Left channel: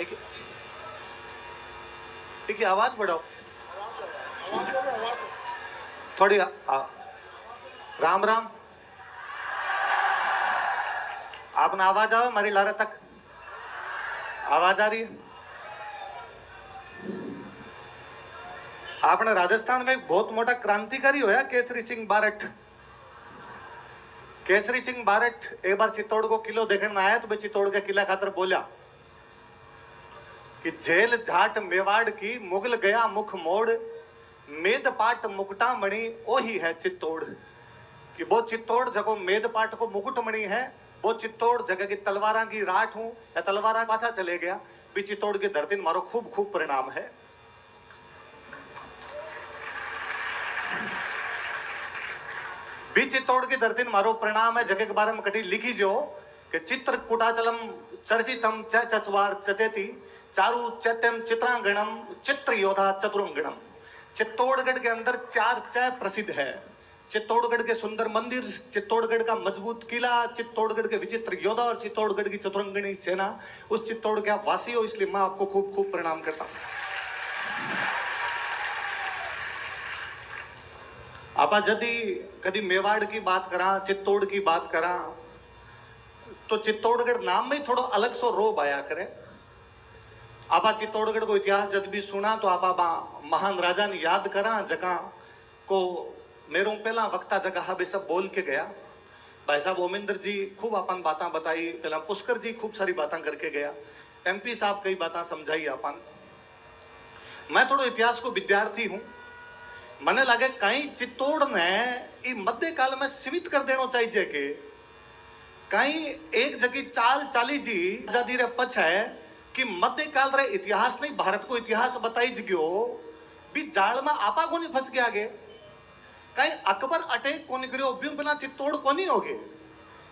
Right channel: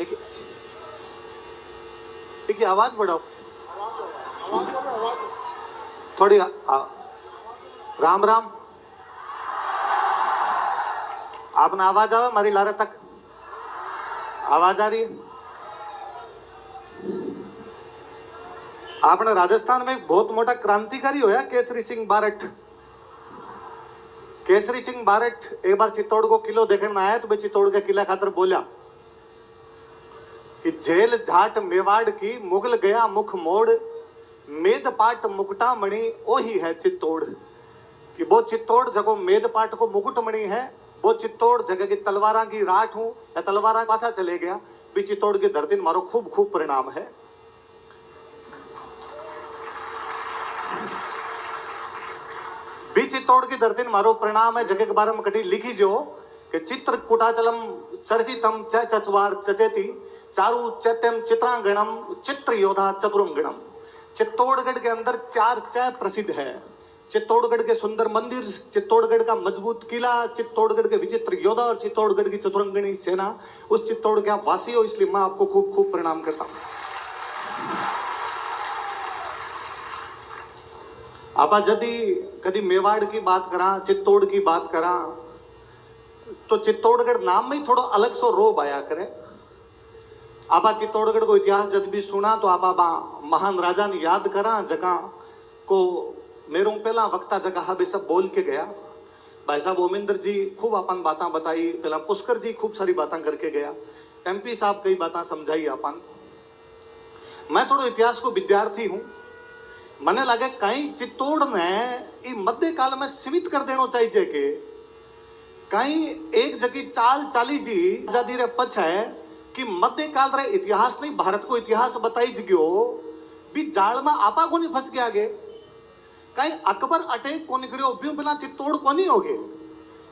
एक एक आवाज बढ़ाओ थोड़ी राम राम आपने आवाज आवे मारी लारे तक आवाज आ रही है। आपने राजस्थान में एक बहुत मोटा क्रांतिकारी होया केसरी सिंह बारठ। केसरी सिंह बारठ एक बार चित्तौड़ को किलो देखने आया तो भाई चित्तौड़ के किला खातर बोला कि जेल झाट मेवाड़ की मुगल गया मुख मोड़ मेद पाट मुकुटा मणि ओ ही है चित्तौड़। कि वो चित्तौड़ जगह मेद पाट को मुकुट मणि है, वो चित्तौड़ जगह की तलवारा की राठ हूं या तलवारा पाछा चले गया भी चित्तौड़ की धरती में मारो खूब खूब परिणाम है। भी चित्तौड़ की धरती में मारो परिणाम है जगह के बारे में कटी लिखी जो कि चित्र कुटाचलम चर्चितम च चचवार चचेती चारु चैत्यम चित्रांगणम चित्र योधा चतुरंगणम। चित्तौड़गढ़ के अंदर 4 च प्रसिद्ध है। चित्तौड़गढ़ के सुंदर मंदिर, चित्तौड़गढ़ का मजबूत किला, चित्तौड़गढ़ के विचित्र योद्धा और चित्तौड़गढ़ की चतुरंगणी सेना। उस चित्तौड़ के आप वासी हो इसलिए मैं आपको खूब खूब प्रणाम करता हूं। आप यदि कभी मेवाड़ की बात करा चित्तौड़ की बात करा तो चित्तौड़गढ़ नाम में थोड़ा अलग सो रोब आया करे। आप चित्तौड़गढ़ को इतिहास जब भी सुना तो आप महान राजा ने याद करा जगह को मेरू पहला वक्ता जगह भी सब बोल के गया। भाई साहब ओमिंदर जी खूब अपन बातें बताई, पहला पुष्कर जी खूब सारी बातें करके गया, MP साहब कई बातें समझाई अपन। मैं थोड़ा इतिहास को विद्यार्थी हूं, मने लगे कहीं चित्तौड़ ने मध्य काल में सीमित कर देना चाहिए कि कहीं एक जगह चाल चाली जी आजादी रे पछ है कि मध्य काल रे इतिहास नहीं भारत को इतिहास बताई जगो भी जाल में आपा को नहीं फंस गया आगे। कहीं अकबर अटैक को नहीं करियो ब्यू पिला चित्तौड़ को नहीं होगे।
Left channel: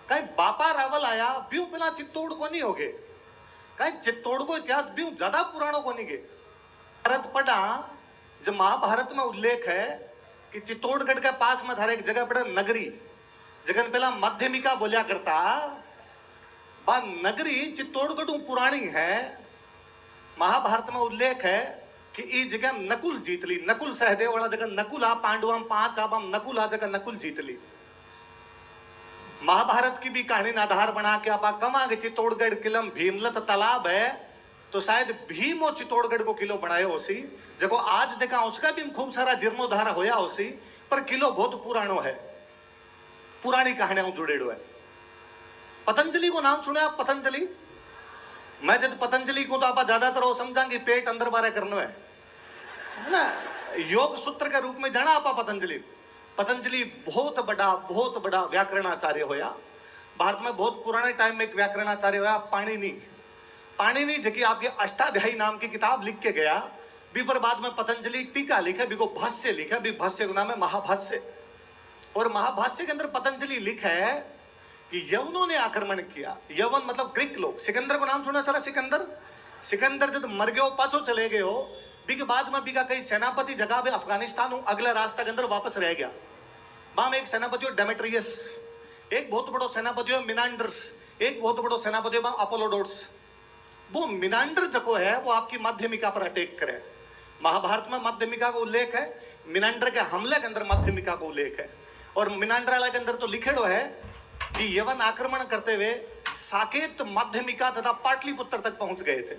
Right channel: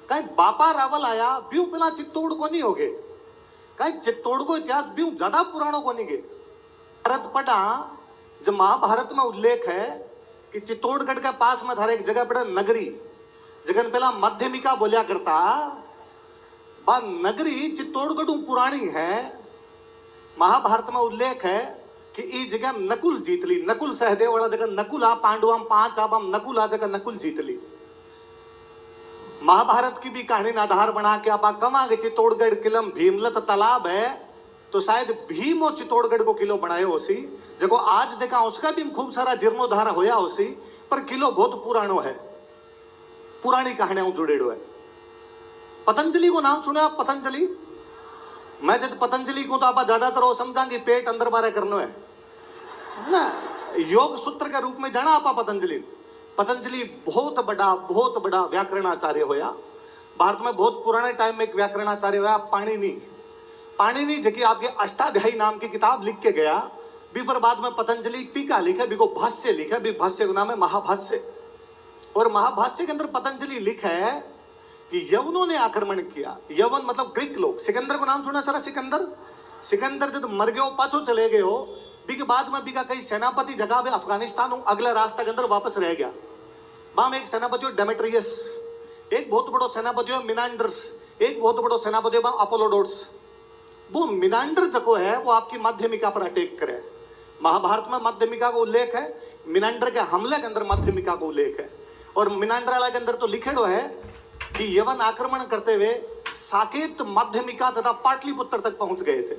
कहीं बापा रावल आया ब्यू पिला चित्तौड़ को नहीं होगे। कहीं चित्तौड़ को इतिहास ब्यू ज्यादा पुराणों को नहीं गे। भारत पढ़ा जब महाभारत में उल्लेख है कि चित्तौड़गढ़ के पास में थारे एक जगह पड़े नगरी जगन पहला माध्यमिका बोलिया करता बा नगरी चित्तौड़गढ़ पुरानी है। महाभारत में उल्लेख है कि इस जगह नकुल जीत ली, नकुल सहदेव वाला जगह नकुला पांडुआम 5 आबम नकुला जगह नकुल जीत ली। महाभारत की भी कहानी ना आधार बना के आप कमांगे चित्तौड़गढ़ किलम भीमलत तालाब है तो शायद भीम और चित्तौड़गढ़ को किलो बनाए होसी जगो आज देखा उसका भी खूब सारा जीर्णोद्धार होया होसी पर किलो बहुत पुरानो है, पुरानी कहानियां जुड़ेड़ो है। पतंजलि को नाम सुने आप? पतंजलि मैं जब पतंजलि को तो आप ज्यादातर वो समझांगे पेट अंदर बारे करना है ना, योग सूत्र के रूप में जाना आप पतंजलि। पतंजलि बहुत बड़ा व्याकरणाचार्य होया। भारत में बहुत पुराने टाइम में एक व्याकरणाचार्य होया पाणिनि जबकि आपके अष्टाध्यायी नाम की किताब लिख के गया भी पर बाद में पतंजलि टीका लिखा भी को भाष्य लिखा भी भाष्य का नाम है महाभाष्य। और महाभाष्य के अंदर पतंजलि लिखा है कि यवनों ने आक्रमण किया। यवन मतलब ग्रीक लोग। सिकंदर को नाम सुना सर? सिकंदर जब मर गए पाछो चले गए हो बी के बाद में बीका कई सेनापति जगह पे अफगानिस्तान हूं अगला रास्ता के अंदर वापस रह गया। वहां में एक सेनापति हो डेमेट्रियस, एक बहुत बड़ो सेनापति हो मिनांडर्स, एक बहुत बड़ो सेनापति हो अपोलोडोर्स। वो मिनांडर जको है वो आपकी माध्यमिका पर अटैक करे। महाभारत में माध्यमिका का उल्लेख है, मिनांडर के हमले के अंदर माध्यमिका का उल्लेख है। और मिनांडर वाला के अंदर तो लिखेड़ो है कि यवन आक्रमण करते हुए साकेत माध्यमिका तथा पाटलिपुत्र तक पहुंच गए थे।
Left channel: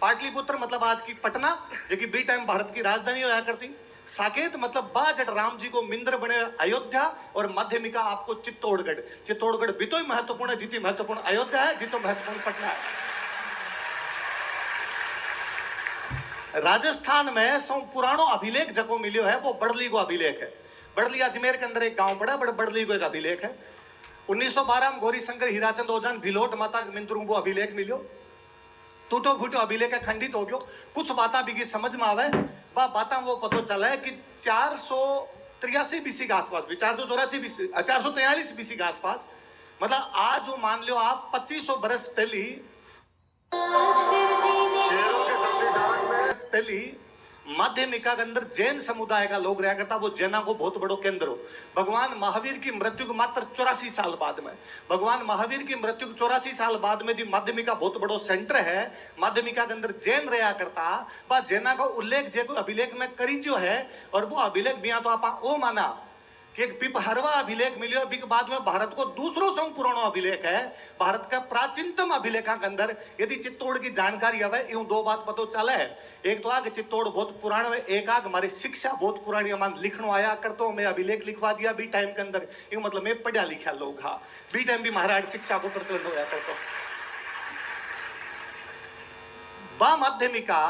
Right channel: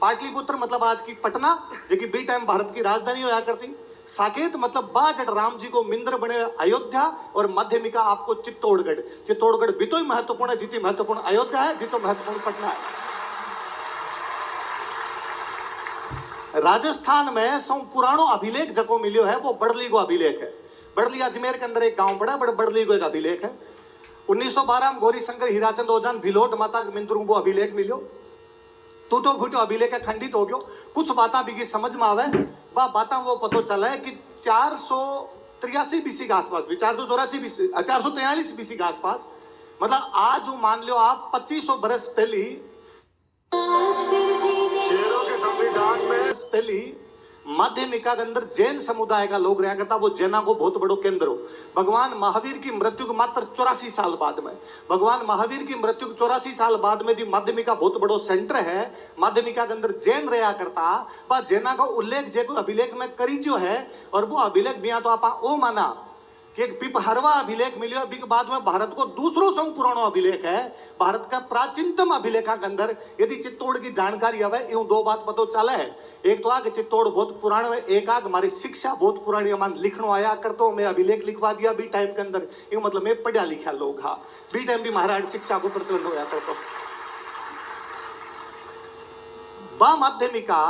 पाटलिपुत्र मतलब आज की पटना जो कि बी टाइम भारत की राजधानी होया करती। साकेत मतलब बाजट राम जी को मिंद्र बने अयोध्या और माध्यमिका आपको चित्तौड़गढ़। चित्तौड़गढ़ भी तो महत्वपूर्ण है, जितनी महत्वपूर्ण अयोध्या है जितो महत्वपूर्ण पटना है। राजस्थान में सौ पुरानो अभिलेख जको मिलियो है वो बड़ली को अभिलेख है। बड़ली अजमेर के अंदर एक गांव पड़ा बड़ली को एक अभिलेख है। 1912 में गौरी शंकर हीराचंद ओजान भिलोट माता मिंद्रू को अभिलेख मिलियो। टूटो फूटो अभिलेख है, खंडित हो गयो। कुछ बातें भी समझ में आवे बातें वो पता चला है कि 483 BC के आसपास भी 443 BC के आसपास मतलब आज वो मान लो आप 2500 बरस पहली शेरों के संविधान में पहली माध्यमिका के अंदर जैन समुदाय का लोग रहा करता, वो जैना को बहुत बड़ो केंद्र हो। भगवान महावीर की मृत्यु के मात्र 84 साल बाद में, भगवान महावीर की मृत्यु के 84 साल बाद में दी माध्यमिका बहुत बड़ो सेंटर है। माध्यमिका के अंदर जैन रहा करता, बा जैना का उल्लेख जे को अभिलेख में करी जो है, और वो अभिलेख भी तो आप ओ माना कि एक पिपहरवा अभिलेख मिलियो, के बाद में भारत को दूसरो सौ पुरानो अभिलेख है, भारत का प्राचीनतम अभिलेखा के अंदर यदि चित्तौड़ की जानकारी हवे, यूं दो बात पतो चले है। एक तो आगे चित्तौड़ बहुत पुराना है, एक आग हमारी शिक्षा बहुत पुरानी, हमारे लिखनो आया करतो, मैं अभिलेख लिखवा दिया भी टाइम के अंदर, यूं मतलब मैं पढ़ा लिखा लोग, हाँ बी टाइम भी महाराज शिक्षा को प्रचलन होया करतो। बा माध्यमिका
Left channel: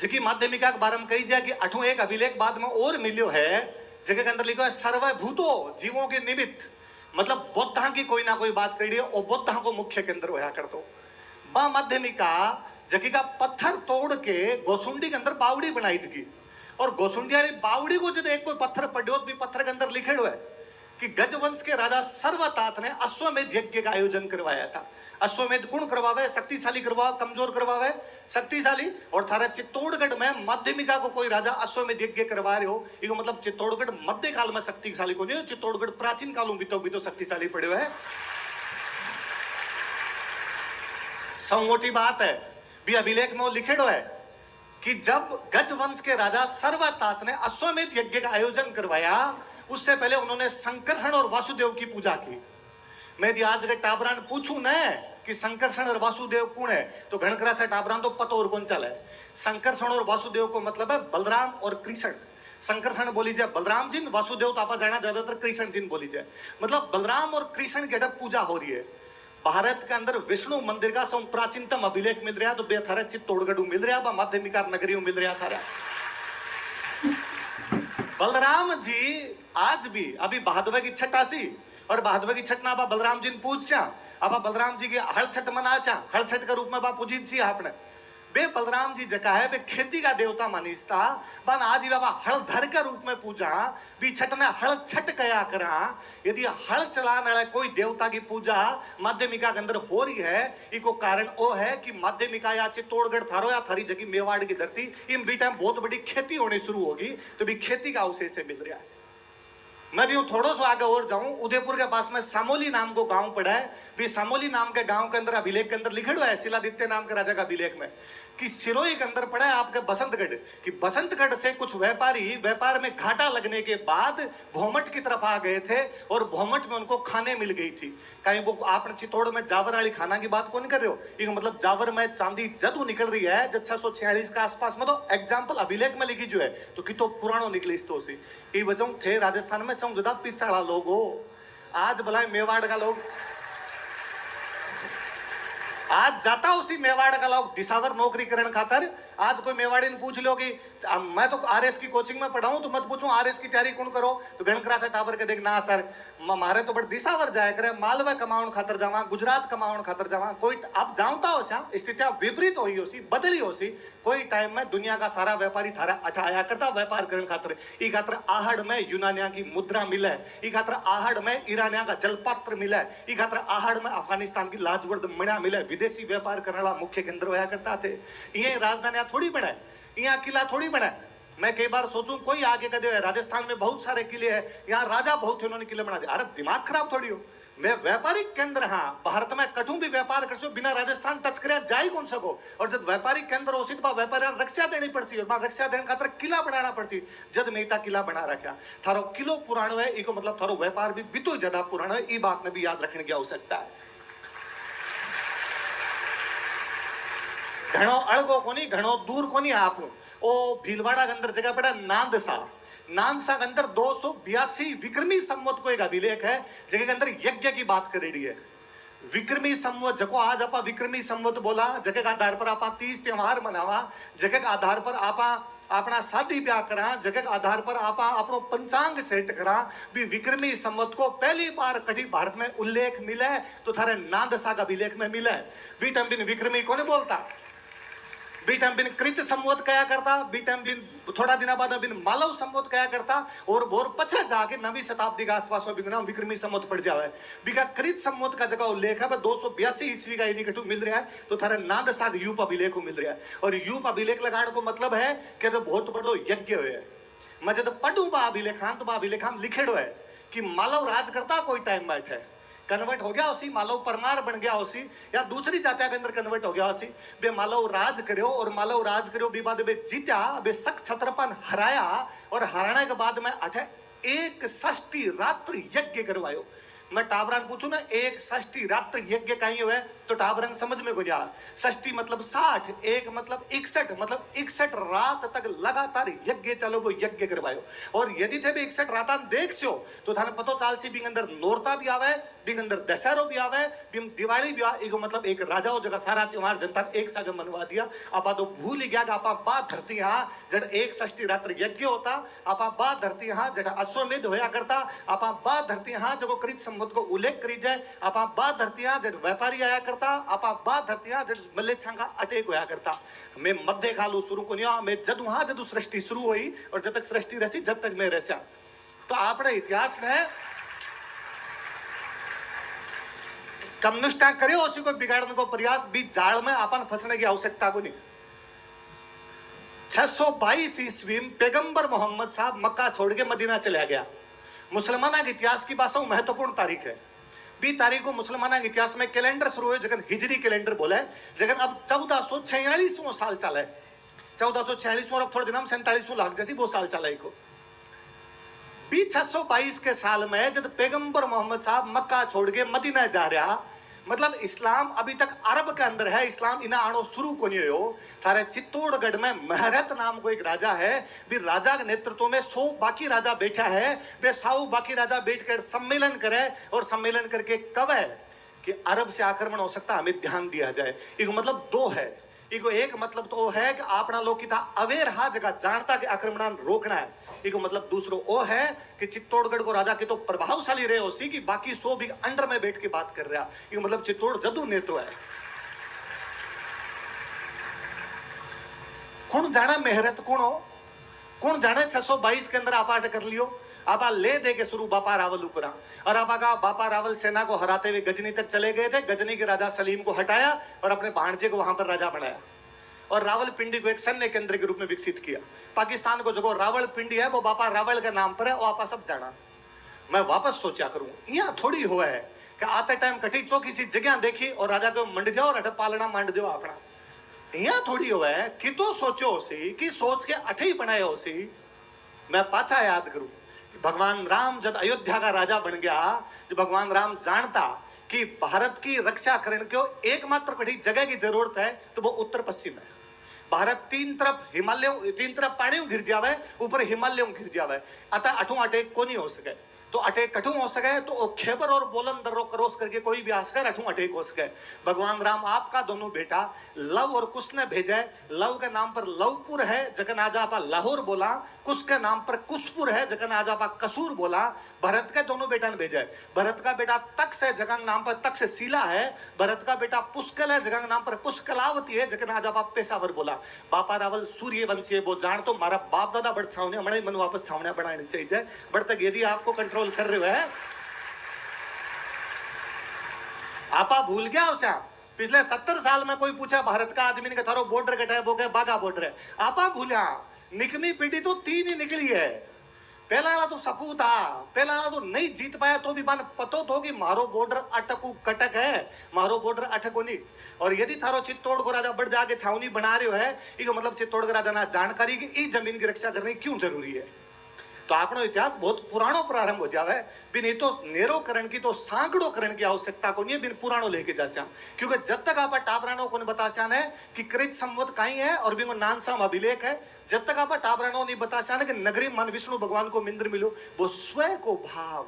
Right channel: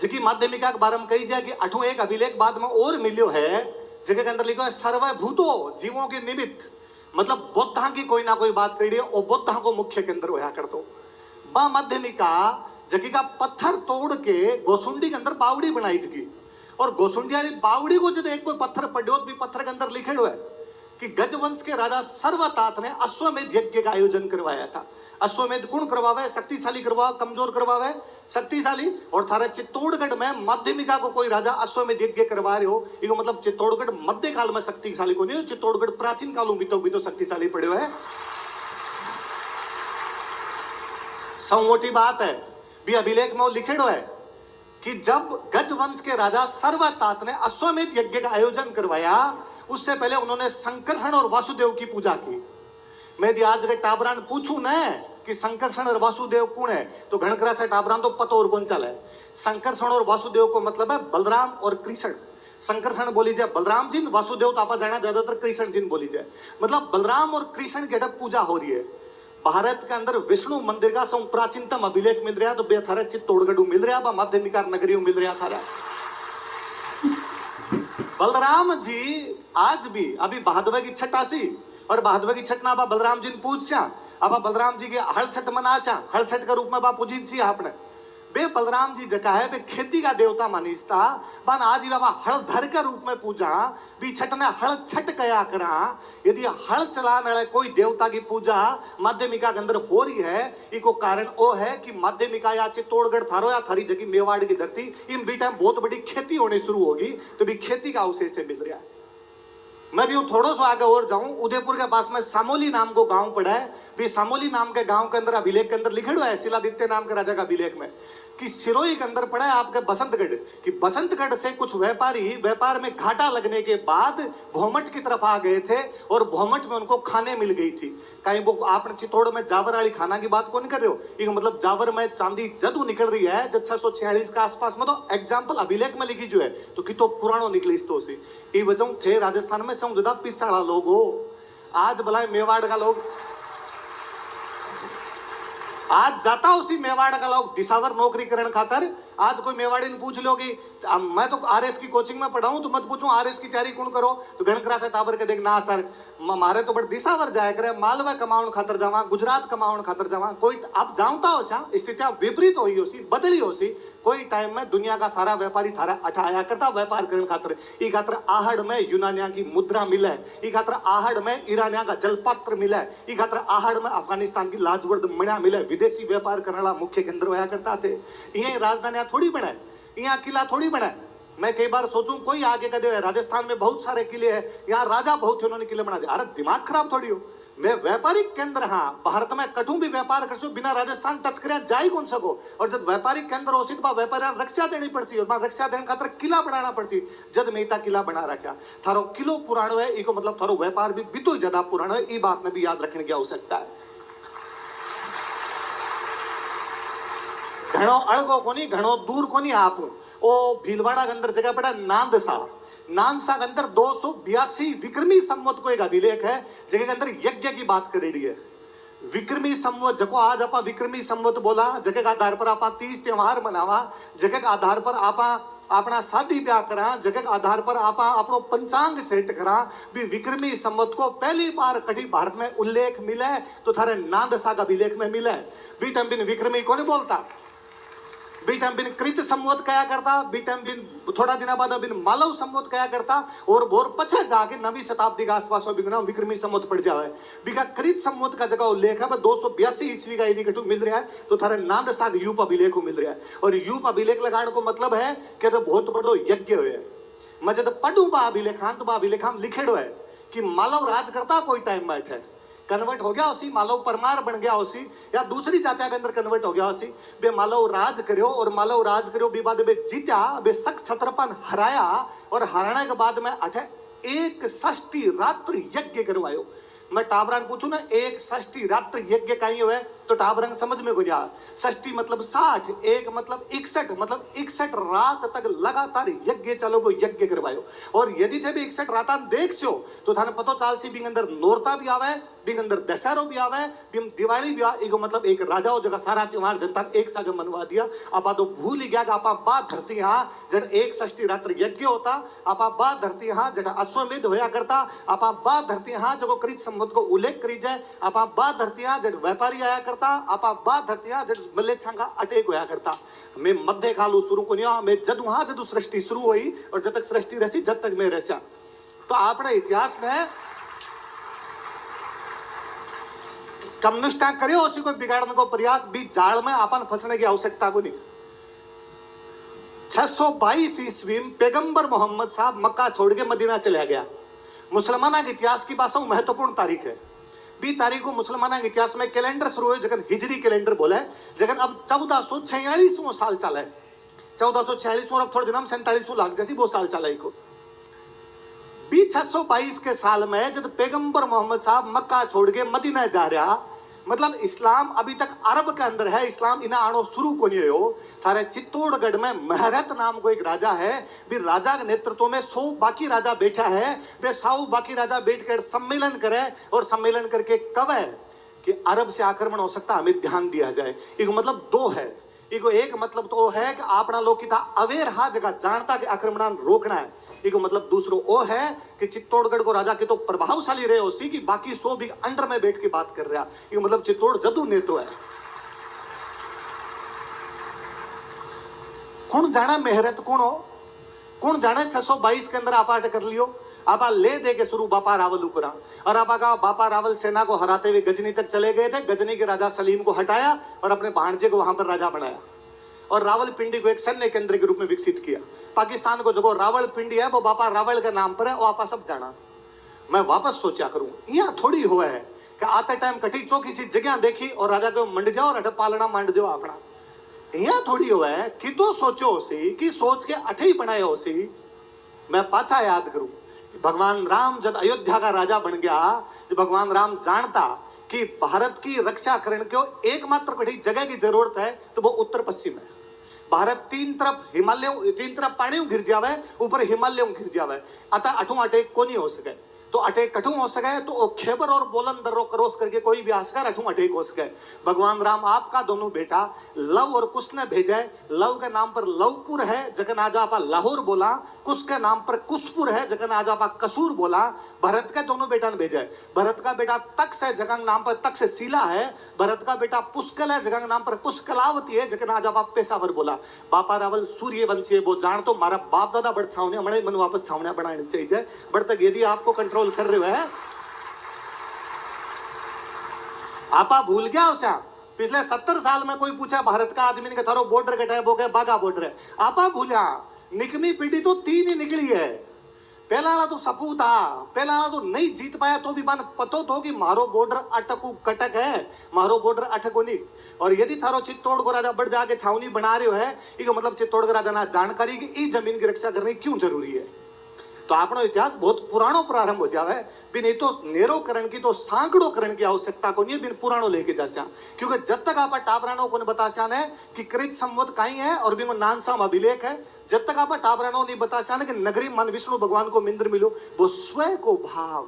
जिकी माध्यमिका के बारे में कही जाए कि अठों एक अभिलेख बाद में और मिलियो है, जगह के अंदर लिखो है सर्वभूतो जीवों के निमित्त, मतलब बुद्धा की कोई ना कोई बात करी है और बुद्धा को मुख्य केंद्र होया कर दो। बा माध्यमिका जगी का पत्थर तोड़ के गोसुंडी के अंदर बावड़ी बनाई थी, और गोसुंडी वाली बावड़ी को जब एक कोई पत्थर पढ़ो भी पत्थर के अंदर लिखे हुए कि गजवंश के राजा सर्वतात ने अश्वमेध यज्ञ का आयोजन करवाया था। अश्वमेध कौन करवावे? शक्तिशाली करवावे, कमजोर करवावे? शक्तिशाली। और थारे चित्तौड़गढ़ में माध्यमिका को कोई राजा अश्वमेध यज्ञ करवा रहे हो, इसको मतलब चित्तौड़गढ़ मध्य काल में शक्तिशाली को नहीं हो, चित्तौड़गढ़ प्राचीन कालों भी तो शक्तिशाली पड़े हुए है। सौ मोटी बात है भी अभिलेख में लिखे है कि जब गजवंश के राजा सर्वतात ने अश्वमेध यज्ञ का आयोजन करवाया, उससे पहले उन्होंने संकर्षण और वासुदेव की पूजा की। मैं यदि आज टाबरान पूछूं न कि संकर्षण और वासुदेव कौन है, तो घणकरा से टाबरान तो पतो और कौन चला है। संकर्षण और वासुदेव को मतलब है बलराम और कृष्ण। संकर्षण बोली जाए बलराम जी, वासुदेव तो आप जाना ज्यादातर कृष्ण जी बोली जाए, मतलब बलराम और कृष्ण की पूजा हो रही है। भारत के अंदर विष्णु मंदिर का सब प्राचीनतम अभिलेख मिल रहा है, तो बेथारा चित्तौड़गढ़ मिल रहा है, माध्यमिका नगरी मिल रहा था। बलराम जी आज भी अभी बहादुर की छठ आसी, और बहादुर की छठ ना आप बलराम जी ने पूछा, अब बलराम जी के हल छठ मनाशा, हल छठ के रूप में बा पूजित सी आपने बे बलराम जी जगह है बे खेती का देवता मानीसता बन आज ही बाबा हल धर के रूप में पूजा भी छठ ने हल छठ कया करा। यदि हल चलाने वाले कोई देवता की पूजा माध्यमिका के अंदर हो रही है, इको कारण वो है कि माध्यमिका या चित्तौड़गढ़ थारो या थारी जगह मेवाड़ की धरती इन बी टाइम बहुत बड़ी खेती होनी शुरू होगी, तो भी खेती का अवशेष से मिल रहा है। मैं भी थोड़ा सा आगे और जाऊं, उदयपुर के पास में सामोली नाम को गांव पड़ा है, भी सामोली नाम के गांव के अंदर अभिलेख के अंदर लिखे हुआ है शिलादित्य नाम के राजा का अभिलेख में कि सिरोही के अंदर पड़ा है आपके बसंतगढ़, कि बसंतगढ़ से कुछ व्यापारी व्यापार में घाटा लगने के बाद भोमट की तरफ आ गए थे, और भोमट में उनको खाने मिल गई थी। कहीं वो आपने चित्तौड़ में जावर वाली खाना की बात कौन कर रहे हो, ये मतलब जावर में चांदी जदू निकल रही है जब 646 के आसपास में, तो एग्जाम्पल अभिलेख में लिखी जो है तो कि तो पुरानो निकली इस तो सी ये वजह थे राजस्थान में सौ ज्यादा पिसाड़ा लोग हो। आज भला मेवाड़ का लोग आज जाता उसी मेवाड़ का लोग दिसावर नौकरी करने खातर। आज कोई मेवाड़ी ने पूछ लो कि मैं तो आरएस की कोचिंग में पढ़ा हूं, तो मत पूछो आरएस की तैयारी कौन करो, तो घणकरा से टावर के देख ना सर मारे तो बड़े दिसावर जाए करे, मालवा कमाउन खातर जावा, गुजरात कमाउन खातर जावा। कोई अब जाऊंता हो सा स्थितियां विपरीत हुई हो सी, बदली हो सी। कोई टाइम में दुनिया का सारा व्यापारी थारा अठाया करता व्यापार करने खातर। ई खातर आहड़ में यूनानिया की मुद्रा मिले, ई खातर आहड़ में ईरानिया का जलपात्र मिले, ई खातर आहड़ में अफगानिस्तान की लाजवर्द मणिया मिले। विदेशी व्यापार करने वाला मुख्य केंद्र होया करता थे। ये राजधानी थोड़ी बने, यहाँ किला थोड़ी बने। मैं कई बार सोचूं कोई आगे का दे, राजस्थान में बहुत सारे किले हैं, यहाँ राजा बहुत थे उन्होंने किले बना दिया। अरे दिमाग खराब थोड़ी हो, मैं व्यापारिक केंद्र हाँ भारत में कठू भी व्यापार कर सो बिना राजस्थान टच करे जा ही कौन सको। और जब व्यापारिक केंद्र हो तो व्यापारी रक्षा देनी पड़ती, और रक्षा देने खातर किला बनाना पड़ती। जब मेहता किला बना रखा थारो किलो पुरानो है, इको मतलब थारो व्यापार भी बितो ज्यादा पुरानो है। ई बात में भी याद रखने की आवश्यकता है। घणो अड़गो कोनी, घणो दूर कोनी आप ओ भीलवाड़ा के अंदर जगह पड़ा नांदसा। नानसा के अंदर 282 विक्रमी संवत को एक अभिलेख है, जगह के अंदर यज्ञ की बात करेगी है। विक्रमी संवत जको आज आपा विक्रमी संवत बोला, जगह के आधार पर आपा 30 त्योहार मनावा, जगह के आधार पर आपा अपना शादी ब्याह करा, जगह के आधार पर आपा अपनो पंचांग सेट करा। भी विक्रमी संवत को पहली बार कभी भारत में उल्लेख मिले तो थारे नांदसा का अभिलेख में मिले। बी टाइम बिन विक्रमी को नहीं बोलता। बी टाइम बिन कृत संवत कया करता, बी टाइम बिन थोड़ा दिन बाद बिन मालव संवत कया करता, और भोर पछे जाके 9वीं शताब्दी के आसपास में बिना विक्रमी संवत पड़ जावे। बिका कृत संवत का जगह उल्लेख है 282 ईस्वी का यदि कटु मिल रहा है तो थारे नांद साग यूप अभिलेख को मिल रहा है। और यूप अभिलेख लगाने को मतलब है कि तो बहुत बड़ो यज्ञ है। मैं जब पढ़ू बा अभिलेखांत बा अभिलेखाम लिखेड़ो है कि मालव राज करता कोई टाइम बैठे कन्वर्ट हो गया उसी मालव परमार बन गया उसी, या दूसरी जातिया के अंदर कन्वर्ट हो गया उसी। बे मालव राज करो, और मालव राज करो बे बाद बे जीत्या, बे शक छत्रपन हराया, और हराने के बाद में अठे एक षष्ठी रात्रि यज्ञ करवायो। मैं टाबरान पूछू ना एक षष्ठी रात्रि यज्ञ कहीं हुए तो टाबरंग समझ में गुजरा। षष्ठी मतलब 60, एक मतलब 61, मतलब 61 रात तक लगातार यज्ञ चलो वो यज्ञ करवायो। और यदि थे भी 61 रात देख सो तो थाने पतो चाल सी बिंग अंदर नोरता भी आवे, बिंग अंदर दशहरो भी आवे, बिंग दिवाली भी आवे। एगो मतलब एक राजा हो जगह सारा त्योहार जनता एक साथ मनवा दिया। आपा तो भूल गया कि आपा बात धरती हाँ जब एक षष्ठी रात्रि यज्ञ होता, आपा बात धरती हाँ जगह अश्वमेध होया करता, आपा बात धरती हाँ जगह कृत संवत को उल्लेख करी जाए, आपा बात धरती हाँ जब व्यापारी आया करता, आपा बात धरती हाँ जब मल्लेच्छा का अटैक होया करता। मैं मध्य कालू शुरू को नहीं, मैं जद वहां जद सृष्टि शुरू हुई और जब तक सृष्टि रसी जब तक मैं रसा। तो आपने इतिहास में कम्युनिस्ट करियो उसी को बिगाड़ने को प्रयास, बीच जाल में अपन फंसने की आवश्यकता को नहीं। 622 ईस्वी में पैगंबर मोहम्मद साहब मक्का छोड़ के मदीना चला गया। मुसलमाना के इतिहास की बात महत्वपूर्ण तारीख है। 20 तारीख को मुसलमाना के इतिहास में कैलेंडर शुरू हुए जगन हिजरी कैलेंडर बोला है, जगन अब 1446 साल चला है। 1446 और अब थोड़े दिन 47 लाख जैसी वो साल चला को। 622 के साल में जब पैगंबर मोहम्मद साहब मक्का छोड़ के मदीना जा रहा, मतलब इस्लाम अभी तक अरब के अंदर है, इस्लाम इना आनो शुरू को नहीं हो। थारे चित्तौड़गढ़ में महरत नाम को एक राजा है, भी राजा के नेतृत्व में 100 बाकी राजा बैठा है, वे 100 बाकी राजा बैठकर सम्मेलन करे और सम्मेलन करके कवे कि अरब से आक्रमण हो सकता, हमें ध्यान दिया जाए। एक मतलब दो है, एक मतलब तो है कि अपना लोग किता अवेयर हा जगह जानता कि आक्रमण रोकना है। एक मतलब दूसरो वो है कि चित्तौड़गढ़ को राजा के तो प्रभावशाली रहे उसी की बाकी 100 भी अंडर में बैठ के बात कर रहा। ये मतलब चित्तौड़ जदू नेतो है। कौन जाना मेहरत कौन हो, कौन जाने 622 के अंदर आप कर लियो। आप ले दे के शुरू बापा रावल उकरा, और आप का बापा रावल सेना को हराते हुए गजनी तक चले गए थे। गजनी के राजा सलीम को हटाया और अपने भांजे को वहां पर राजा बनाया, और रावलपिंडी को एक सैन्य केंद्र के रूप में विकसित किया। पाकिस्तान को जो रावलपिंडी है वो बापा रावल के नाम पर है, वो आप सब जाना। मैं वापस सोचा करूं, यहाँ थोड़ी हुआ है कि आते टाइम कठी चौकी सी जगह देखी और राजा को मंड जाओ और पालना मांड दो अपना। यहाँ थोड़ी हुआ है कि तो सोचो उसी कि सोच के अठे ही बनाए उसी। मैं पाछा याद करूं, भगवान राम जब अयोध्या का राजा बन गया, जब भगवान राम जानता कि भारत की रक्षा करने को एकमात्र कठी जगह की जरूरत है तो वो उत्तर पश्चिम है। भारत तीन तरफ पानी गिर जावे, ऊपर हिमालयों गिर जावे, अतः अठू अटैक को नहीं हो सके। तो अटैक कठू हो सके तो खेबर और बोलन दर्रो क्रॉस करके कोई भी आसकर अठू अटैक हो सके। भगवान राम आपका दोनों बेटा लव और कुश ने भेजे। लव के नाम पर लवपुर है जगन आज आप लाहौर बोला, कुश के नाम पर कुशपुर है जगन आज आप कसूर बोला। भरत के दोनों बेटा ने भेजा है। भरत का बेटा तक्ष है जगह नाम पर तक्षशिला है। भरत का बेटा पुष्कल है जगह नाम पर पुष्कलावती है जगन आज आप पेशावर बोला। बापा रावल सूर्यवंशी है, वो जान तो मारा बाप दादा बड़ छावने हमारे मन वापस छावने बनाने चाहिए। बड़ तक यदि आपको कंट्रोल कर रहे हो आपा भूल गया उसे। पिछले 70 साल में कोई पूछा भारत का आदमी ने थारो बॉर्डर कटा वो कहे बाघा बॉर्डर है। आपा भूलिया निकमी पीढ़ी तो 3 ही निकली है। पहला तो सपू था, पहला तो नहीं जीत पाया तो भी मन पतो तो कि मारो बॉर्डर अटकू कटक है, मारो बॉर्डर अटको नहीं। और यदि थारो चित्तौड़ को राजा बढ़ जाके छावनी बना रहे हो है, इसका मतलब चित्तौड़ का राजा ना जानकारी कि इस जमीन की रक्षा करनी क्यों जरूरी है। तो अपना इतिहास बहुत पुरानो प्रारंभ हो जावे। बिन ये तो नेरो करण की तो सांकड़ो करण की आवश्यकता को नहीं, बिन पुरानो लेके जा। क्योंकि जब तक आप टाबरानो को बताशान है कि कृत संवत कहीं है और बिन नानसाम अभिलेख है, जब तक आप टाबरानो नहीं बताशान है कि नगरी मन विष्णु भगवान को मिंद्र मिलो, वो स्वयं को भाव,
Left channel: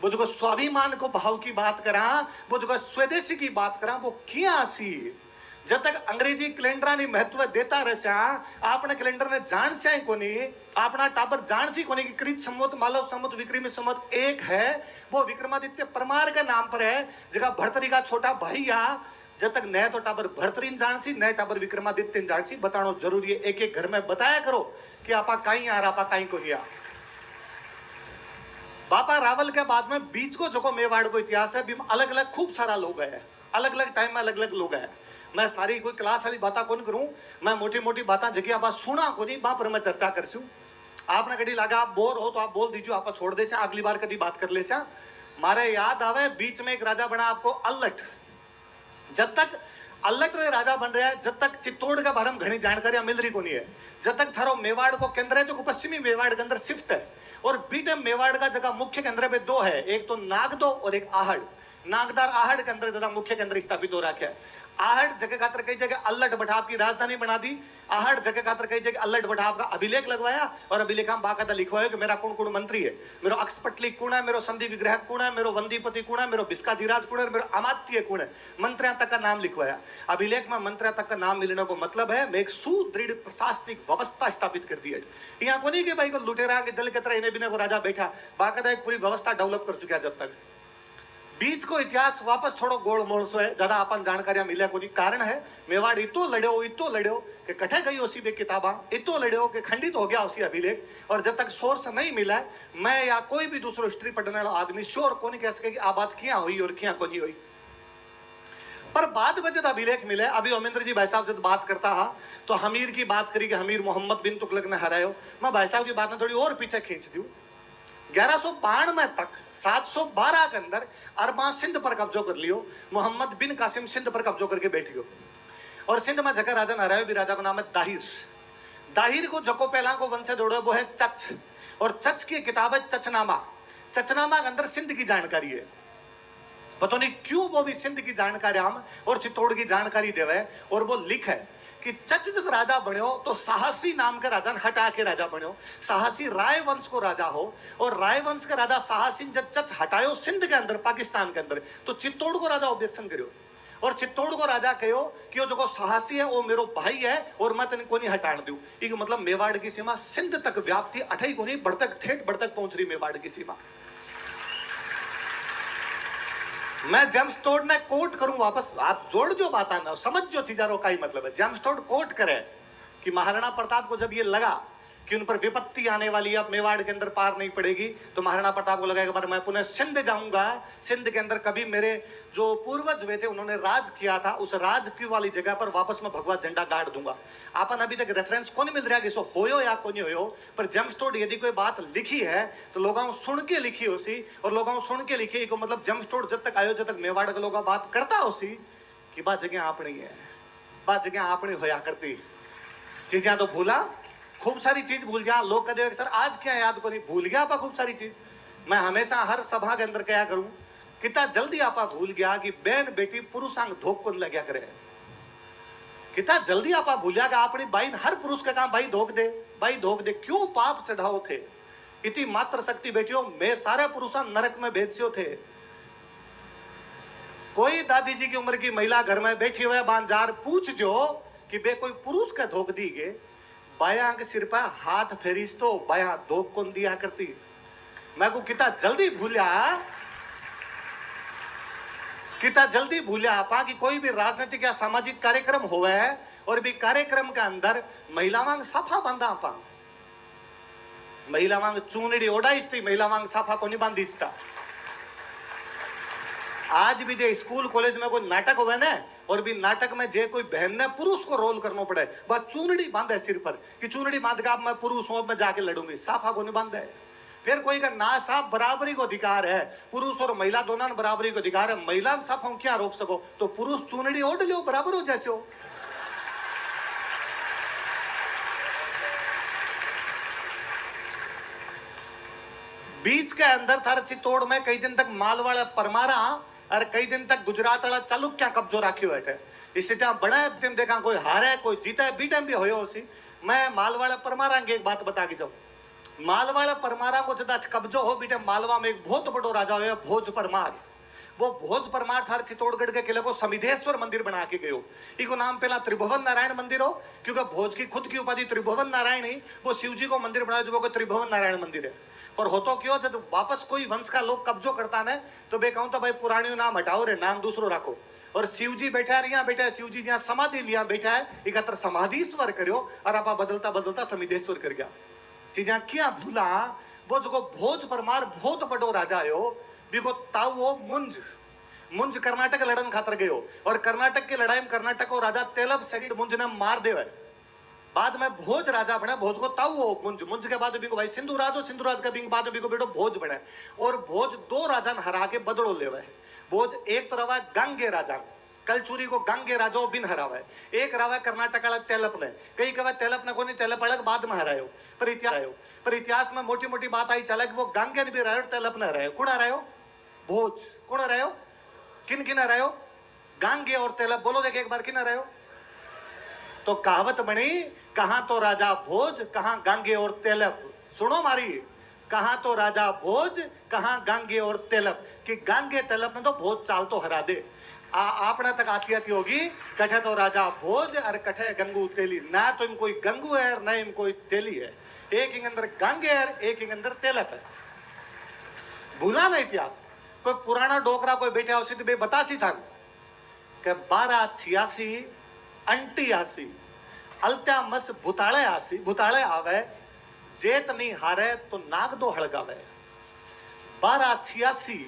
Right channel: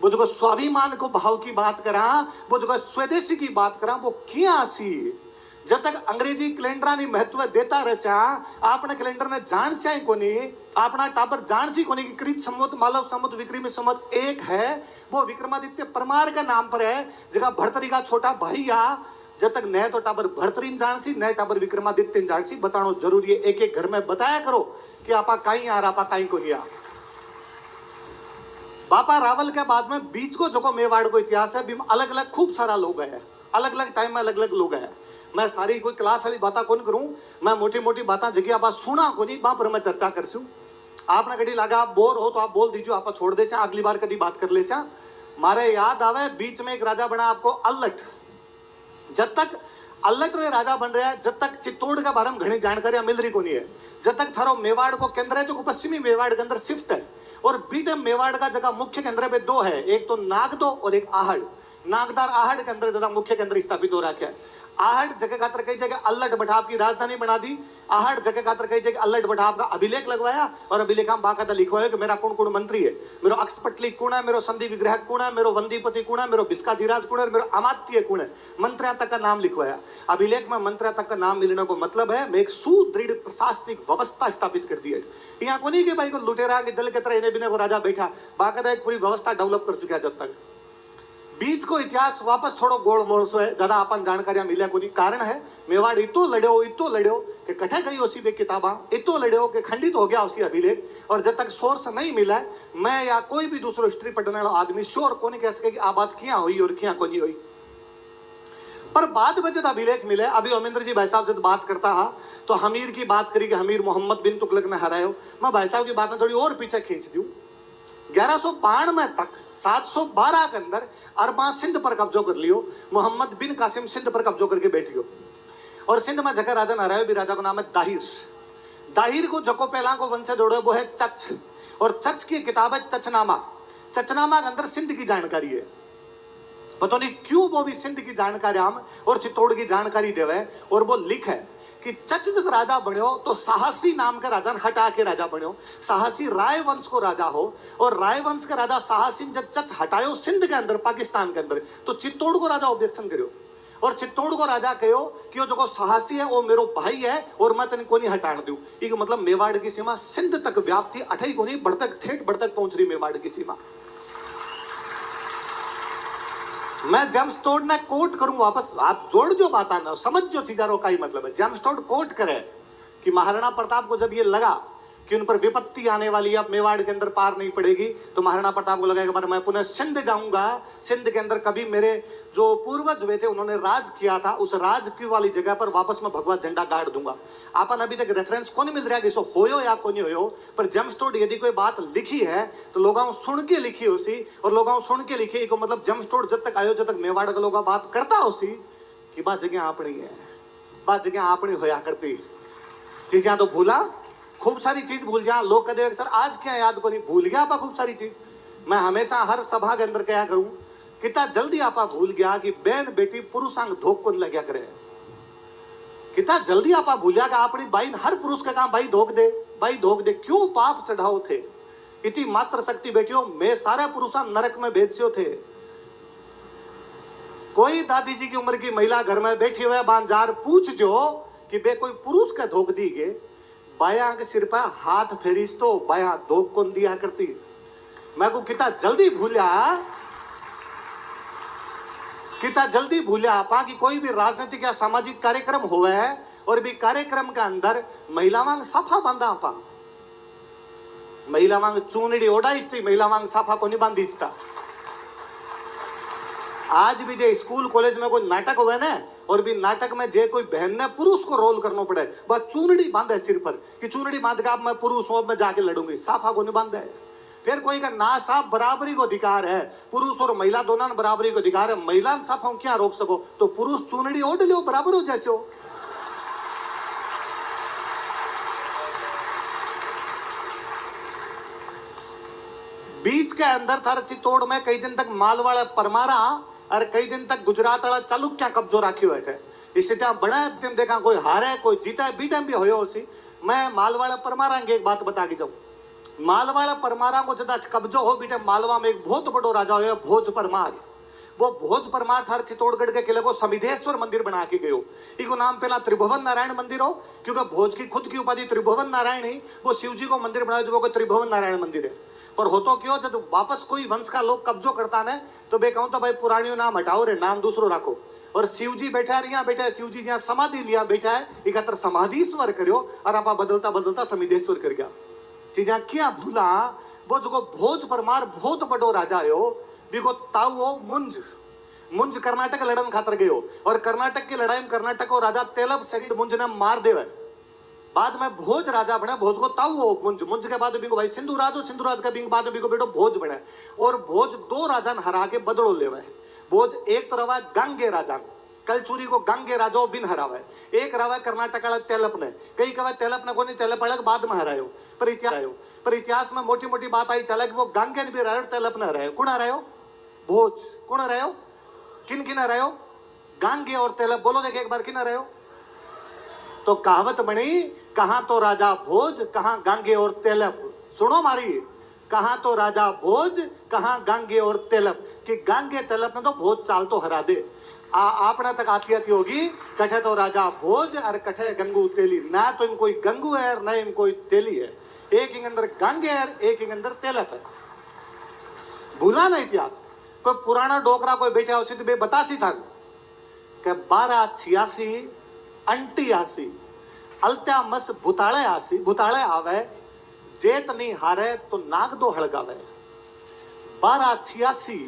वो जो स्वाभिमान को भाव की बात करा, वो जो स्वदेशी की बात करा, वो क्या सी। जब तक अंग्रेजी कैलेंडर ने महत्व देता रहे, आपने कैलेंडर ने जान से कोनी, अपना टाबर जान सी कोनी कि कृत संवत मालव संवत विक्रमी संवत एक है। वो विक्रमादित्य परमार का नाम पर है, जगह भर्तरी का छोटा भाई आ जब तक नए तो टाबर भरतरीन जानसी, नए टाबर विक्रमादित्य जानसी बतानो जरूरी है। एक एक घर में बताया करो कि आपा कहीं आ रहा, आपा कहीं को नहीं आ। बापा रावल के बाद में बीच को जो मेवाड़ को इतिहास है, अलग अलग खूब सारा लोग है, अलग अलग टाइम में अलग अलग लोग है। मैं सारी कोई क्लास वाली बात कौन करूं, मैं मोटी मोटी बातें जगह आप सुना को नहीं, वहां पर मैं चर्चा करसूं। आपने कभी लगा आप बोर हो तो आप बोल दीजिए, आप छोड़ दे, अगली बार कभी बात कर ले। मारे याद आवे बीच में एक राजा बना आपको अल्लट। जब तक अल्लट रे राजा बन रहा है, जब तक चित्तौड़ के बारे में घनी जानकारियां मिल रही को नहीं है। जब तक थारो मेवाड़ को केंद्र है जो पश्चिमी मेवाड़ के अंदर शिफ्ट है, और बीटे मेवाड़ का जगह मुख्य केंद्र पे दो है, एक तो नागदो और एक आहड़। नागदार आहड़ के अंदर ज्यादा मुख्य केंद्र स्थापित हो रखा है। आहड़ जगह खातर कई जगह अल्लट बठाव की राजधानी बना दी। आहड़ जगह खातर कई जगह अल्लट बठाव का अभिलेख लगवाया, और अभिलेख में बाकायदा लिखवाया कि मेरा कौन कौन मंत्री है, मेरो अक्षपटली कौन है, मेरो संधि विग्रह कौन है, मेरो वंदीपति कौन है, मेरो बिस्काधीराज कौन है, मेरो अमात्य कौन है। मंत्रियों तक का नाम लिखवाया। अभिलेख में मंत्रियों तक का नाम मिलने को मतलब है मैं एक सुदृढ़ प्रशासनिक व्यवस्था स्थापित कर दी है। यहाँ को नहीं कि भाई को लुटेरा के दल के तरह इन्हें बिना को राजा बैठा, बाकायदा एक पूरी व्यवस्था डेवलप कर चुका है। जब तक बीच को इतिहास वापस थोड़ा गोल मोड़ सो है, ज्यादा अपन जानकारियां मिले को नहीं। कारण है मेवाड़ इतो लड़ो कि कठे गई उसी बे किताबा, इतो लड़ो कि खंडित हो गया उसी अभिलेख। और जब तक सोर्स नहीं मिला, मैं या कोई भी दूसरो हिस्ट्री पढ़ने वाला आदमी श्योर को नहीं कह सके कि आ बात क्या हुई और क्या को नहीं हुई। पर बाद में जब अभिलेख मिले, अभी अमिंद्र जी भाई साहब जब बात करता है तो हमीर की बात करी कि हमीर मोहम्मद बिन तुगलक ने हरायो। मैं भाई साहब की बात में थोड़ी और पीछे खींच दूं। 1192 तक 712 के अंदर अरबा सिंध पर कब्जो कर लियो। मोहम्मद बिन कासिम सिंध पर कब्जो करके बैठ गयो, और सिंध में जगह राजा न रहे भी राजा को नाम है दाहिर। दाहिर को जको पहला को वंश से जोड़े वो है चच, और चच की किताब है चचनामा। चचनामा के अंदर सिंध की जानकारी है। पता नहीं क्यों वो भी सिंध की जानकारी हम और चित्तौड़ की जानकारी देवे, और वो लिख है कि चच जब राजा बन्यो तो साहसी नाम का राजा हटा के राजा बन्यो। साहसी राय वंश को राजा हो, और राय वंश का राजा साहसी जब चच हटायो सिंध के अंदर, पाकिस्तान के अंदर, तो चित्तौड़ को राजा ऑब्जेक्शन करो, और चित्तौड़ को राजा कहो कि वो जो साहसी है वो मेरो भाई है और मैं तेन को नहीं हटाने दूं। ये मतलब मेवाड़ की सीमा सिंध तक व्याप्ति अठई को नहीं, बढ़तक ठेठ बढ़तक पहुंच रही मेवाड़ की सीमा। मैं जेम्स टोड ने कोट करूं वापस, आप जोड़ जो बात आना समझ जो चीजारों का ही मतलब है। जेम्स टोड कोट करे कि महाराणा प्रताप को जब ये लगा कि उन पर विपत्ति आने वाली है, अब मेवाड़ के अंदर पार नहीं पड़ेगी, तो महाराणा प्रताप को लगा कि मैं पुनः सिंध जाऊंगा। सिंध के अंदर कभी मेरे जो पूर्वज हुए थे उन्होंने राज किया था, उस राज की वाली जगह पर वापस मैं भगवा झंडा गाड़ दूंगा। आपन अभी तक रेफरेंस कौन मिल रहा है कि इसको होयो या को नहीं हो, पर जेम्स टोड यदि कोई बात लिखी है तो लोगों सुन के लिखी उसी, और लोगों सुन के लिखी को मतलब जेम्स टोड जब तक आयो जब तक मेवाड़ के लोग बात करता उसी कि बात जगह आपनी है, बात जगह आपनी होया करती। चीजें तो भूला, खूब सारी चीज भूल जा। लोग कहते सर आज क्या याद को नहीं, भूल गया आपा खूब सारी चीज। मैं हमेशा हर सभा के अंदर क्या करूं, कितना जल्दी आपा भूल गया कि बहन बेटी पुरुषांग धोख को लग्या करे। कितना जल्दी आपा भूल गया कि अपनी बाई हर पुरुष का काम भाई धोख दे, भाई धोख दे। क्यों पाप चढ़ाओ थे, इतनी मात्र शक्ति बेटियों मैं सारे पुरुषा नरक में भेजो थे। कोई दादी जी की उम्र की महिला घर में बैठी हुए बांजार पूछ जो कि बे कोई पुरुष का धोख दी गे, बाया के सिर पर हाथ फेरीस तो बाया धोख कौन दिया करती। मैं को कितना जल्दी भूलिया, कितना जल्दी भूलिया आपा कि कोई भी राजनीतिक या सामाजिक कार्यक्रम होवे और भी कार्यक्रम के अंदर महिला वांग साफा बांधा आपा, महिला वांग चूनड़ी ओढ़ाईस थी, महिला वांग साफा को नहीं बांधीस था। आज भी जे स्कूल कॉलेज में कोई नाटक हुए ना, और भी नाटक में जे कोई बहन ने पुरुष को रोल करना पड़े, बस चूनड़ी बांधे सिर पर कि चूनड़ी बांध के मैं पुरुष हूं, मैं जाके लड़ूंगी, साफा को नहीं बांधे। फिर कोई का ना साफ बराबरी को अधिकार है, पुरुष और महिला दोनों बराबरी को अधिकार है, महिला साफा क्या रोक सको, तो पुरुष चूनड़ी ओढ़ लो बराबर हो जैसे हो। बीच के अंदर थार चित्तौड़ में कई दिन तक मालवाड़ा परमारा और कई दिन तक गुजरात वाला चालुक्या कब्जो राखी हुए थे। इससे त्या बड़ा टीम देखा कोई हारे कोई जीता बी टाइम भी होयो उसी। मैं मालवाड़ा परमारा की एक बात बता के जाऊं, मालवाड़ा परमारा को जदा कब्जो हो बीटे मालवा में एक बहुत बड़ो राजा हो भोज परमार। वो भोज परमार थार चित्तौड़गढ़ के किले को समिधेश्वर मंदिर बना के गयो। इको नाम पहला त्रिभुवन नारायण मंदिर हो, क्योंकि भोज की खुद की उपाधि त्रिभुवन नारायण ही, वो शिव जी को मंदिर बनाया जो वो त्रिभुवन नारायण मंदिर है। पर हो तो क्यों जब वापस कोई वंश का लोग कब्जो करता ने तो बे कहूं तो भाई पुरानियों नाम हटाओ रे, नाम दूसरो रखो। और शिव जी बैठा है, यहाँ बैठा है शिव जी, जहाँ समाधि लिया बैठा है, इकत्र समाधीश्वर करो और आप बदलता बदलता समिधेश्वर कर गया चीजा क्या भूला। वो जो भोज परमार बहुत बड़ो राजा है, बिको ताऊ हो मुंज कर्नाटक लड़न खातर गयो और कर्नाटक की लड़ाई में कर्नाटक को राजा तेलब सेकंड मुंज ने मार देवे। बाद में भोज राजा बने, भोज को ताऊ हो मुंज के बाद बिको भाई सिंधुराज का बिंग बाद में बिको बेटो भोज बने और भोज दो राजा ने हरा के बदलो लेवे। भोज एक तो रवा गांगे राजा, कलचूरी को गांगे राजा बिन हरावे, एक रवा कर्नाटक वाला तेलप ने, कई कवा तेलप ने को नहीं, तेलप अलग बाद में हरायो। पर इतिहास में मोटी मोटी बात आई चला कि वो गांगे ने भी हरायो, तेलप ने हरायो। कौन हरायो? भोज। कौन हरायो? किन हरायो? गांगे और तेलप। बोलो देखे एक बार किन हरायो? तो कहावत बनी, कहां तो राजा भोज, कहां गांगे और तेलप। सुनो मारी, कहां तो राजा भोज, कहां गांगे और तेलप, कि गांगे तेलप ने तो भोज चाल तो हरा दे। आपना तक आती होगी, कठे तो राजा भोज और कठे गंगू तेली, ना तो इन कोई गंगू है ना इन कोई तेली है, एक इंग अंदर गांगे है एक इंग अंदर तेलप है। भूला ना इतिहास। कोई पुराना डोकरा कोई बैठा उसी तो बतासी था कि 1286 88 अलत्या मस भूताले आवे, जेत नहीं हारे तो नाग दो हड़गावे। 1286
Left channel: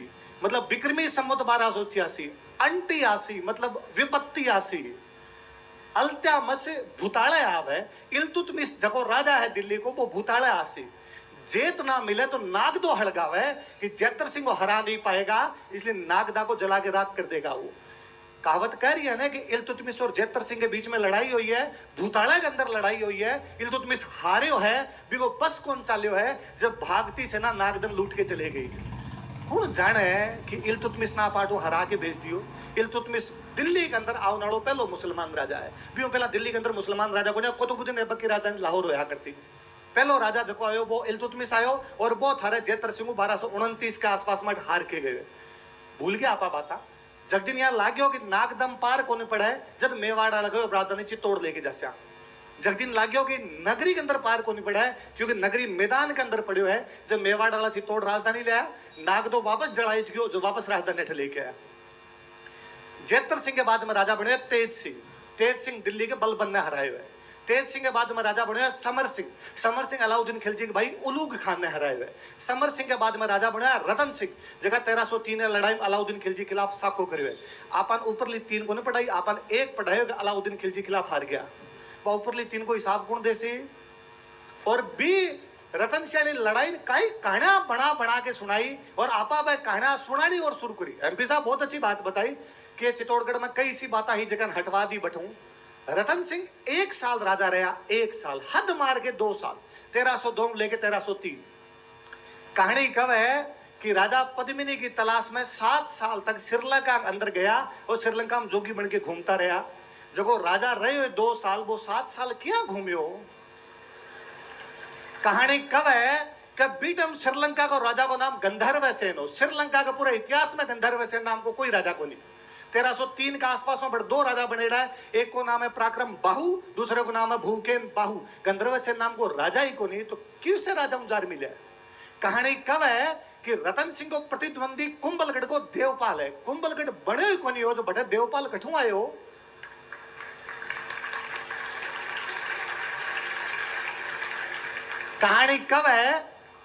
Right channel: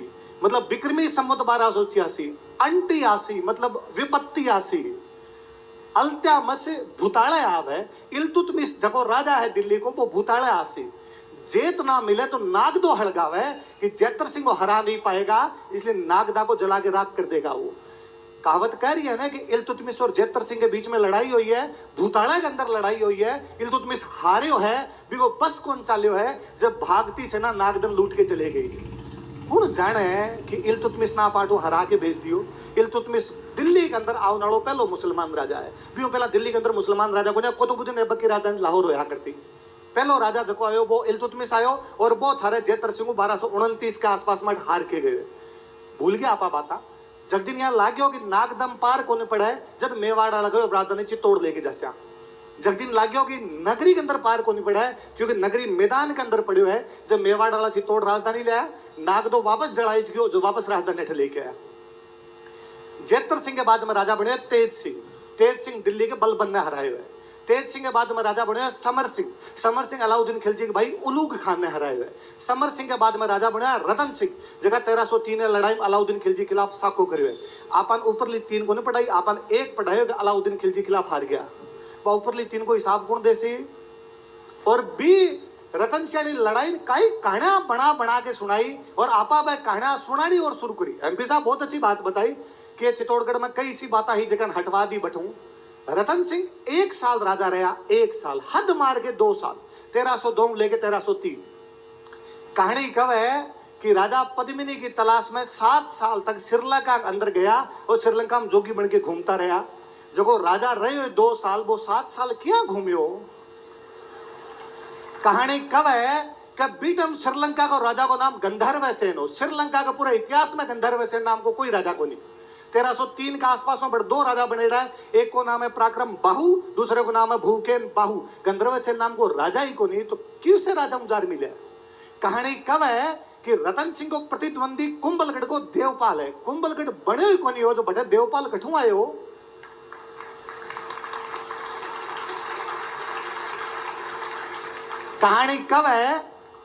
मतलब विक्रमी संवत 1286, 88 मतलब विपत्ति आसी, अलत्या मस भूताले आवे। इल्तुतमिश जको राजा है दिल्ली को, वो भूताले आसी, जेत ना मिले तो नाग दो हड़गावे, कि जैतर सिंह को हरा नहीं पाएगा इसलिए नागदा को जला के राख कर देगा। वो कहावत कह रही है ना कि इल्तुतमिश और जैतर सिंह के बीच में लड़ाई हुई है, भूताड़ा के अंदर लड़ाई हुई है, इल्तुतमिश हारियो है, बिगो बस कौन चालियो है जब भागती सेना नागदन लूट के चले गई। कौन जाने कि इल्तुतमिश ना पाटो हरा के भेज दियो। इल्तुतमिश दिल्ली के अंदर आओ नालो पहलो मुसलमान राजा है, बियो पहला दिल्ली के अंदर मुसलमान राजा को कुतुबुद्दीन ऐबक की राजधानी लाहौर होया करती। पहलो राजा जको आयो वो इल्तुतमिश आयो और वो थारे जैतर सिंह 1229 के आसपास में हार के गए। भूल गया आपा बाता। जगदिन यहाँ लाग्यो कि नागदम पार कोने पड़े जब मेवाड़ा लगो राजधानी चित्तौड़ लेके जास्या। जगदिन लाग्यो कि नगरी के अंदर पार कोने पड़ा है क्योंकि नगरी मैदान के अंदर पड़ियो है। जब मेवाड़ वाला चित्तौड़ राजधानी ले आया, नागदो वापस जड़ाई गयो जो वापस राजधानी अठ लेके आया। जैतर सिंह के बाद में राजा बने तेज सिंह दिल्ली के बलबन ने हराए हुए। तेज सिंह के बाद में राजा बने समर सिंह अलाउद्दीन खिलजी के भाई उलूग खान ने हराए हुए। समर सिंह के बाद में राजा बने रतन सिंह, जगह 1303 लड़ाई में अलाउद्दीन खिलजी के खिलाफ साको करियो। आपन ऊपरली 3 को नहीं पढ़ाई, आपन एक पढ़ाई अलाउद्दीन खिलजी के खिलाफ हार गया। वह ऊपरली 3 को हिसाब गुण देसी और बी रतन सिंह ने लड़ाई कई कहानियां बना के सुनाई और आपा वह कहानियां सुनानी और शुरू करी। एमपी साहब बहुत अच्छी बात बताई कि चित्तौड़गढ़ में कई सी बात ही जगह हटवा दी बटू। रतन सिंह 1 साल राजा रहा, 1 साल हद मार के 2 साल, 1302 लेके 1303। कहानी कब है कि राजा पद्मिनी की तलाश में 7 साल तक श्रीलंका के अंदर गया और श्रीलंका में जोगी बन के घूमता रहा। जब राजा रहे हुए 2 साल, वो 7 साल क्या घूमियो। कहानी कब है कि बीटम श्रीलंका को राजा को नाम गंधर्व सेन हो। श्रीलंका का पूरा इतिहास में गंधर्व सेन नाम को कोई राजा को नहीं। 1303 के आसपास में बड़े 2 राजा बने रहे, एक को नाम है पराक्रम बाहु, दूसरे को नाम है भूकेन बाहु। गंधर्व सेन नाम को राजा ही को नहीं, तो क्यों से राजा मुजार मिले। कहानी कब है कि रतन सिंह को प्रतिद्वंदी कुंभलगढ़ को देवपाल है। कुंभलगढ़ बने हुए को नहीं हो जो बड़े देवपाल कठू आए हो। कहानी कब है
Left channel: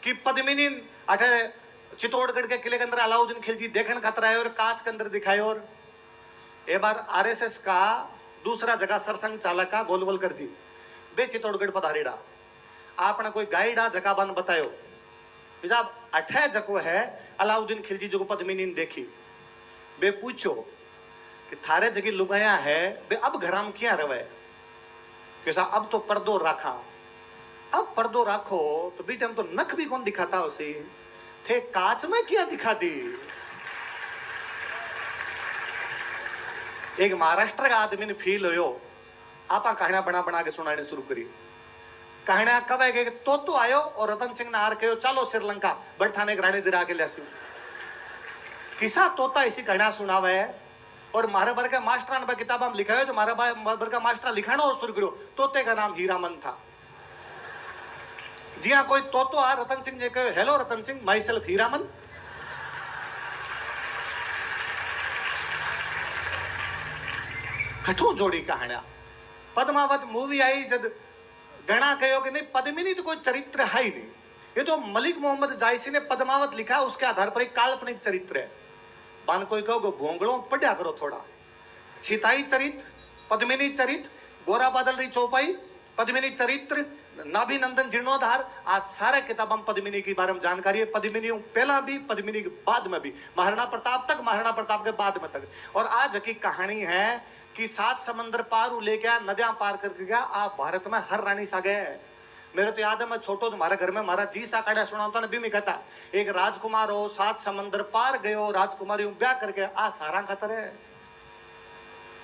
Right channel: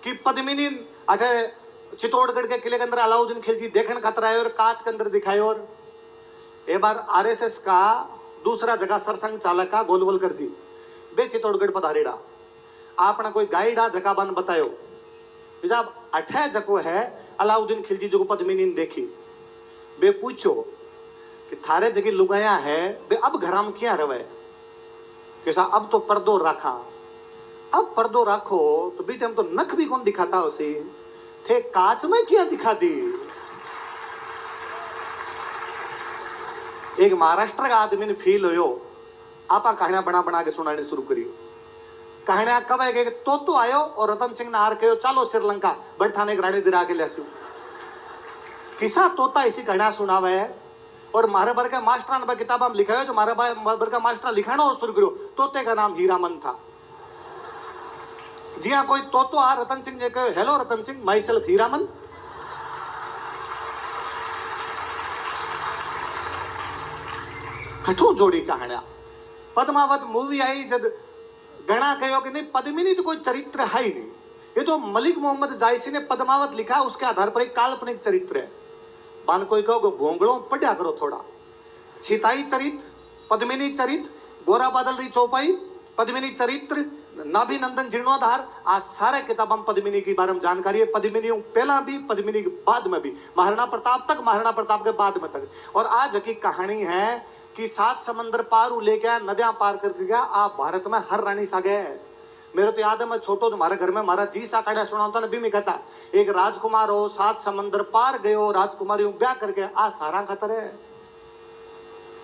कि पद्मिनी चित्तौड़गढ़ के किले के अंदर अलाउद्दीन खिलजी देखने खातर आए और कांच के अंदर दिखाए। और एक बार आरएसएस का दूसरा जगह सरसंघ चालक का गोलवलकर जी बे चित्तौड़गढ़ पधारेड़ा, आपने कोई गाइडा जगह बन बतायो साहब अठे जको है अलाउद्दीन खिलजी जो पद्मिनी ने देखी। बे पूछो कि थारे जगह लुगाया है बे अब घराम क्या रवे। कैसा अब तो पर्दो रखा, अब पर्दो रखो तो बीटे हम तो नख भी कौन दिखाता उसे थे, कांच में क्या दिखा दी। एक महाराष्ट्र का आदमी ने फील हो आपा कहानियां बना के सुनाने शुरू करी। कहानियां कब है कि तो आयो और रतन सिंह ने हार कहो चलो श्रीलंका बैठाने रानी दिरा के लिया किसा तोता इसी कहानियां सुनावे है। और मारे बर का मास्टर ने किताब में लिखा है जो मारे बर का मास्टर लिखाना और शुरू करो। तोते का नाम हीरामन था। जी हाँ, कोई तो आ रतन सिंह ने कहो hello Ratan Singh, myself Hiraman. कठो जोड़ी कहानिया पद्मावत मूवी आई जब गणा कहो कि नहीं पद्मिनी तो कोई चरित्र है ही नहीं, ये तो मलिक मोहम्मद जायसी ने पद्मावत लिखा, उसके आधार पर एक काल्पनिक चरित्र है। बान कोई कहो भोंगड़ों पढ़ा करो थोड़ा, छिताई चरित्र, पद्मिनी चरित्र, गोरा बादल री चौपाई, पद्मिनी चरित्र, नाभि नंदन जीर्णोद्धार, आज सारे किताबों में पद्मिनी के बारे में जानकारी है। पद्मिनी पहला भी, पद्मिनी के बाद में भी, महाराणा प्रताप तक, महाराणा प्रताप के बाद में तक। और आज की कहानी है कि 7 समंदर पार लेके आया, नदियां पार करके गया, आप भारत में हर रानी सा गए। मेरे तो याद है, मैं छोटो तो हमारे घर में हमारा जी सा काढ़ा सुनाता ना भी मैं कहता एक राजकुमार हो 7 समंदर पार गए हो, राजकुमारी ब्याह करके आ सारा खतर है।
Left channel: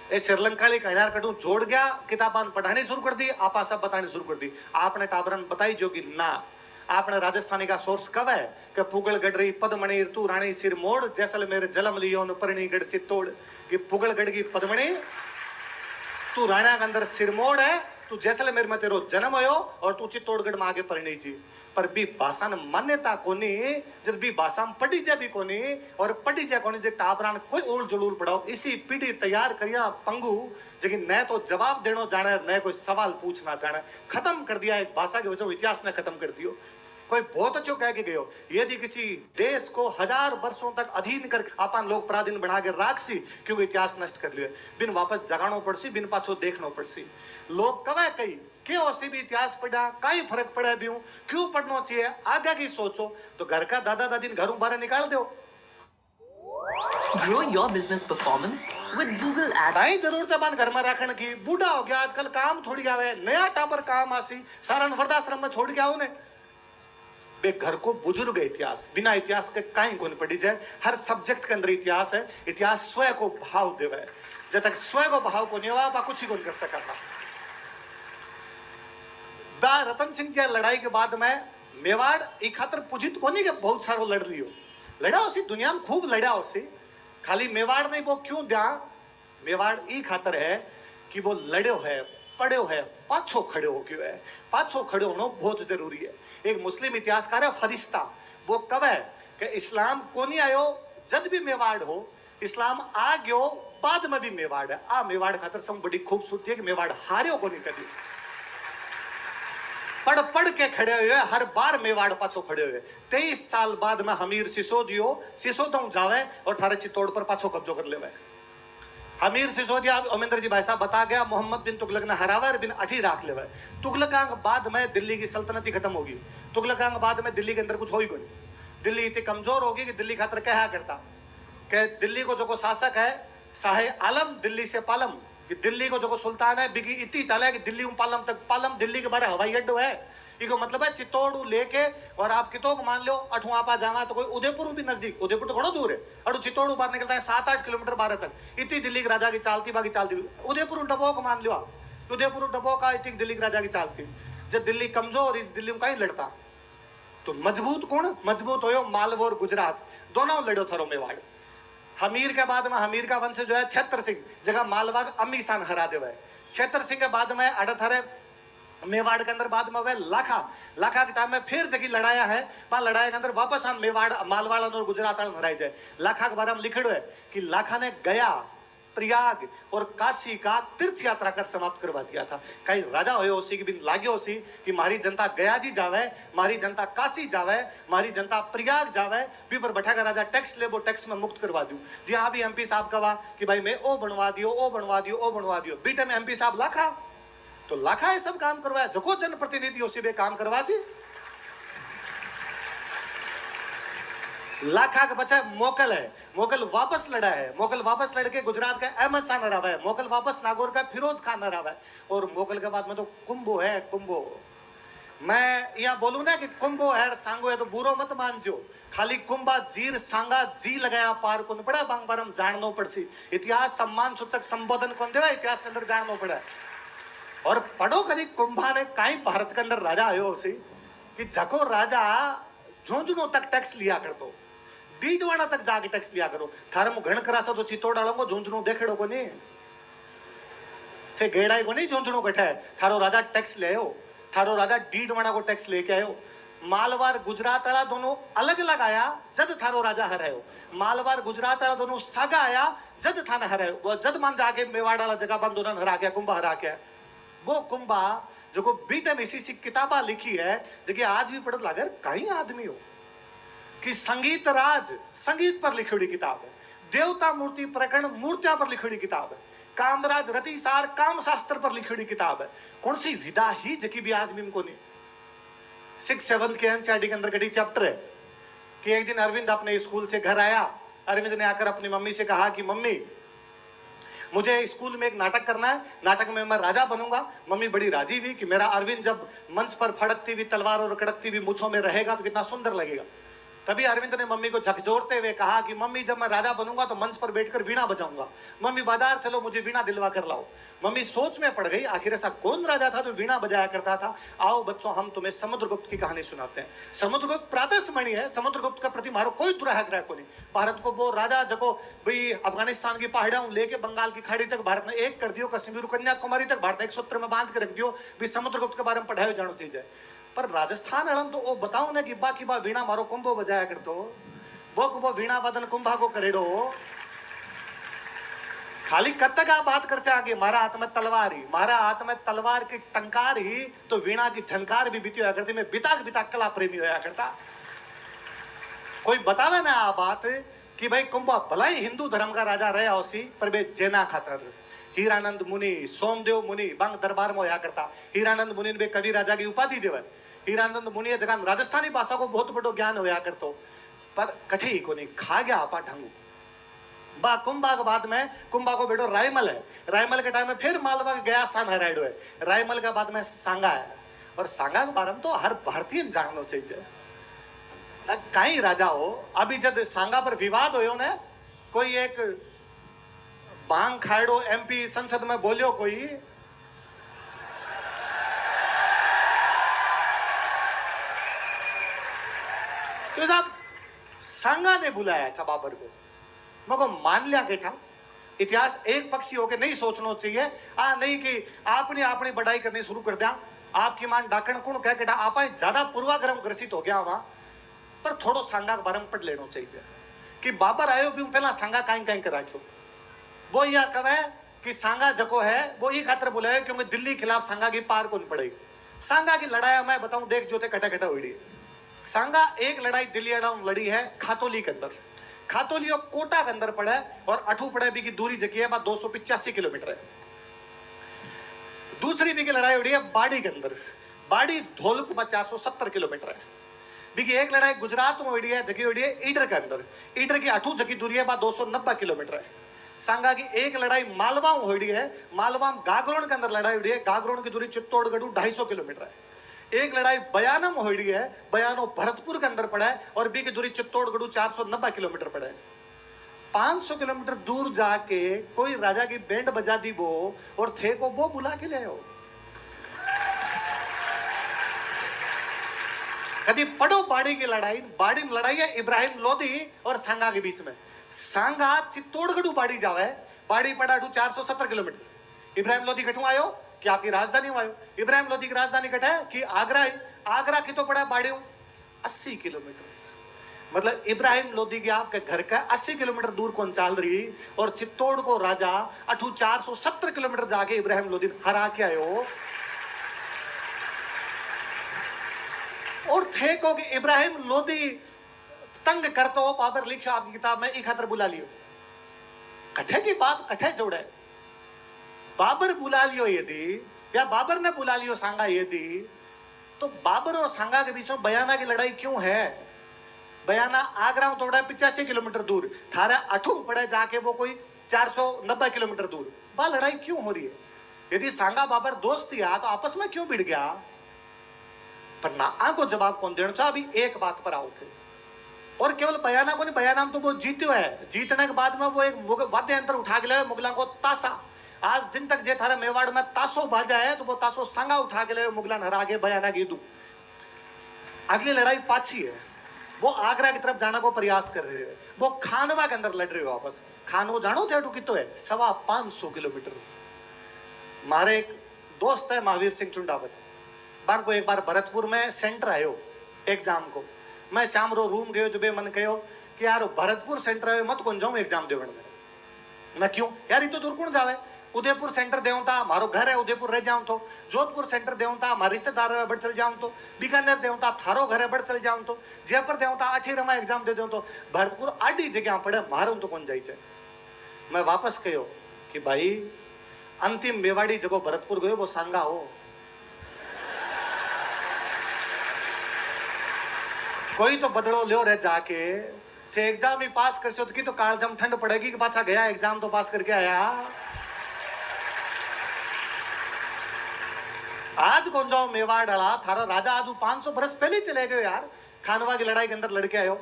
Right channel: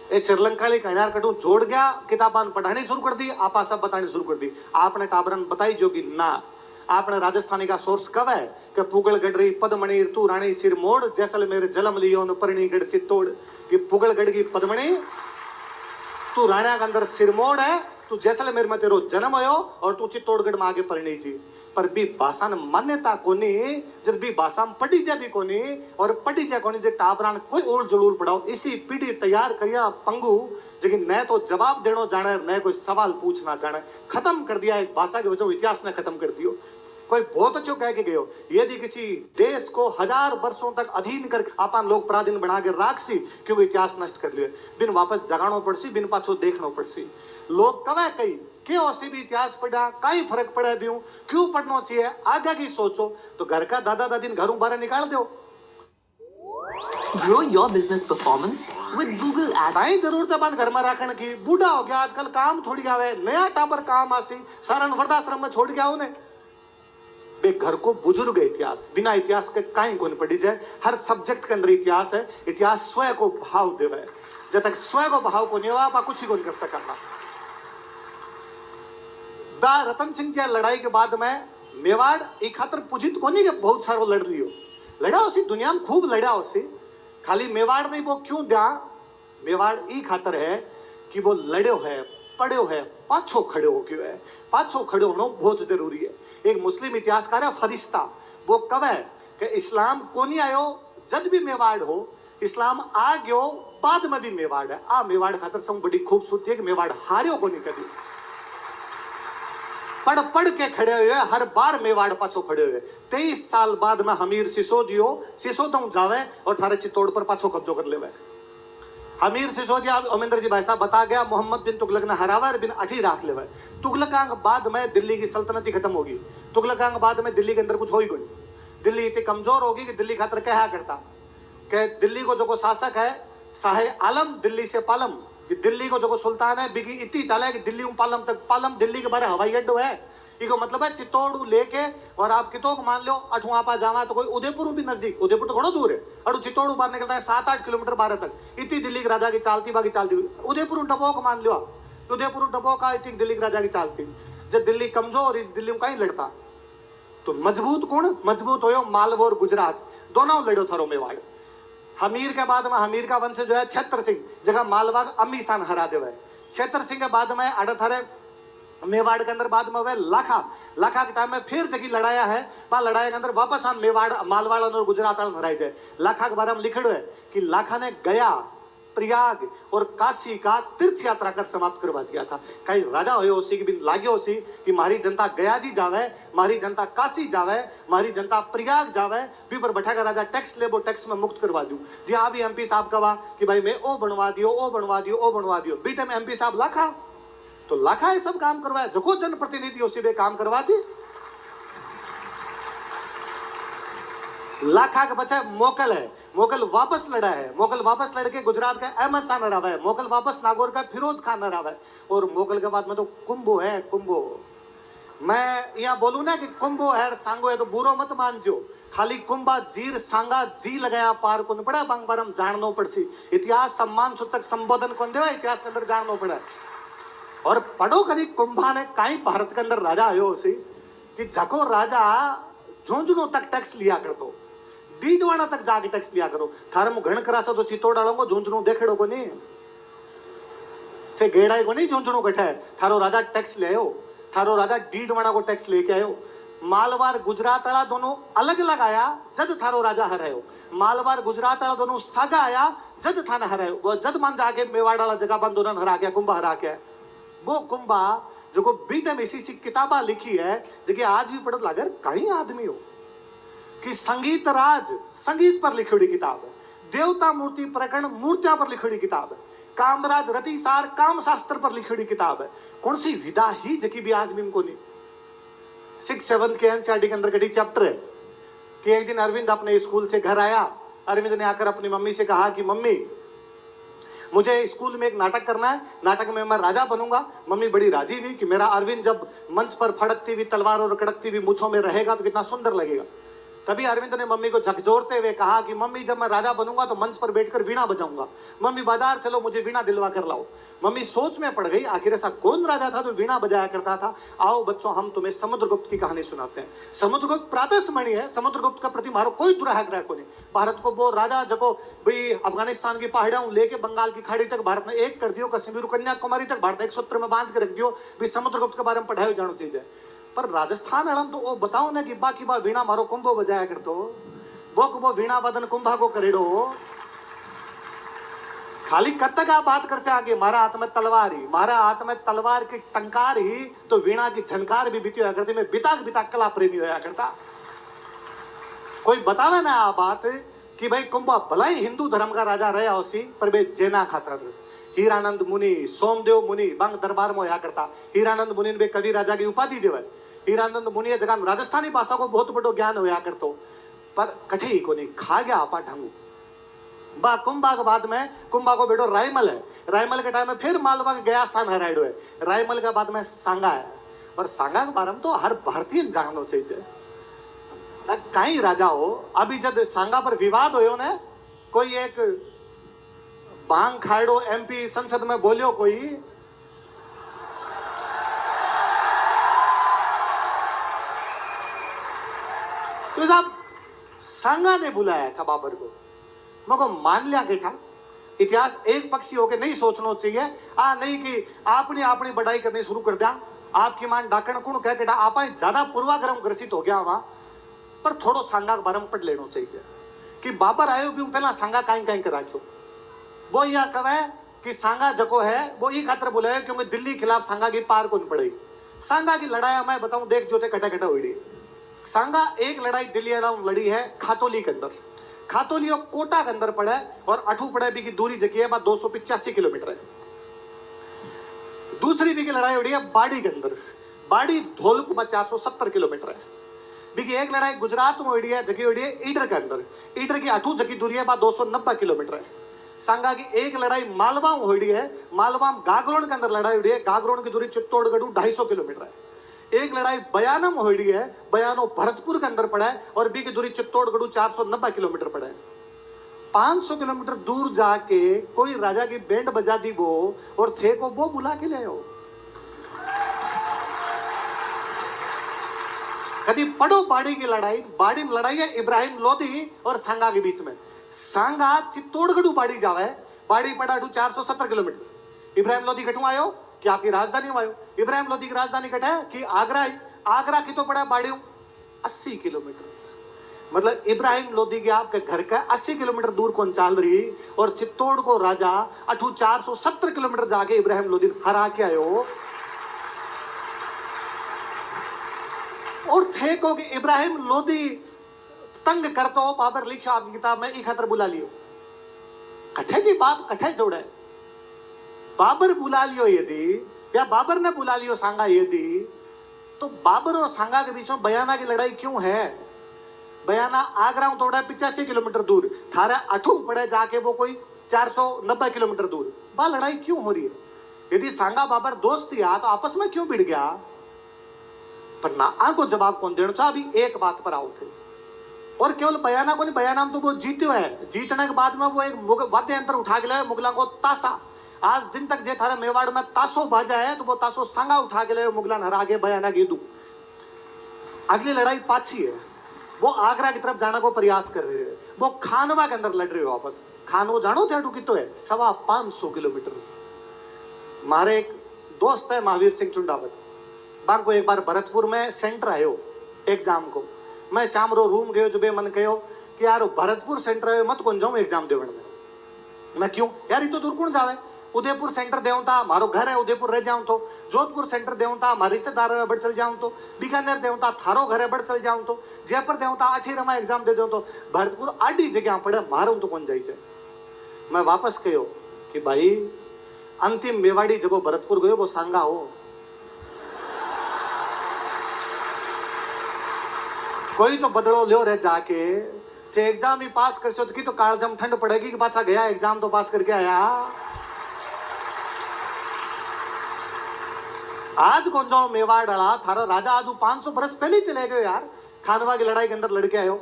ये श्रीलंका कहनार कटू जोड़ गया, किताबान पढ़ानी शुरू कर दी, आपा सब बतानी शुरू कर दी। आपने टाबरन बताई जो कि ना, आपने राजस्थानी का सोर्स कब है कि पुगल गडरी पदमणि तू रानी सिरमोड़, जैसलमेर जलम लियो न परिणीगढ़ चित्तौड़, कि पुगलगढ़ की पद्मणी तू राणा के अंदर सिरमोड़ है, तू जैसलमेर में तेरो जन्म हो और तू चित्तौड़गढ़ में आगे परिणी जी। पर भी भाषा न मान्यता कोनी, जब भी भाषा में पढ़ी जाए भी कोनी और पढ़ी जाए कोनी, जो टाबरान कोई उल जुलूल पढ़ाओ, इसी पीढ़ी तैयार करिया पंगु लेकिन न तो जवाब देना जाने न कोई सवाल पूछना जाने, खत्म कर दिया एक भाषा की वजह, इतिहास ने खत्म कर दियो। कोई बहुत अच्छो कह के गयो, यदि किसी देश को 1000 वर्षों तक अधीन कर अपन लोग पराधीन बना के राख सी, क्योंकि इतिहास नष्ट कर लिया, बिन वापस जगानो पड़सी, बिन पाछो देखनो पड़सी। लोग कवे कई क्यों सी भी इतिहास पढ़ा, कई फर्क पड़े भी हूं, क्यों पढ़ना चाहिए, आगे की सोचो। तो घर का दादा दादी घरों बाहर निकाल दो। Grow your business performance with Google Ads. भाई जरूरत है घर में रखने की, बूढ़ा हो गया आजकल काम थोड़ी आवे, नया टापर काम आसी, सारा वृद्धाश्रम में छोड़ के आओ ने। बे घर को बुजुर्ग इतिहास, बिना इतिहास के कहीं को नहीं पढ़ी जाए। हर सब्जेक्ट के अंदर इतिहास है, इतिहास स्वयं को भाव देवे, जब तक स्वयं को भाव को नहीं हुआ आप कुछ ही को नहीं कर सकता। रतन सिंह जी लड़ाई के बाद में मेवाड़ एक खातर पूजित को नहीं कि बहुत सारो लड़ लियो, लड़ा उसी दुनिया में खूब लड़ा उसी, खाली मेवाड़ नहीं, वो क्यों दिया मेवाड़ ई खातर है कि वो लड़ो है, पढ़ो है, पाछो खड़े हो क्यों है, पाछो खड़े होना बहुत जरूरी है। एक मुस्लिम इतिहासकार है फरिश्ता, वो कब है कि इस्लाम को नहीं आयो जब भी मेवाड़ हो, इस्लाम आ गयो बाद में भी मेवाड़ है। आ मेवाड़ खातर सब बड़ी खूबसूरती है कि मेवाड़ हारे को नहीं कभी, पढ़ पढ़ के खड़े हुए, हर बार मेवाड़ पाछो खड़े हुए। 23 साल बाद में हमीर सिसोदियो जावे और थारे चित्तौड़ पर पाछो कब्जो कर लेवे। हमीर सिसोदिया अमेंद्र जी भाई साहब बता गया, मोहम्मद बिन तुगलक ने हरावर बिन अठी राख लेवे। तुगलकांग बाद में दिल्ली की सल्तनत ही खत्म होगी, तुगलकांग बाद में दिल्ली के अंदर कुछ हो ही कोई, दिल्ली इतनी कमजोर होगी कि दिल्ली खातर क्या करता कि दिल्ली को जो शासक है शाह आलम दिल्ली से पालम, कि दिल्ली को जो सुल्तान है बिगी इतनी चाले कि दिल्ली पालम तक, पालम दिल्ली के बारे हवाई अड्डो है, इको मतलब है चित्तौड़ लेके और आप कितो मान लो अठू आपा जावा तो कोई उदयपुर भी नजदीक, उदयपुर तो थोड़ा दूर है, अठू चित्तौड़ बाहर निकलता है 7-8 किलोमीटर बाहर तक, इतनी दिल्ली के राजा की चालती बाकी चालती। उदयपुर डबो को मान लो, उदयपुर डबो का इतनी दिल्ली के राजा की चालती। जब दिल्ली कमजोर इस दिल्ली में कहीं लड़ता तो मजबूत कौन मजबूत हो, मालवा और गुजरात दोनों लड़ो थरो मेवाड़। हमीर के बाद में हमीर का वंश जो है छत्र सिंह जगह मालवा अमी सान हरा दे है। छत्र सिंह के बाद में अड़थरे मेवाड़ के अंदर बाद में वह लाखा के टाइम में फिर जगह लड़ाया है, वहां लड़ाई के अंदर वापस आन मेवाड़ मालवाड़ और गुजरात हराई जाए। लाखा के बारे में लिखड़ो है कि लाखा ने गया प्रयाग और काशी का तीर्थ यात्रा कर समाप्त करवा दिया था। कई राजा हो उसी के बिन लाग्यो उसी कि मारी जनता गया जी जावे, मारी जनता काशी जावे, मारी जनता प्रयाग जावे, भी पर बैठा का राजा टैक्स ले वो टैक्स में मुक्त करवा दूं। जी हाँ भी एमपी साहब कहा कि भाई मैं ओ बनवा दियो, ओ बनवा दियो, ओ बनवा दियो, बीटे में एमपी साहब लाखा, तो लाखा ये सब काम करवाया, जो जनप्रतिनिधि उसी में काम करवा सी। लाखा के बच्चा मोकल है, मोकल वापस लड़ा है, मोकल वापस लड़के गुजरात का अहमद शाह हरावा है, मोकल वापस नागौर का फिरोज खान हरावा है, और मोकल के बाद में तो कुंभो है। कुंभो मैं यहाँ बोलूं ना कि कुंभो है सांगो है तो बुरो मत मान जो, खाली कुंभा जीर सांगा जी लगाया पार को पड़ा बांग बारम जानना पड़सी। इतिहास सम्मान सूचक संबोधन कौन देवा इतिहास के अंदर जानना पड़ा। और पढ़ो कभी कुंभा ने कहीं भारत के अंदर राजा आयो उसी कि जको राजा झुंझुनों तक टैक्स लिया कर दो, डीडवाना तक जाके टैक्स लिया करो। थारे मु घण करासो तो चित्तौड़ डालोगे झुंझुनू देखेड़ो को नहीं थे, गेड़ाई को नहीं झुंझुनू कठा है। थारो राजा टैक्स ले आयो, थारो राजा डीडवाना को टैक्स लेके आयो। मालवार गुजरात वाला दोनों अलग अलग आया जब थारो राजा हरायो, मालवार गुजरात वाला दोनों सागा आया जद थाने हरायो वो जद मान जाके मेवाड़ वाला जगह बंद उन्होंने हरा के कुंभा हरा के वो कुंभा जो को बीते में इसी किताबा लिखी है जगह आज भी पढ़त लागर कहीं आदमी हो कि संगीत राज संगीत पर लिखी हुई किताब है, देवता मूर्ति प्रकरण मूर्तियां पर लिखी हुई किताब है, कामराज रतिसार काम शास्त्र पर लिखी हुई किताब है। कौन सी विधा ही जकी भी आदमी को नहीं 6-7 के एनसीईआरटी के अंदर कटी चैप्टर है कि एक दिन अरविंद अपने स्कूल से घर आया। अरविंद ने आकर अपनी मम्मी से कहा कि मम्मी मुझे स्कूल में एक नाटक करना है, नाटक में मैं राजा बनूंगा। मम्मी बड़ी राजी हुई कि मेरा अरविंद जब मंच पर फड़कती हुई तलवार और कड़कती हुई मूंछों में रहेगा तो कितना सुंदर लगेगा। तभी अरविंद ने मम्मी को झकझोरते हुए कहा कि मम्मी जब मैं राजा बनूंगा तो मंच पर बैठकर वीणा बजाऊंगा। मम्मी बाजार चलो मुझे वीणा दिलवा कर लाओ। मम्मी सोच में पड़ गई आखिर ऐसा कौन राजा था जो वीणा बजाया करता था। आओ बच्चों हम तुम्हें समुद्रगुप्त की कहानी सुनाते हैं। समुद्रगुप्त प्रातस्मरणीय है, समुद्रगुप्त का प्रति मारो कोई दुराग्रह को नहीं। भारत को वो राजा जको भाई अफगानिस्तान की पहाड़ियों लेके बंगाल की खाड़ी तक भारत ने एक कर दियो, कश्मीर कन्याकुमारी तक भारत एक सूत्र में बांध के रख दियो भी समुद्रगुप्त के बारे में पढ़ाई जानो चाहिए। पर राजस्थान अड़म तो वो बताओ ना कि बाकी बा वीणा मारो कुंभो बजाया करतो वो वीणा वादन कुंभा को करेड़ो खाली कब तक आप बात कर से आगे मारा हाथ में तलवार ही, मारा हाथ में तलवार की टंकार ही तो वीणा की झनकार भी बीती हुआ करती। मैं बिताक बिताक कला प्रेमी होया करता। कोई बतावे ना आ बात कि भाई कुंभा भला ही हिंदू धर्म का राजा रहा उसी पर बे जेना खातर हीरानंद मुनि सोमदेव मुनि बंग दरबार में होया करता। हीरानंद मुनि ने कवि राजा की उपाधि देव। हीरानंद मुनि जगह राजस्थानी भाषा को बहुत बड़ो ज्ञान होया करतो पर कठी को नहीं खा गया आपा ढंगू बा कुंभा के बाद में कुंभा को बेटो रायमल है। रायमल के टाइम में फिर मालवा के गया सान हराइडो है। रायमल के बाद में सांगा है और सांगा के बारे में तो हर भारतीय जानना चाहिए कहीं राजा हो। अभी जब सांगा पर विवाद हो ना कोई एक बांग खाड़ो एमपी संसद में बोलियो कोई तो साहब सांगा ने बुलाया था बाबर को मको मान लिया के था। इतिहास एक पक्षी होके नहीं सोचना चाहिए नहीं कि आपने अपनी बढ़ाई करनी शुरू कर दिया। आपकी मान डाकण कुण कह के आप ज्यादा पूर्वाग्रह ग्रसित हो गया वहां पर थोड़ो सांगा के बारे में पढ़ लेना चाहिए कि बाबर आयो भी पहला सांगा कहीं कहीं कर राख्यो। वो यह कहे कि सांगा जको है वो ये खातर बुलाया क्योंकि दिल्ली खिलाफ सांगा की पार कौन पड़ेगी। सांगा की लड़ाई मैं बताऊं देख जोते कटा कटा हुई। सांगा एक लड़ाई दिल्ली लड़ी है खातोली के अंदर। खातोली और कोटा के अंदर पड़ा है और अठू पड़े भी की दूरी जकी है 285 किलोमीटर है। दूसरी भी की लड़ाई उड़ी है बाड़ी के अंदर। बाड़ी धौलपुर में 470 किलोमीटर है। बीकी एक लड़ाई गुजरात में उड़ी है जगी उड़ी है ईडर के अंदर। ईडर की अठू जकी दूरी है 290 किलोमीटर है। सांगा की एक लड़ाई मालवा में हुई है। मालवा में गागरोन के अंदर लड़ाई हुई है। गागरोन की दूरी चित्तौड़गढ़ 250 किलोमीटर है। एक लड़ाई बयाना में हुई है। बयानो भरतपुर के अंदर पड़ा है और बी की दूरी चित्तौड़गढ़ 490 किलोमीटर पड़ा है। 500 किलोमीटर दूर जाके कोई राजा की बैंड बजा दी वो और थे को वो बुला के ले आओ। कभी पढ़ो बाड़ी की लड़ाई। बाड़ी में लड़ाई है इब्राहिम लोधी और सांगा के बीच में। सांगा चित्तौड़गढ़ बाड़ी जावे। बाड़ी पड़ा 470 किलोमीटर। इब्राहिम लोधी कटू आयो कि आपकी राजधानी आयो। इब्राहिम लोधी की राजधानी कटा है कि आगरा है। आगरा की तो पड़ा बाड़ी 80 किलोमीटर। मतलब इब्राहिम लोधी के आपके घर का 80 किलोमीटर दूर कौन चाल रही और चित्तौड़ को राजा 470 किलोमीटर जाके इब्राहिम लोधी हरा के आयो। और थे को कि इब्राहिम लोधी तंग करतो बाबर लिखा आपकी किताब में एक खातर बुला लियो। कथे की बात कथे जोड़े बाबर बुला लियो यदि या बाबर ने बुला लियो सांगा यदि तो बाबर और सांगा के बीच में बयाना की लड़ाई क्यों है। बयाना आगरा में थोड़ा 85 किलोमीटर दूर थारा अठू पड़े जाके वो कोई 490 किलोमीटर दूर वह लड़ाई क्यों हो रही है। यदि सांगा बाबर दोस्त या तो आपस में क्यों भिड़ गया पर ना आको जवाब कौन देना चाह। अभी एक बात पर आओ थे और केवल बयाना को नहीं बयाना में तो वो जीत्यो है। जीतने के बाद में वो एक वाद्य यंत्र उठा के लाए मुगलों को ताशा। आज दिन तक जे थारा मेवाड़ में ताशो बाजा है तो वो ताशो सांगा उठा के लाए मुगलान हरा के बयाना की दू। अगली लड़ाई पाछी है। वो आगरा की तरफ जाने को प्रयास कर रहे हैं। वो खानवा के अंदर लड़ रहे हो आपस। खानवा जानो थे अटू कितो है 550 किलोमीटर। मारे एक दोस्त है महावीर सिंह चुंडावत बार को एक बार भरतपुर में सेंटर आयो एग्जाम को। मैं शाम रो रूम गयो जब मन कहो कि यार भरतपुर सेंटर आयो मत कौन जाऊं एग्जाम देवन में। मैं क्यों यार, ये तो दूर कौन जावे। उदयपुर सेंटर देऊं था, मारो घर है उदयपुर रह जाऊं तो। जोधपुर सेंटर देऊं था, मारे रिश्तेदार है बड़ चल जाऊं तो। बीकानेर देऊं था, थारो घर है बड़ चल जाऊं तो। जयपुर देऊं था, आठी रमा एग्जाम दे दूं तो। भरतपुर आडी जगह पड़े मारू तो कौन जाई छे। मैं वापस कहो कि भाई अंतिम मेवाड़ी जगो भरतपुर गयो वो सांगा हो। कोई तो बदलो लियो रे जाके, थे एग्जाम ही पास कर की तो कालजम ठंड पड़ेगी कि पाछा गया एग्जाम तो पास करके आया। आज कौन जाओ मेवाड़ डाला थारा राजा आज 500 बरस पहले ही चले गए यार। खानवा की लड़ाई के अंदर लड़के आयो।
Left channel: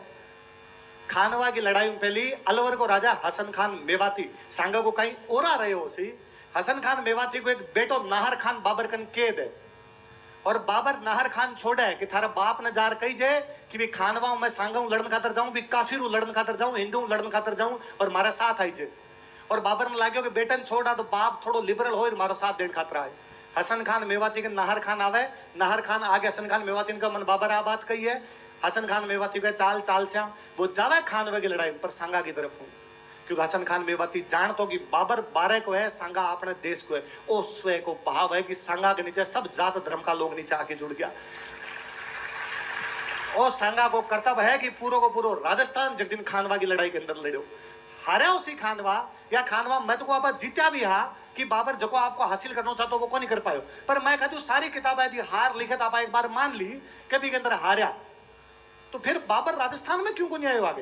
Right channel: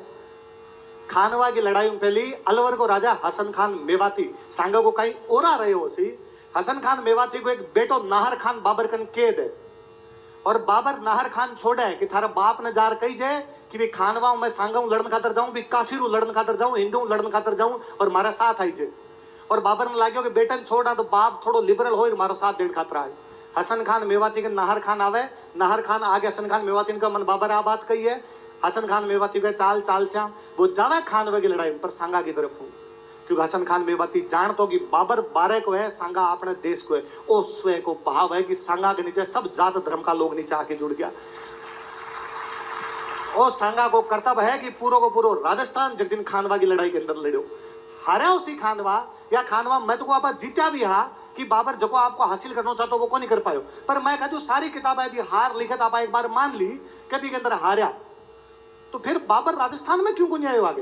खानवा की लड़ाई में पहली अलवर को राजा हसन खान मेवाती सांगा को कहीं ओरा रहे हो सी। हसन खान मेवाती को एक बेटो नाहर खान बाबर कन कैद है और बाबर नाहर खान छोड़े है कि थारा बाप ने जार कही जाए कि भी खानवा मैं सांगा हूं लड़न खातर जाऊं, भी काफिर हूं लड़न खातर जाऊं, हिंदू हूं लड़न खातर जाऊं और मारा साथ आई जे। और बाबर ने लाग्यो कि बेटन छोड़ा तो बाप थोड़ो लिबरल हो मारो साथ देन खातर आए। हसन खान मेवाती के नाहर खान आवे, नाहर खान आगे हसन खान मेवाती का मन बाबर आ बात कही है। हसन खान मेवाती का चाल चाल श्याम वो जावे खानवे की लड़ाई पर सांगा की तरफ हूं, क्योंकि हसन खान मेवाती जानतो कि बाबर बारे को है, सांगा अपने देश को है। ओ स्वय को भाव है कि सांगा के नीचे सब जात धर्म का लोग नीचे आके जुड़ गया। ओ सांगा को कर्तव्य है कि पूरो को पूरो राजस्थान जगदीन खानवा की लड़ाई के अंदर लड़ो। हारे उसी खानवा या खानवा मैं तो आप जीत्या भी हा कि बाबर जो आपको हासिल करना चाहता वो को नहीं कर पायो। पर मैं कहती हूँ सारी किताबें यदि हार लिखत आप एक बार मान ली कभी के अंदर हारा तो फिर बाबर राजस्थान में क्यों को नहीं आयो आगे।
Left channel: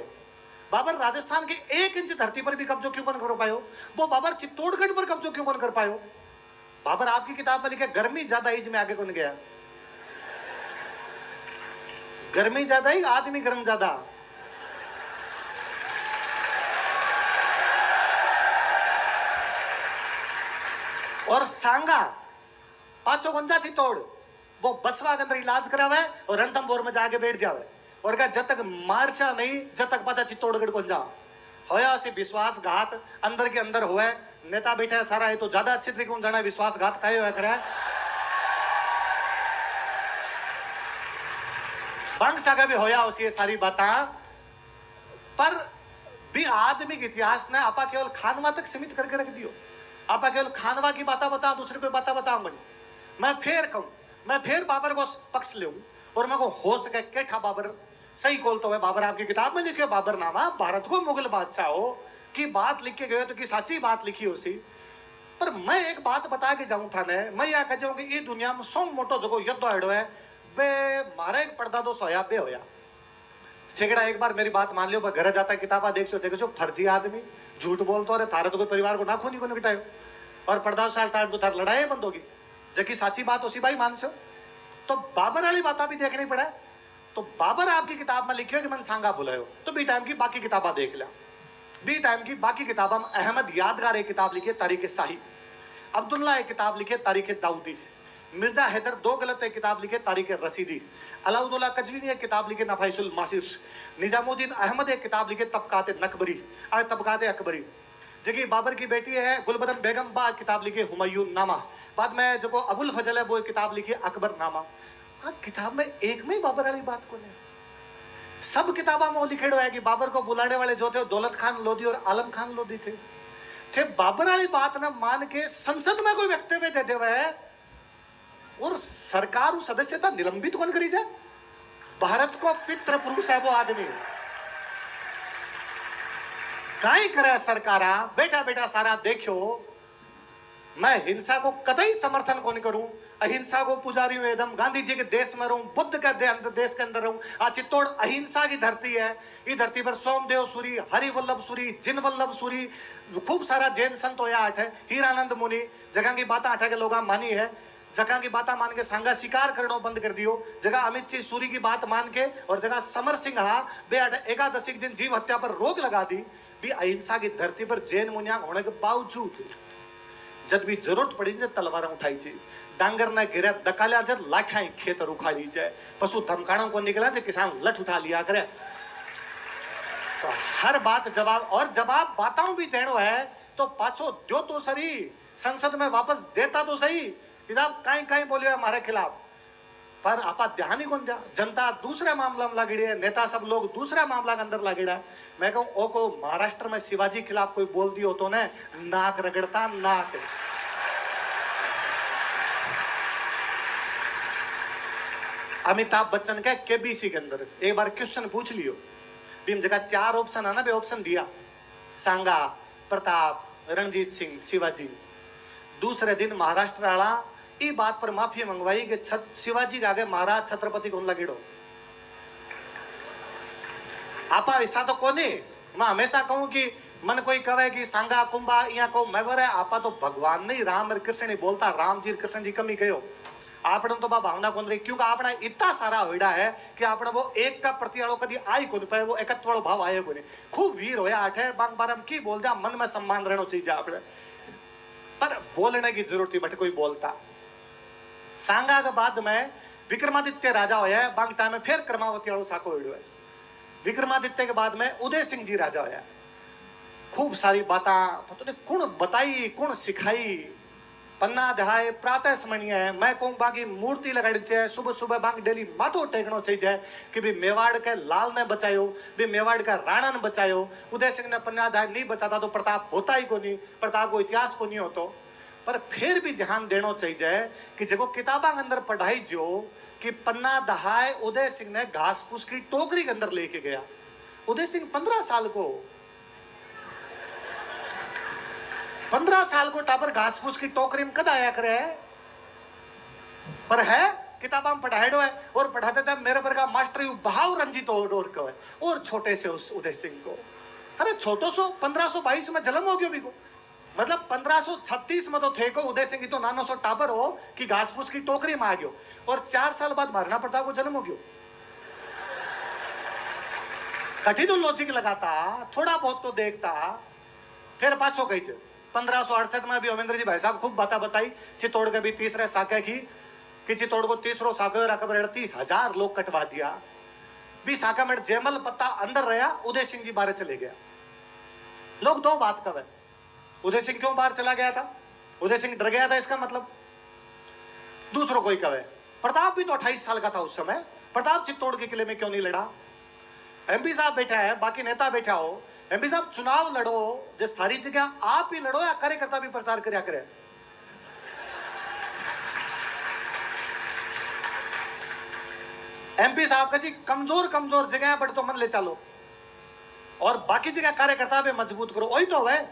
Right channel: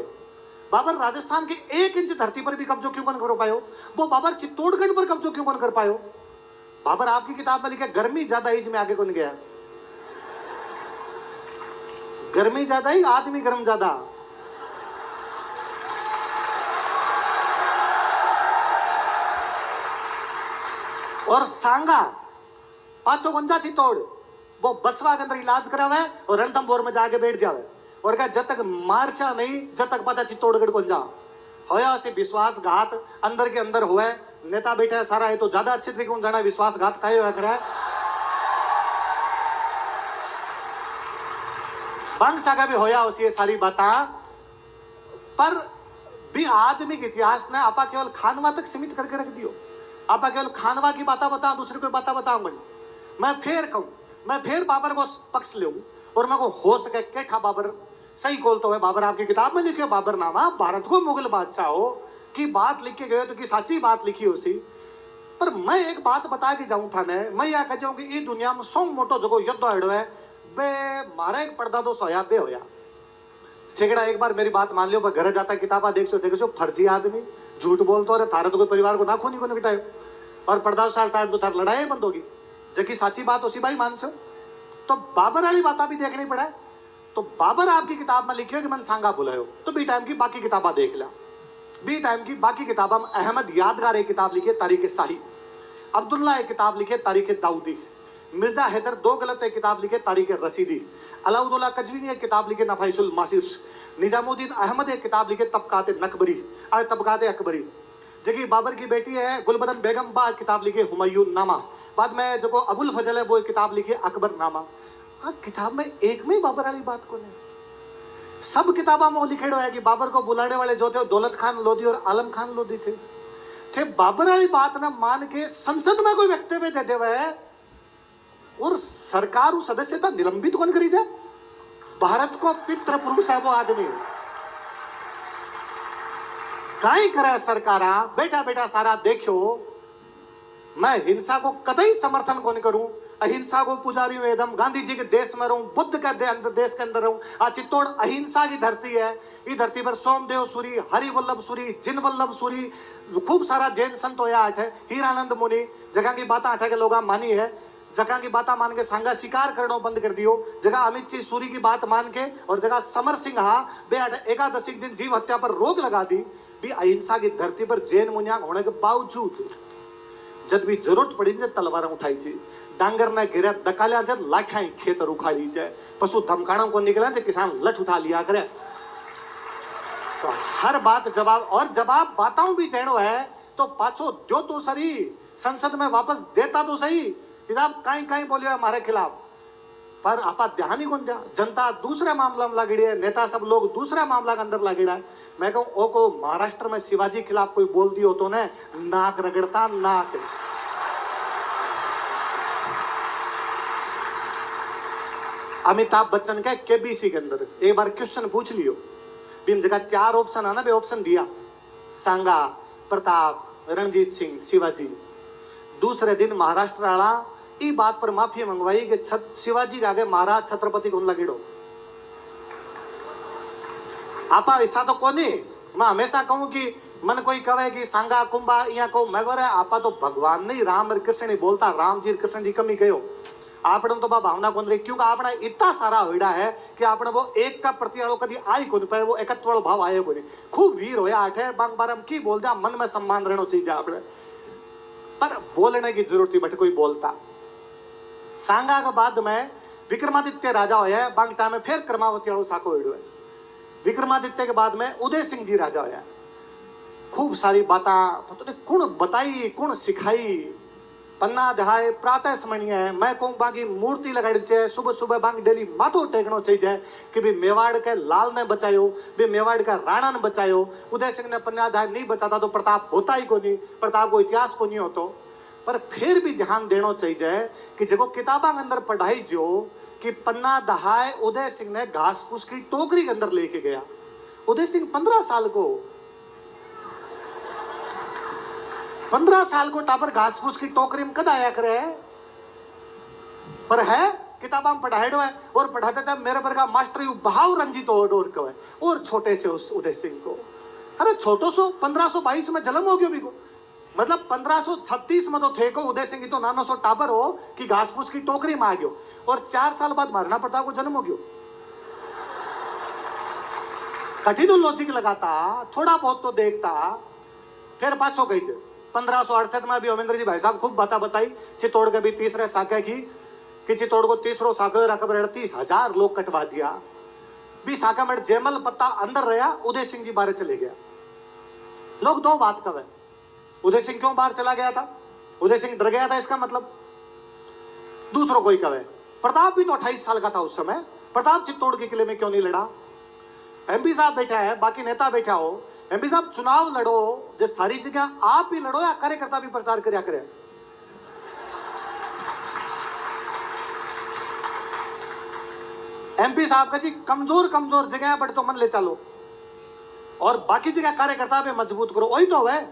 बाबर राजस्थान के 1 इंच धरती पर भी कब्जो क्यों कौन कर पायो। वो बाबर चित्तौड़गढ़ पर कब्जो क्यों कौन कर पायो। बाबर आपकी किताब में लिखा गर्मी ज्यादा एज में आगे कौन गया। गर्मी ज्यादा ही आदमी गर्म ज्यादा। और सांगा पाचो गंजा चित्तौड़ वो बसवा के अंदर इलाज करावे और रणथंभौर में जाके बैठ जावे और कहा जब तक मारसा नहीं जब तक पता चित्तौड़गढ़ को जा होया से विश्वासघात अंदर के अंदर हुए। नेता बैठे सारा है तो ज्यादा अच्छे तरीके से जाना विश्वासघात काहे हुआ करे। बंग सागा भी होया उसी ये सारी बाता पर भी आदमी के इतिहास ने आपा केवल खानवा तक सीमित करके रख दियो। आपा केवल खानवा की बात बताओ दूसरे को बात बताऊंगा। मैं फिर कहूं मैं फिर बाबर को पक्ष ले और मैं को हो सके क्या था बाबर सही बोल तो है। बाबर आपकी किताब में लिखे बाबर नामा भारत को मुगल बादशाह हो की बात लिख के गए तो की साची बात लिखी उसी। पर मैं एक बात बता के जाऊं था ने मैं यह कह जाऊं कि ये दुनिया में सौ मोटो जो युद्ध हड़ो है बे मारा एक पर्दा दो सोया बे होया ठेकड़ा। एक बार मेरी बात मान लियो घर जाता किताबा देखो फर्जी आदमी झूठ बोलते हो थारे तो कोई परिवार को ना खूनी को बिठायो और पर्दा साल तार तो थार लड़ाई बंद होगी जबकि साची बात उसी भाई मान सो। तो बाबर वाली बात भी देखनी पड़ा। तो बाबर आपकी किताब में लिखियो कि मन सांगा बुलायो तो बी टाइम की बाकी किताबा देख लिया। बी टाइम की बाकी किताबा में अहमद यादगार एक किताब लिखी तारीख शाही, अब्दुल्ला एक किताब लिखे तारीख दाऊदी, मिर्जा हैदर 2 गलत एक किताब लिखे तारीख रसीदी, अलाउद्दौला कजवी एक किताब लिखे नफाइसुल मासिस, निजामुद्दीन अहमद एक किताब लिखे तबकात नकबरी तबकात अकबरी। जगह बाबर की बेटी है गुलबदन बेगम बा किताब लिखे हुमायूं नामा। बाद में जो अबुल फजल है वो किताब लिखी अकबर नामा। किताब में एक में बाबर वाली बात को नहीं सब किताबा में लिखेड़ो है कि बाबर को बुलाने वाले जो थे दौलत खान लोधी और आलम खान लोधी थे बाबर वाली बात ना मान के संसद में कोई वक्तव्य दे देवे और सरकार सदस्यता निलंबित कौन करी जाए। भारत को पितृ पुरुष है वो आदमी काई करे सरकारा बेटा बेटा सारा देखो। मैं हिंसा को कतई समर्थन कौन करूं, अहिंसा को पुजारी हूं एकदम, गांधी जी के देश में रहूं, बुद्ध के देश के अंदर रहूं। आज चित्तौड़ अहिंसा की धरती है। इस धरती पर सोमदेव सूरी, हरिवल्लभ सूरी, जिनवल्लभ सूरी, खूब सारा जैन संत होया आठ है, हीरानंद मुनि जगह की बात आठ के लोग मानी है। जगह की बात मान के सांगा शिकार करना बंद कर दियो। जगह अमित सिंह सूरी की बात मान के और जगह समर सिंह हा बे एकादशी दिन जीव हत्या पर रोक लगा दी। भी अहिंसा की धरती पर जैन मुनिया होने के बावजूद जब भी जरूरत पड़ी जब तलवार उठाई जी, डांगर ने गिरा दकालिया जब लाठाई खेत उखाड़ी जाए, पशु धमकाणों को निकला जब किसान लठ उठा लिया करे। तो हर बात जवाब और जवाब बाताओं भी देनो है तो पाछो दो तो सही संसद में वापस देता तो सही। आप कहीं कहीं बोलियो हमारे खिलाफ पर आपा ध्यान ही कौन दिया। जनता दूसरे मामला में लगड़ी है, नेता सब लोग दूसरे मामला के अंदर लगेड़ा है। मैं कहूँ ओ को महाराष्ट्र में शिवाजी खिलाफ कोई बोल दियो तो ने नाक रगड़ता नाक। अमिताभ बच्चन के केबीसी के अंदर एक बार क्वेश्चन पूछ लियो, भीम जगह 4 ऑप्शन है ना, ऑप्शन दिया सांगा, प्रताप, रणजीत सिंह, शिवाजी। दूसरे दिन महाराष्ट्र वाला ई बात पर माफी मंगवाई कि शिवाजी के आगे महाराज छत्रपति कौन लगेड़ो। आपा ऐसा तो कोनी। मैं हमेशा कहूं कि मन कोई कहे कि सांगा कुंभा या को मैं बोले आपा तो भगवान नहीं राम और कृष्ण नहीं बोलता, राम जी कृष्ण जी कमी कहो आपने तो बा भावना कौन रही, क्योंकि आपने इतना सारा होड़ा है कि आपने वो एक का प्रति वालों कभी आई कौन पाए, वो एकत्व वालों भाव आए कोनी। खूब वीर होया आठे बांग बारम की बोल दिया, मन में सम्मान रहना चाहिए आपने, पर बोलने की जरूरत थी बट कोई बोलता। सांगा के बाद में विक्रमादित्य राजा होया, बांग टाइम में फिर क्रमावती वालों साको होड़ो है। विक्रमादित्य के बाद में उदय सिंह जी राजा होया। खूब सारी बातें पता नहीं कौन बताई कौन सिखाई। पन्ना दहाय प्रातः स्मरणीय है। मैं कहूँ बाकी मूर्ति लगाड़ी चाहिए, सुबह सुबह बांग डेली माथो टेकनो चाहिए कि भी मेवाड़ के लाल ने बचायो, भी मेवाड़ का राणा ने बचायो। उदय सिंह ने पन्ना दहाय नहीं बचाता तो प्रताप होता ही को नहीं, प्रताप को इतिहास को नहीं होतो। पर फिर भी ध्यान देना चाहिए कि जब किताबा के अंदर पढ़ाई जो कि पन्ना दहाय उदय सिंह ने घास फूस की टोकरी के अंदर लेके गया। उदय सिंह 15 साल को 15 साल को टापर घास फूस की टोकरी में कद आया करे, पर है किताबा में पढ़ाएडो है। और पढ़ाते थे मेरे पर का मास्टर यू भाव रंजित और को है। और छोटे से उस उदय सिंह को, अरे छोटो सो 1522 में जन्म हो गयो भी को, मतलब 1536 में तो थे को उदय सिंह तो नानो सो टाबर हो कि घास फूस की टोकरी में आ गयो। और 4 साल बाद महाराणा प्रताप को जन्म हो गयो। कठी तो लॉजिक लगाता, थोड़ा बहुत तो देखता, फिर पाछो कही 1568 में भी अमेंद्र जी भाई साहब खूब बातें बताई। चित्तौड़ के भी तीसरे साके की कि चित्तौड़ को तीसरो साके रकबर 38,000 लोग कटवा दिया। भी साका में जयमल पत्ता अंदर रहा, उदय सिंह जी बाहर चले गया। लोग दो बात कहे, उदय सिंह क्यों बाहर चला गया था, उदय सिंह डर गया था इसका मतलब। दूसरों कोई कहे प्रताप भी तो 28 साल का था उस समय, प्रताप चित्तौड़ के किले में क्यों नहीं लड़ा। एमपी साहब बैठा है, बाकी नेता बैठा हो, एमपी साहब चुनाव लड़ो, जो सारी जगह आप ही लड़ो या कार्यकर्ता भी प्रचार करया करे। एमपी साहब कैसी कमजोर कमजोर जगह पर तो मन ले चलो और बाकी जगह कार्यकर्ता भी मजबूत करो, वही तो है।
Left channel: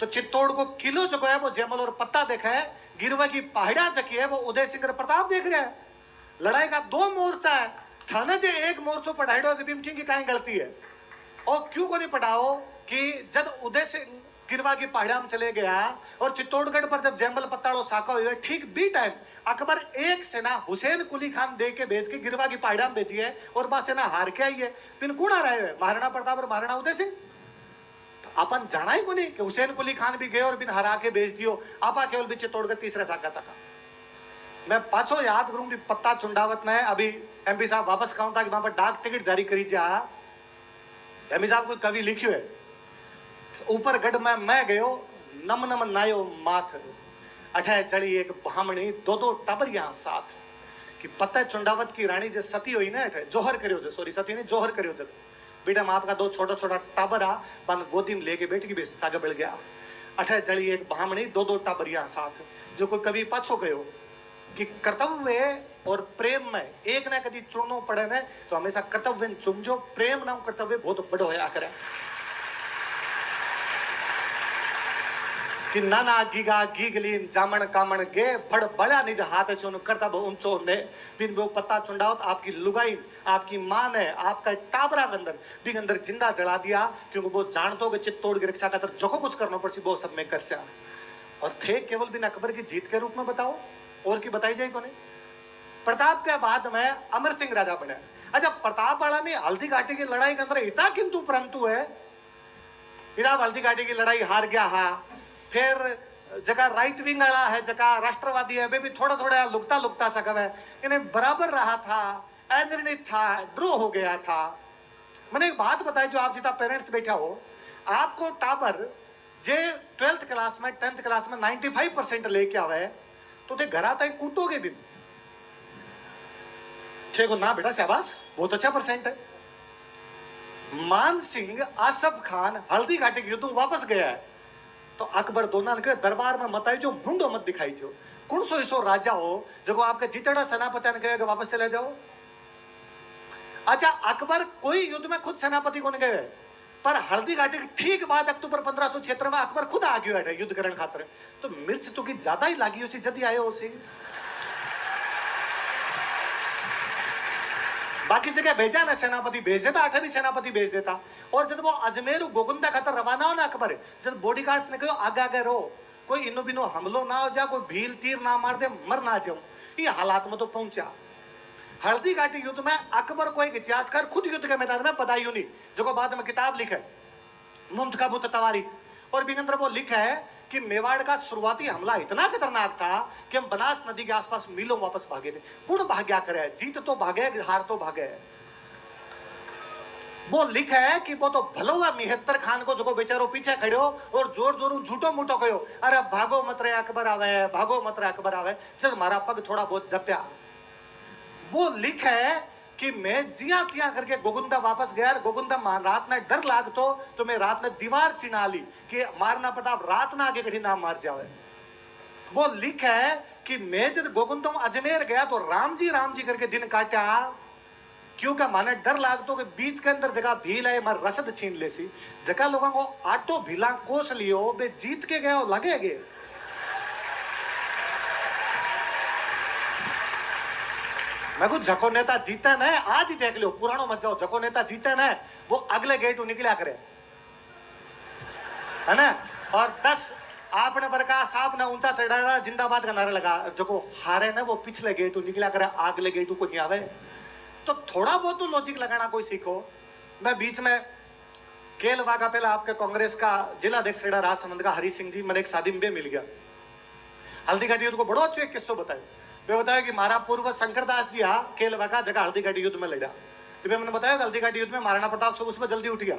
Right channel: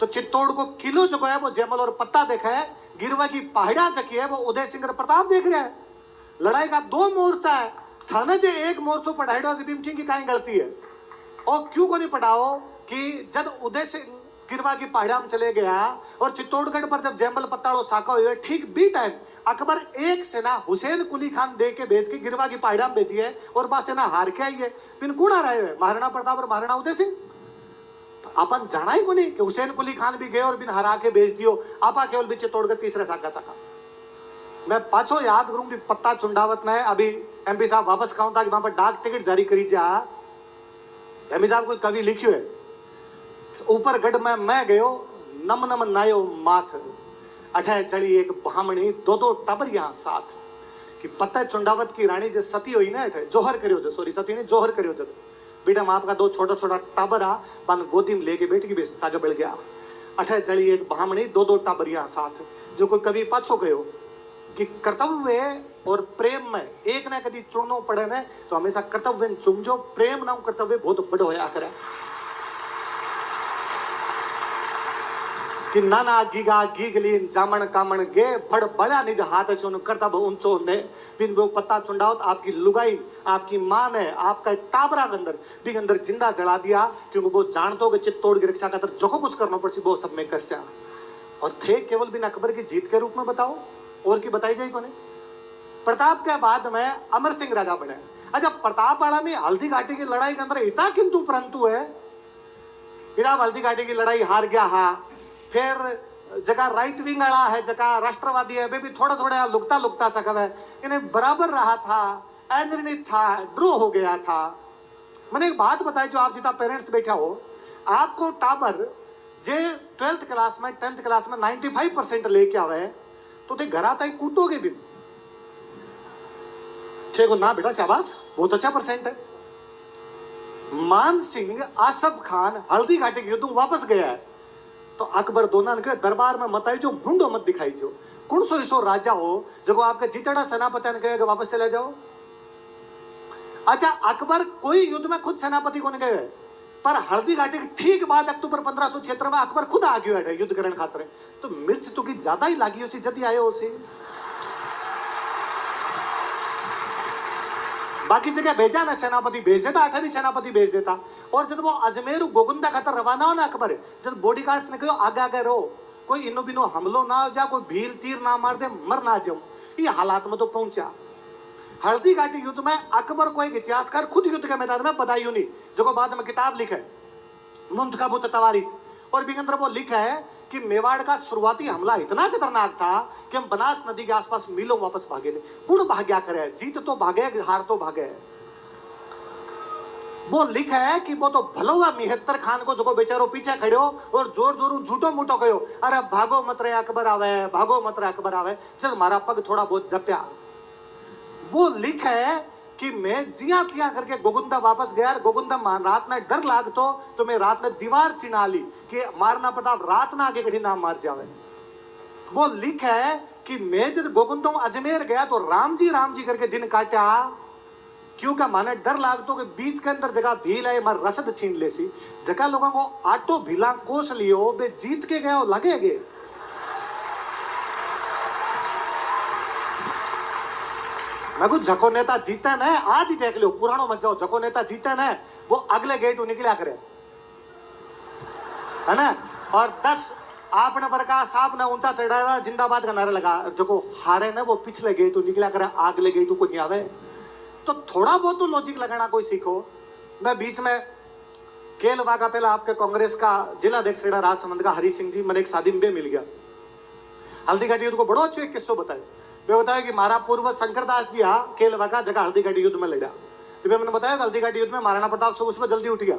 तो चित्तौड़ को किलो जो है वो जयमल और पत्ता देखा है, गिरवा की पहाड़ा जकी है वो उदय सिंह और प्रताप देख रहे हैं। लड़ाई का 2 मोर्चा है, थाने जे एक मोर्चो पढ़ाई की कहीं गलती है। और क्यों को नहीं पढ़ाओ कि जब उदय सिंह गिरवा की पहाड़ा में चले गया और चित्तौड़गढ़ पर जब जयमल पत्ताड़ो साका हुए, ठीक बी टाइम अकबर एक सेना हुसैन कुली खान दे के भेज के गिरवा की पहाड़ा में भेजी है और बा सेना हार के आई है। फिर कौन आ रहे हैं, महाराणा प्रताप और महाराणा उदय सिंह। अपन जाना ही को नहीं कि हुसैन कुली खान भी गए और बिन हरा के भेज दियो। आपा केवल भी चित्तौड़गढ़ तीसरे साका तक। मैं पाछो याद करूं भी पत्ता चुंडावत ने अभी एमपी साहब वापस कहूं था कि वहां पर डाक टिकट जारी करी जा। एमपी साहब कोई कवि लिखियो है, ऊपर गढ़ में मैं गयो नम नम नायो माथ, अठे चढ़ी एक ब्राह्मणी 2 टबरिया साथ। कि पत्ता चुंडावत की रानी जो सती हुई ना, अठे जोहर करियो जो, सॉरी सती ने जोहर करियो जब बेटा माँ आपका 2 छोटा छोटा टाबरा बन गोदी में लेके बैठ के साग बढ़ गया। अठे चढ़ी एक ब्राह्मणी 2 टाबरिया साथ। जो कोई कवि पाछो गयो कि कर्तव्य और प्रेम में एक ना कभी चुनो पड़े ने तो हमेशा कर्तव्य चुनजो, प्रेम ना कर्तव्य बहुत बड़ो होया करे। कि नाना गीगा गीगलीन जामन कामन गे फड़ बड़ा निज हाथ से उन कर्तव्य ऊंचो ने बिन वो पत्ता चुंडावत आपकी लुगाई आपकी मां ने आपका टाबरा के अंदर भी अंदर जिंदा जला दिया, क्योंकि वो जानतो कि चित्तौड़ की रक्षा खातर जो कुछ करना पड़ती वो सब में कर सया। और थे केवल बिन अकबर की जीत के रूप में बताओ, और की बताई जाए कोने। प्रताप के बाद में अमर सिंह राजा बने। अच्छा, प्रताप वाला में हल्दी घाटी की लड़ाई के अंदर इतना किंतु परंतु है, इधर हल्दी घाटी की लड़ाई हार गया हा। फिर जगह राइट विंग वाला है, जगह राष्ट्रवादी है, वे भी थोड़ा थोड़ा लुकता लुकता सकव है, इन्हें बराबर रहा था, अनिर्णित था, ड्रॉ हो गया था। मैंने एक बात बताई, जो आप जितना पेरेंट्स बैठा हो, आपको टाबर जे 12th क्लास में 10th क्लास में 95% लेके आवे तो ते घर आता ही कूटोगे भी। ठीक हो ना बेटा, शाबाश, बहुत अच्छा परसेंट है। मान सिंह आसफ खान हल्दी घाटी के युद्ध में वापस गया है, तो अकबर दोना ने दरबार में मत आई जो मुंडो मत दिखाई जो कौन सो ऐसो राजा हो जो आपके जीतेड़ा सेनापति ने कहे वापस चले जाओ। अच्छा, अकबर कोई युद्ध में खुद सेनापति को नहीं गए, पर हल्दी घाटी के ठीक बाद अक्टूबर 1576 में अकबर खुद आ गयो है युद्ध करने खातिर। तो मिर्च तो की ज्यादा ही लागी उसी जल्दी आयो उसी। बाकी जगह भेजा ना सेनापति भेज देता, 8वीं सेनापति भेज देता। और जब वो अजमेर गोगुंदा खातर रवाना हो ना अकबर, जब बॉडीगार्ड्स ने कहो आगे आगे रहो, कोई इनो बिनो हमलो ना हो जा, कोई भील तीर ना मार दे, मर ना जाऊं, ये हालात में तो पहुंचा। हल्दी घाटी युद्ध में अकबर को एक इतिहासकार खुद युद्ध के मैदान में बदायूं नहीं, जो बाद में किताब लिखा है मुंतखब तवारीख, और भी अंदर वो लिखा है कि मेवाड़ का शुरुआती हमला इतना खतरनाक था कि हम बनास नदी के आसपास मीलों वापस भागे थे। कौन भाग्या करे, जीत तो भागे हार तो भागे। वो लिखा है कि वो तो भलो हुआ मिहत्तर खान को जो बेचारो पीछे खड़े हो और जोर जोर झूठो मूठो कहो, अरे भागो मत रे अकबर आवे, भागो मत रे अकबर आवे, चल मारा पग थोड़ा बहुत जप्या। वो लिखा है कि मैं जिया तिया करके गोगुंदा वापस गया, गोगुंदा रात में डर लागतो तो मैं रात में दीवार चिना ली कि मारना प्रताप रात ना आगे कहीं ना मार जावे। वो लिखा है कि मैं जब गोगुंदा अजमेर गया तो राम जी करके दिन काटा, क्योंकि माने डर लागतो कि बीच के अंदर जगह भील है मार रसद छीन ले सी, जगह लोगों को आटो भीला कोस लियो बे जीत के गया लगेगे। मैं कुछ जको नेता जीते न, आज ही देख लो पुरानो मत जाओ, जको नेता जीते न वो अगले गेट निकला करे है ना, और 10 आपने बरका साहब ने ऊंचा चढ़ाया जिंदाबाद का नारा लगा, जको हारे ना वो पिछले गेट निकला करे, अगले गेट को नहीं आवे। तो थोड़ा बहुत तो लॉजिक लगाना कोई सीखो। मैं बीच में केल वागा पहला आपके कांग्रेस का जिला अध्यक्ष राजसमंद का हरी सिंह जी, मैंने एक शादी में मिल गया, हल्दी घाटी युद्ध को बड़ो अच्छो एक किस्सो बताया। वे बताया कि मारा पूर्व शंकरदास जी केलवा का जगह हल्दी घाटी युद्ध में लड़ा, तो मैंने बताया कि हल्दी घाटी युद्ध में महाराणा प्रताप सुबह सुबह जल्दी उठ गया,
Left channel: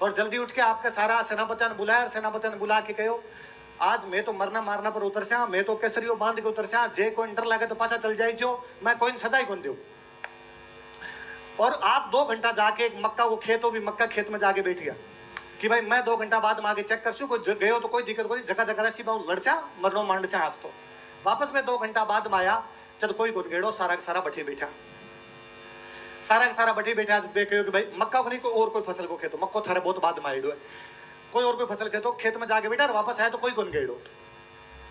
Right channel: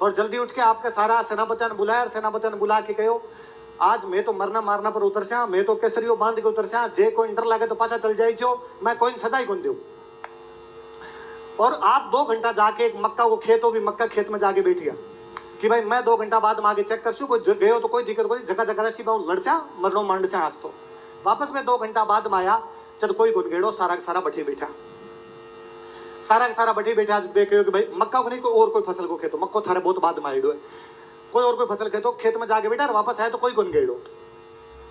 और जल्दी उठ के आपके सारा सेनापति ने बुलाया, और सेनापति ने बुला के कहो आज मैं तो मरना मारना पर उतर से, मैं तो केसरियो बांध के उतर से, जे कोई डर लगे तो पाछा चल जाए जो, मैं कोई सजा ही कौन दू। और आप 2 घंटा जाके एक मक्का को खेत हो भी मक्का खेत में जाके बैठ गया कि भाई मैं 2 घंटा बाद आगे चेक कर कोई गए तो कोई दिक्कत कोई, जगह जगह सी लड़चा मरनो मांड से आज तो वापस में 2 घंटा बाद में आया, चल कोई गुन गेड़ो सारा का सारा बठी बैठा, सारा का सारा बठी बैठा कहो कि भाई मक्का को नहीं कोई और कोई फसल को खेतो, मक्को थारे बहुत बाद में आइडो है, कोई और कोई फसल खेतो, खेत में जाके बैठा और वापस आया तो कोई गुन गेड़ो।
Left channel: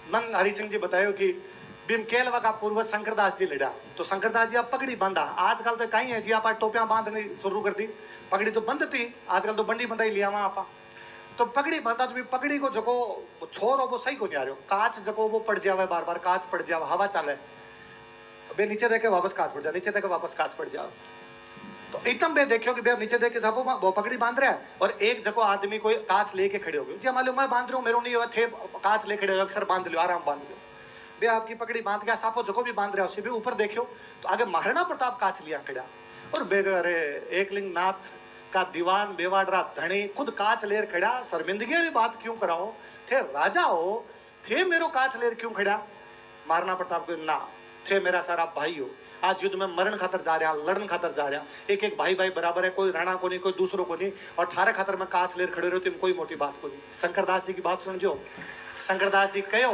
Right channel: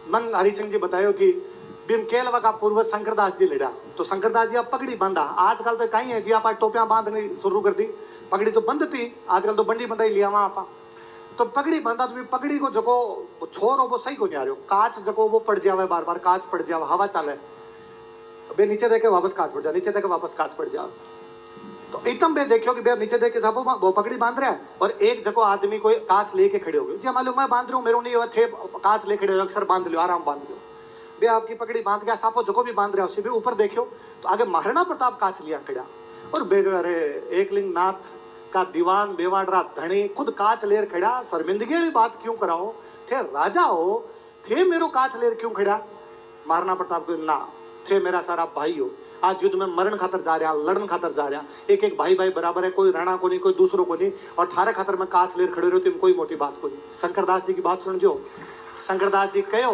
मन हरि सिंह जी बतायो कि भीम केलवा का पूर्व शंकरदास जी लड़ा, तो शंकरदास जी आप पगड़ी बांधा, आजकल तो कहीं है जी आप टोपियां बांधनी शुरू कर दी, पगड़ी तो बंद थी, आजकल तो बंडी बंधाई लिया वहां आप, तो पगड़ी बांधा तो पगड़ी को जको छोर हो वो सही को नहीं आ रहा, कांच जको वो पड़ जावे, बार बार कांच पड़ जावे, हवा चाले बे नीचे देखे वापस कांच पड़ जाए, नीचे देखे वापस कांच पड़ जाए। तो एकदम बे देखियो कि बे नीचे देख के साहब वो पगड़ी बांध रहा है, और एक जगह आदमी कोई कांच लेके खड़े हो गए जी, मालूम मैं बांध रहा हूँ, मेरे नहीं हुआ थे कांच ले खड़े हो, अक्सर बांध लियो, आराम बांध लियो, बे आपकी पगड़ी बांध गया, साफो जगह भी बांध रहा है, उसे भी ऊपर देखियो तो आगे महाराणा प्रताप कांच लिया खड़ा, और बे अरे एकलिंग नाथ का दीवान बेवाडरा धनी खुद कांच लेर खड़ा, शर्मिंदगी वाली बात क्यों कराओ, थे राजा हो, थे मेरो कांच लेर क्यों खड़ा। महाराणा प्रताप को ना, थे मेरा सारा भाई हो, आज युद्ध में मरण खातर जा रहा, लड़न खातर जा रहा, एक एक भाई भाई बराबर है, कोई राणा को नहीं कोई दूसरों को नहीं, और थारे खातर में कांच लेर खड़े रहो तुम कोई मोटी बात को नहीं। शंकरदास जी की बात सुनजो, शंकरदास जी कहो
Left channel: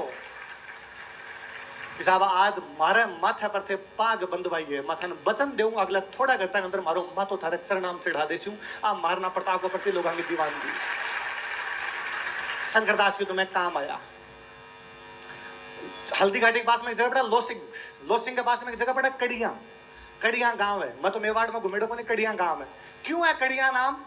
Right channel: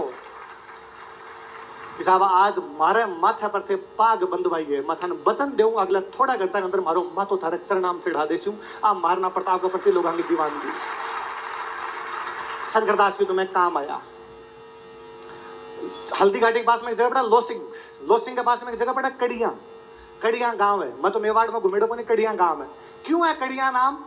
कि साहब आज मारे माथे पर थे पाग बंधवाइए, माथा वचन देऊं अगला थोड़ा घंटा के अंदर मारो माथो थारे चरणाम चढ़ा देसूं, आ महाराणा प्रताप के प्रति लोगों की दीवानगी। शंकरदास जी तुम्हें काम आया। हल्दी घाटी के पास में एक जगह पड़ा लोसिंग, लोसिंग के पास में एक जगह पड़ा कड़िया, कड़िया गांव है, मैं तो मेवाड़ में घुमेड़ो को नहीं, कड़िया गांव है। क्यों है कड़िया नाम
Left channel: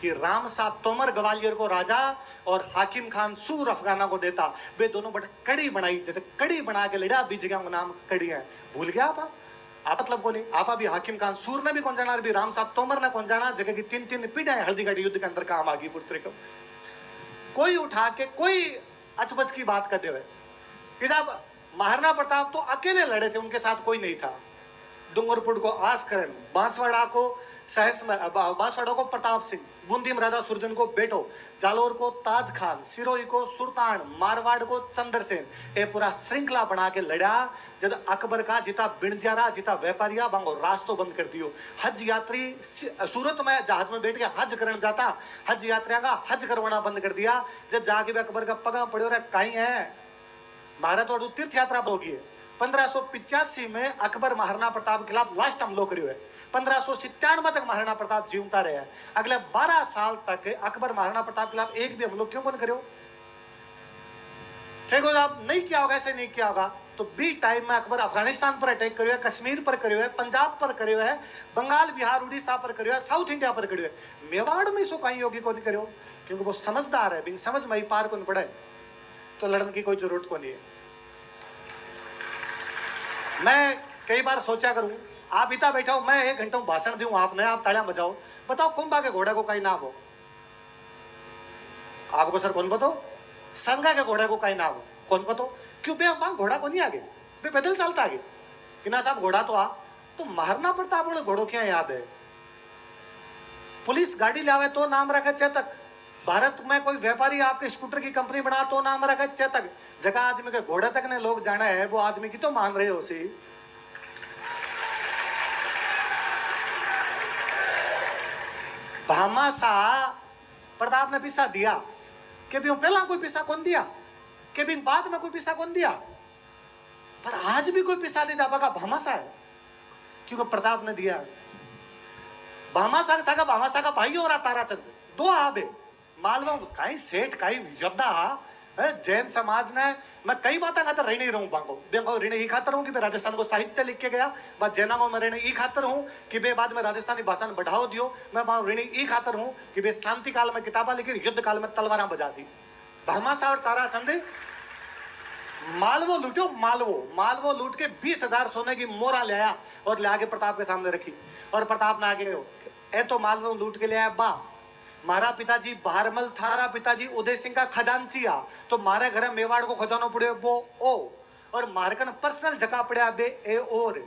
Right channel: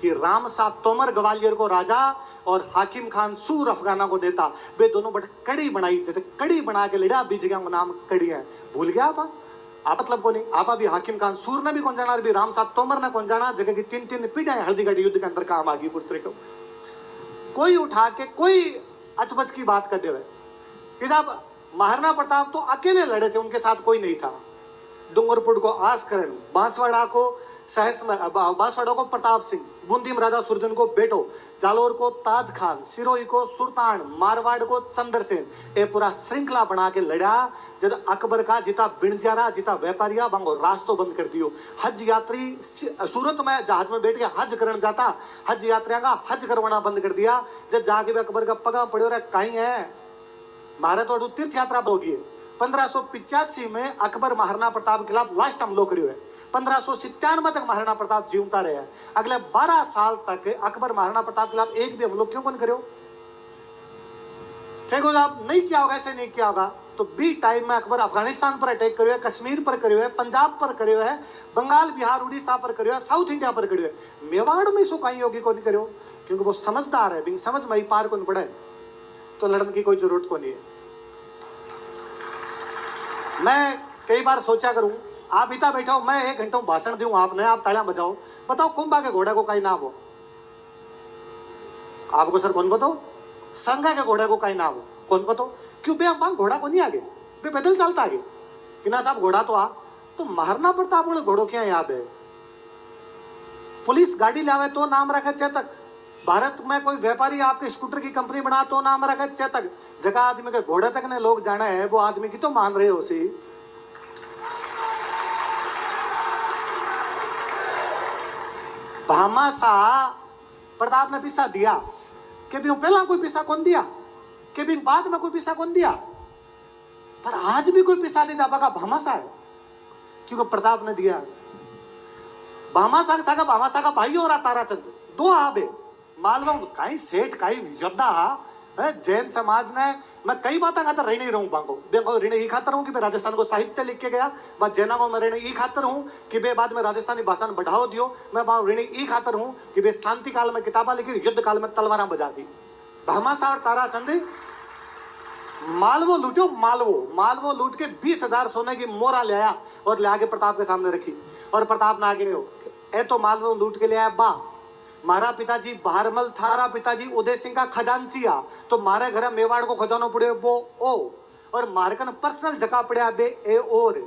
कि राम सा तोमर ग्वालियर को राजा और हाकिम खान सूर अफगाना को देता, वे दोनों बट कड़ी बनाई, जैसे कड़ी बना के लड़ा, बीच जगह का नाम कड़ी है। भूल गया आप मतलब को नहीं, आप अभी हाकिम खान सूर ने भी कौन जाना, अभी राम साहब तोमर ने कौन जाना, जगह की 3 पीढ़ियां हल्दी घाटी युद्ध के अंदर काम आ गई पुत्र को। कोई उठा के कोई अचबच की बात कर दे कि साहब महाराणा प्रताप तो अकेले लड़े थे, उनके साथ कोई नहीं था। डूंगरपुर को आसकरण, बांसवाड़ा को सहस में बांसवाड़ा को प्रताप सिंह, बूंदी में राजा सुरजन को बेटो, जालोर को ताज खान, सिरोही को सुल्तान, मारवाड़ को चंद्रसेन। ये पूरा श्रृंखला बना के लड़ा। जब अकबर का जिता बिणजारा जिता व्यापारिया बांगो रास्तों बंद कर दियो। हज यात्री सूरत में जहाज में बैठ के हज करने जाता, हज यात्रियों का हज करवाना बंद कर दिया। जब जाके भी अकबर का पगा पड़ो रहा कहीं है भारत और तीर्थ यात्रा होगी। 1585 में अकबर महाराणा प्रताप के खिलाफ लास्ट हमलो करियो है। 1597 तक महाराणा प्रताप जीवता रहे। अगले 12 साल तक अकबर महाराणा प्रताप के खिलाफ एक भी हमलो क्यों कौन करियो? ठीक हो आप नहीं किया होगा, ऐसे नहीं किया होगा तो बी टाइम में अकबर अफगानिस्तान पर अटैक करियो है, कश्मीर पर करियो है, पंजाब पर करियो है, बंगाल बिहार उड़ीसा पर करियो है, साउथ इंडिया पर करियो है। मेवाड़ में इसको कहीं योगी को नहीं करियो क्योंकि वो समझदार है, बिन समझ में पार को नहीं पड़े तो लड़ने की कोई जरूरत को नहीं है। मैं कई बार सोचा करूं, आप इतना बैठा हो, मैं 1 घंटा भाषण दूं आपने, आप तालियां बजाओ, बताओ कुंभा के घोड़े को कहीं नाम हो? आपको सर कौन बताओ? संगा के घोड़े को कहीं नाम हो? कौन बताओ? क्यों बे हम घोड़ा को नहीं आगे, बे पैदल चलता आगे कि ना साहब घोड़ा तो आ। तो महाराणा प्रताप वाले घोड़ों क्या याद है? पुलिस गाड़ी लावे तो नाम रखे चेतक। भारत में कोई व्यापारी आपके स्कूटर की कंपनी बना तो नाम रखे चेतक। जगह आदमी के घोड़े तक ने लोग जाना है, वो आदमी की तो मान रहे हो सी। भामासा प्रताप ने पिसा दिया कि भी पहला कोई पिसा कौन दिया, कि भी बाद में कोई पिसा कौन दिया, पर आज भी कोई पिसा नहीं जा पाएगा। भामासा है क्योंकि प्रताप ने दिया। भामासा का भाई और ताराचंद दो आबे मालवा कहीं सेठ कहीं योद्धा जैन समाज ने। मैं कई बातें खाता रही नहीं रहूं बांगो ऋण ही खातर हूं कि मैं राजस्थान को साहित्य लिख के गया। मैं जैना को मैं ऋण ही खातर हूं कि बे बाद में राजस्थानी भाषा ने बढ़ाओ दियो। मैं ऋण ही खातर हूं कि बे शांति काल में किताबा लिखी, युद्ध काल में तलवारा बजा दी। भामासा और ताराचंद मालवो लूटो, मालवो लूट के 20,000 सोने की मोरा ले आया और ले आके प्रताप के सामने रखी। और प्रताप ने आगे ए तो मालवो लूट के ले आया बा, मारा पिताजी भारमल था, मारा पिताजी उदय सिंह का खजांचिया, तो मारे घर मेवाड़ को खजानो पड़े वो ओ, और मारकन पर्सनल जगह पड़ा बे ए और।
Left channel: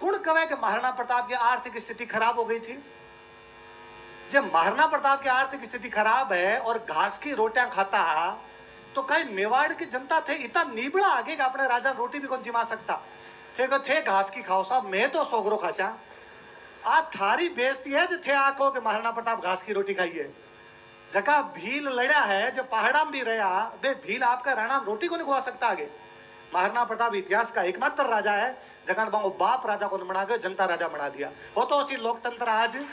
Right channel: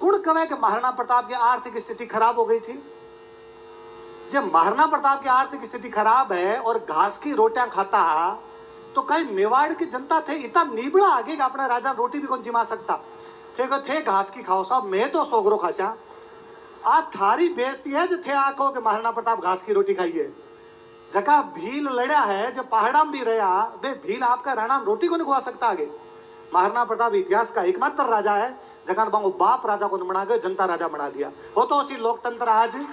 कुण कहे कि महाराणा प्रताप की आर्थिक स्थिति खराब हो गई थी। जब महाराणा प्रताप की आर्थिक स्थिति खराब है और घास की रोटियां खाता तो कई मेवाड़ की जनता थे इतना निबड़ा आगे का अपने राजा रोटी भी कौन जिमा सकता थे घास की खाओ साहब, मैं तो सोगरो खासा आ थारी बेइज्जती है जो थे आको के महाराणा प्रताप घास की रोटी खाइए। जगह भील लड़ा है जो पहाड़ा में भी रहा बे भील आपका राणा रोटी को नहीं खुआ सकता आगे। महाराणा प्रताप इतिहास का एकमात्र राजा है जगह बांगो बाप राजा को बना गए, जनता राजा बना दिया। हो तो उसी लोकतंत्र आज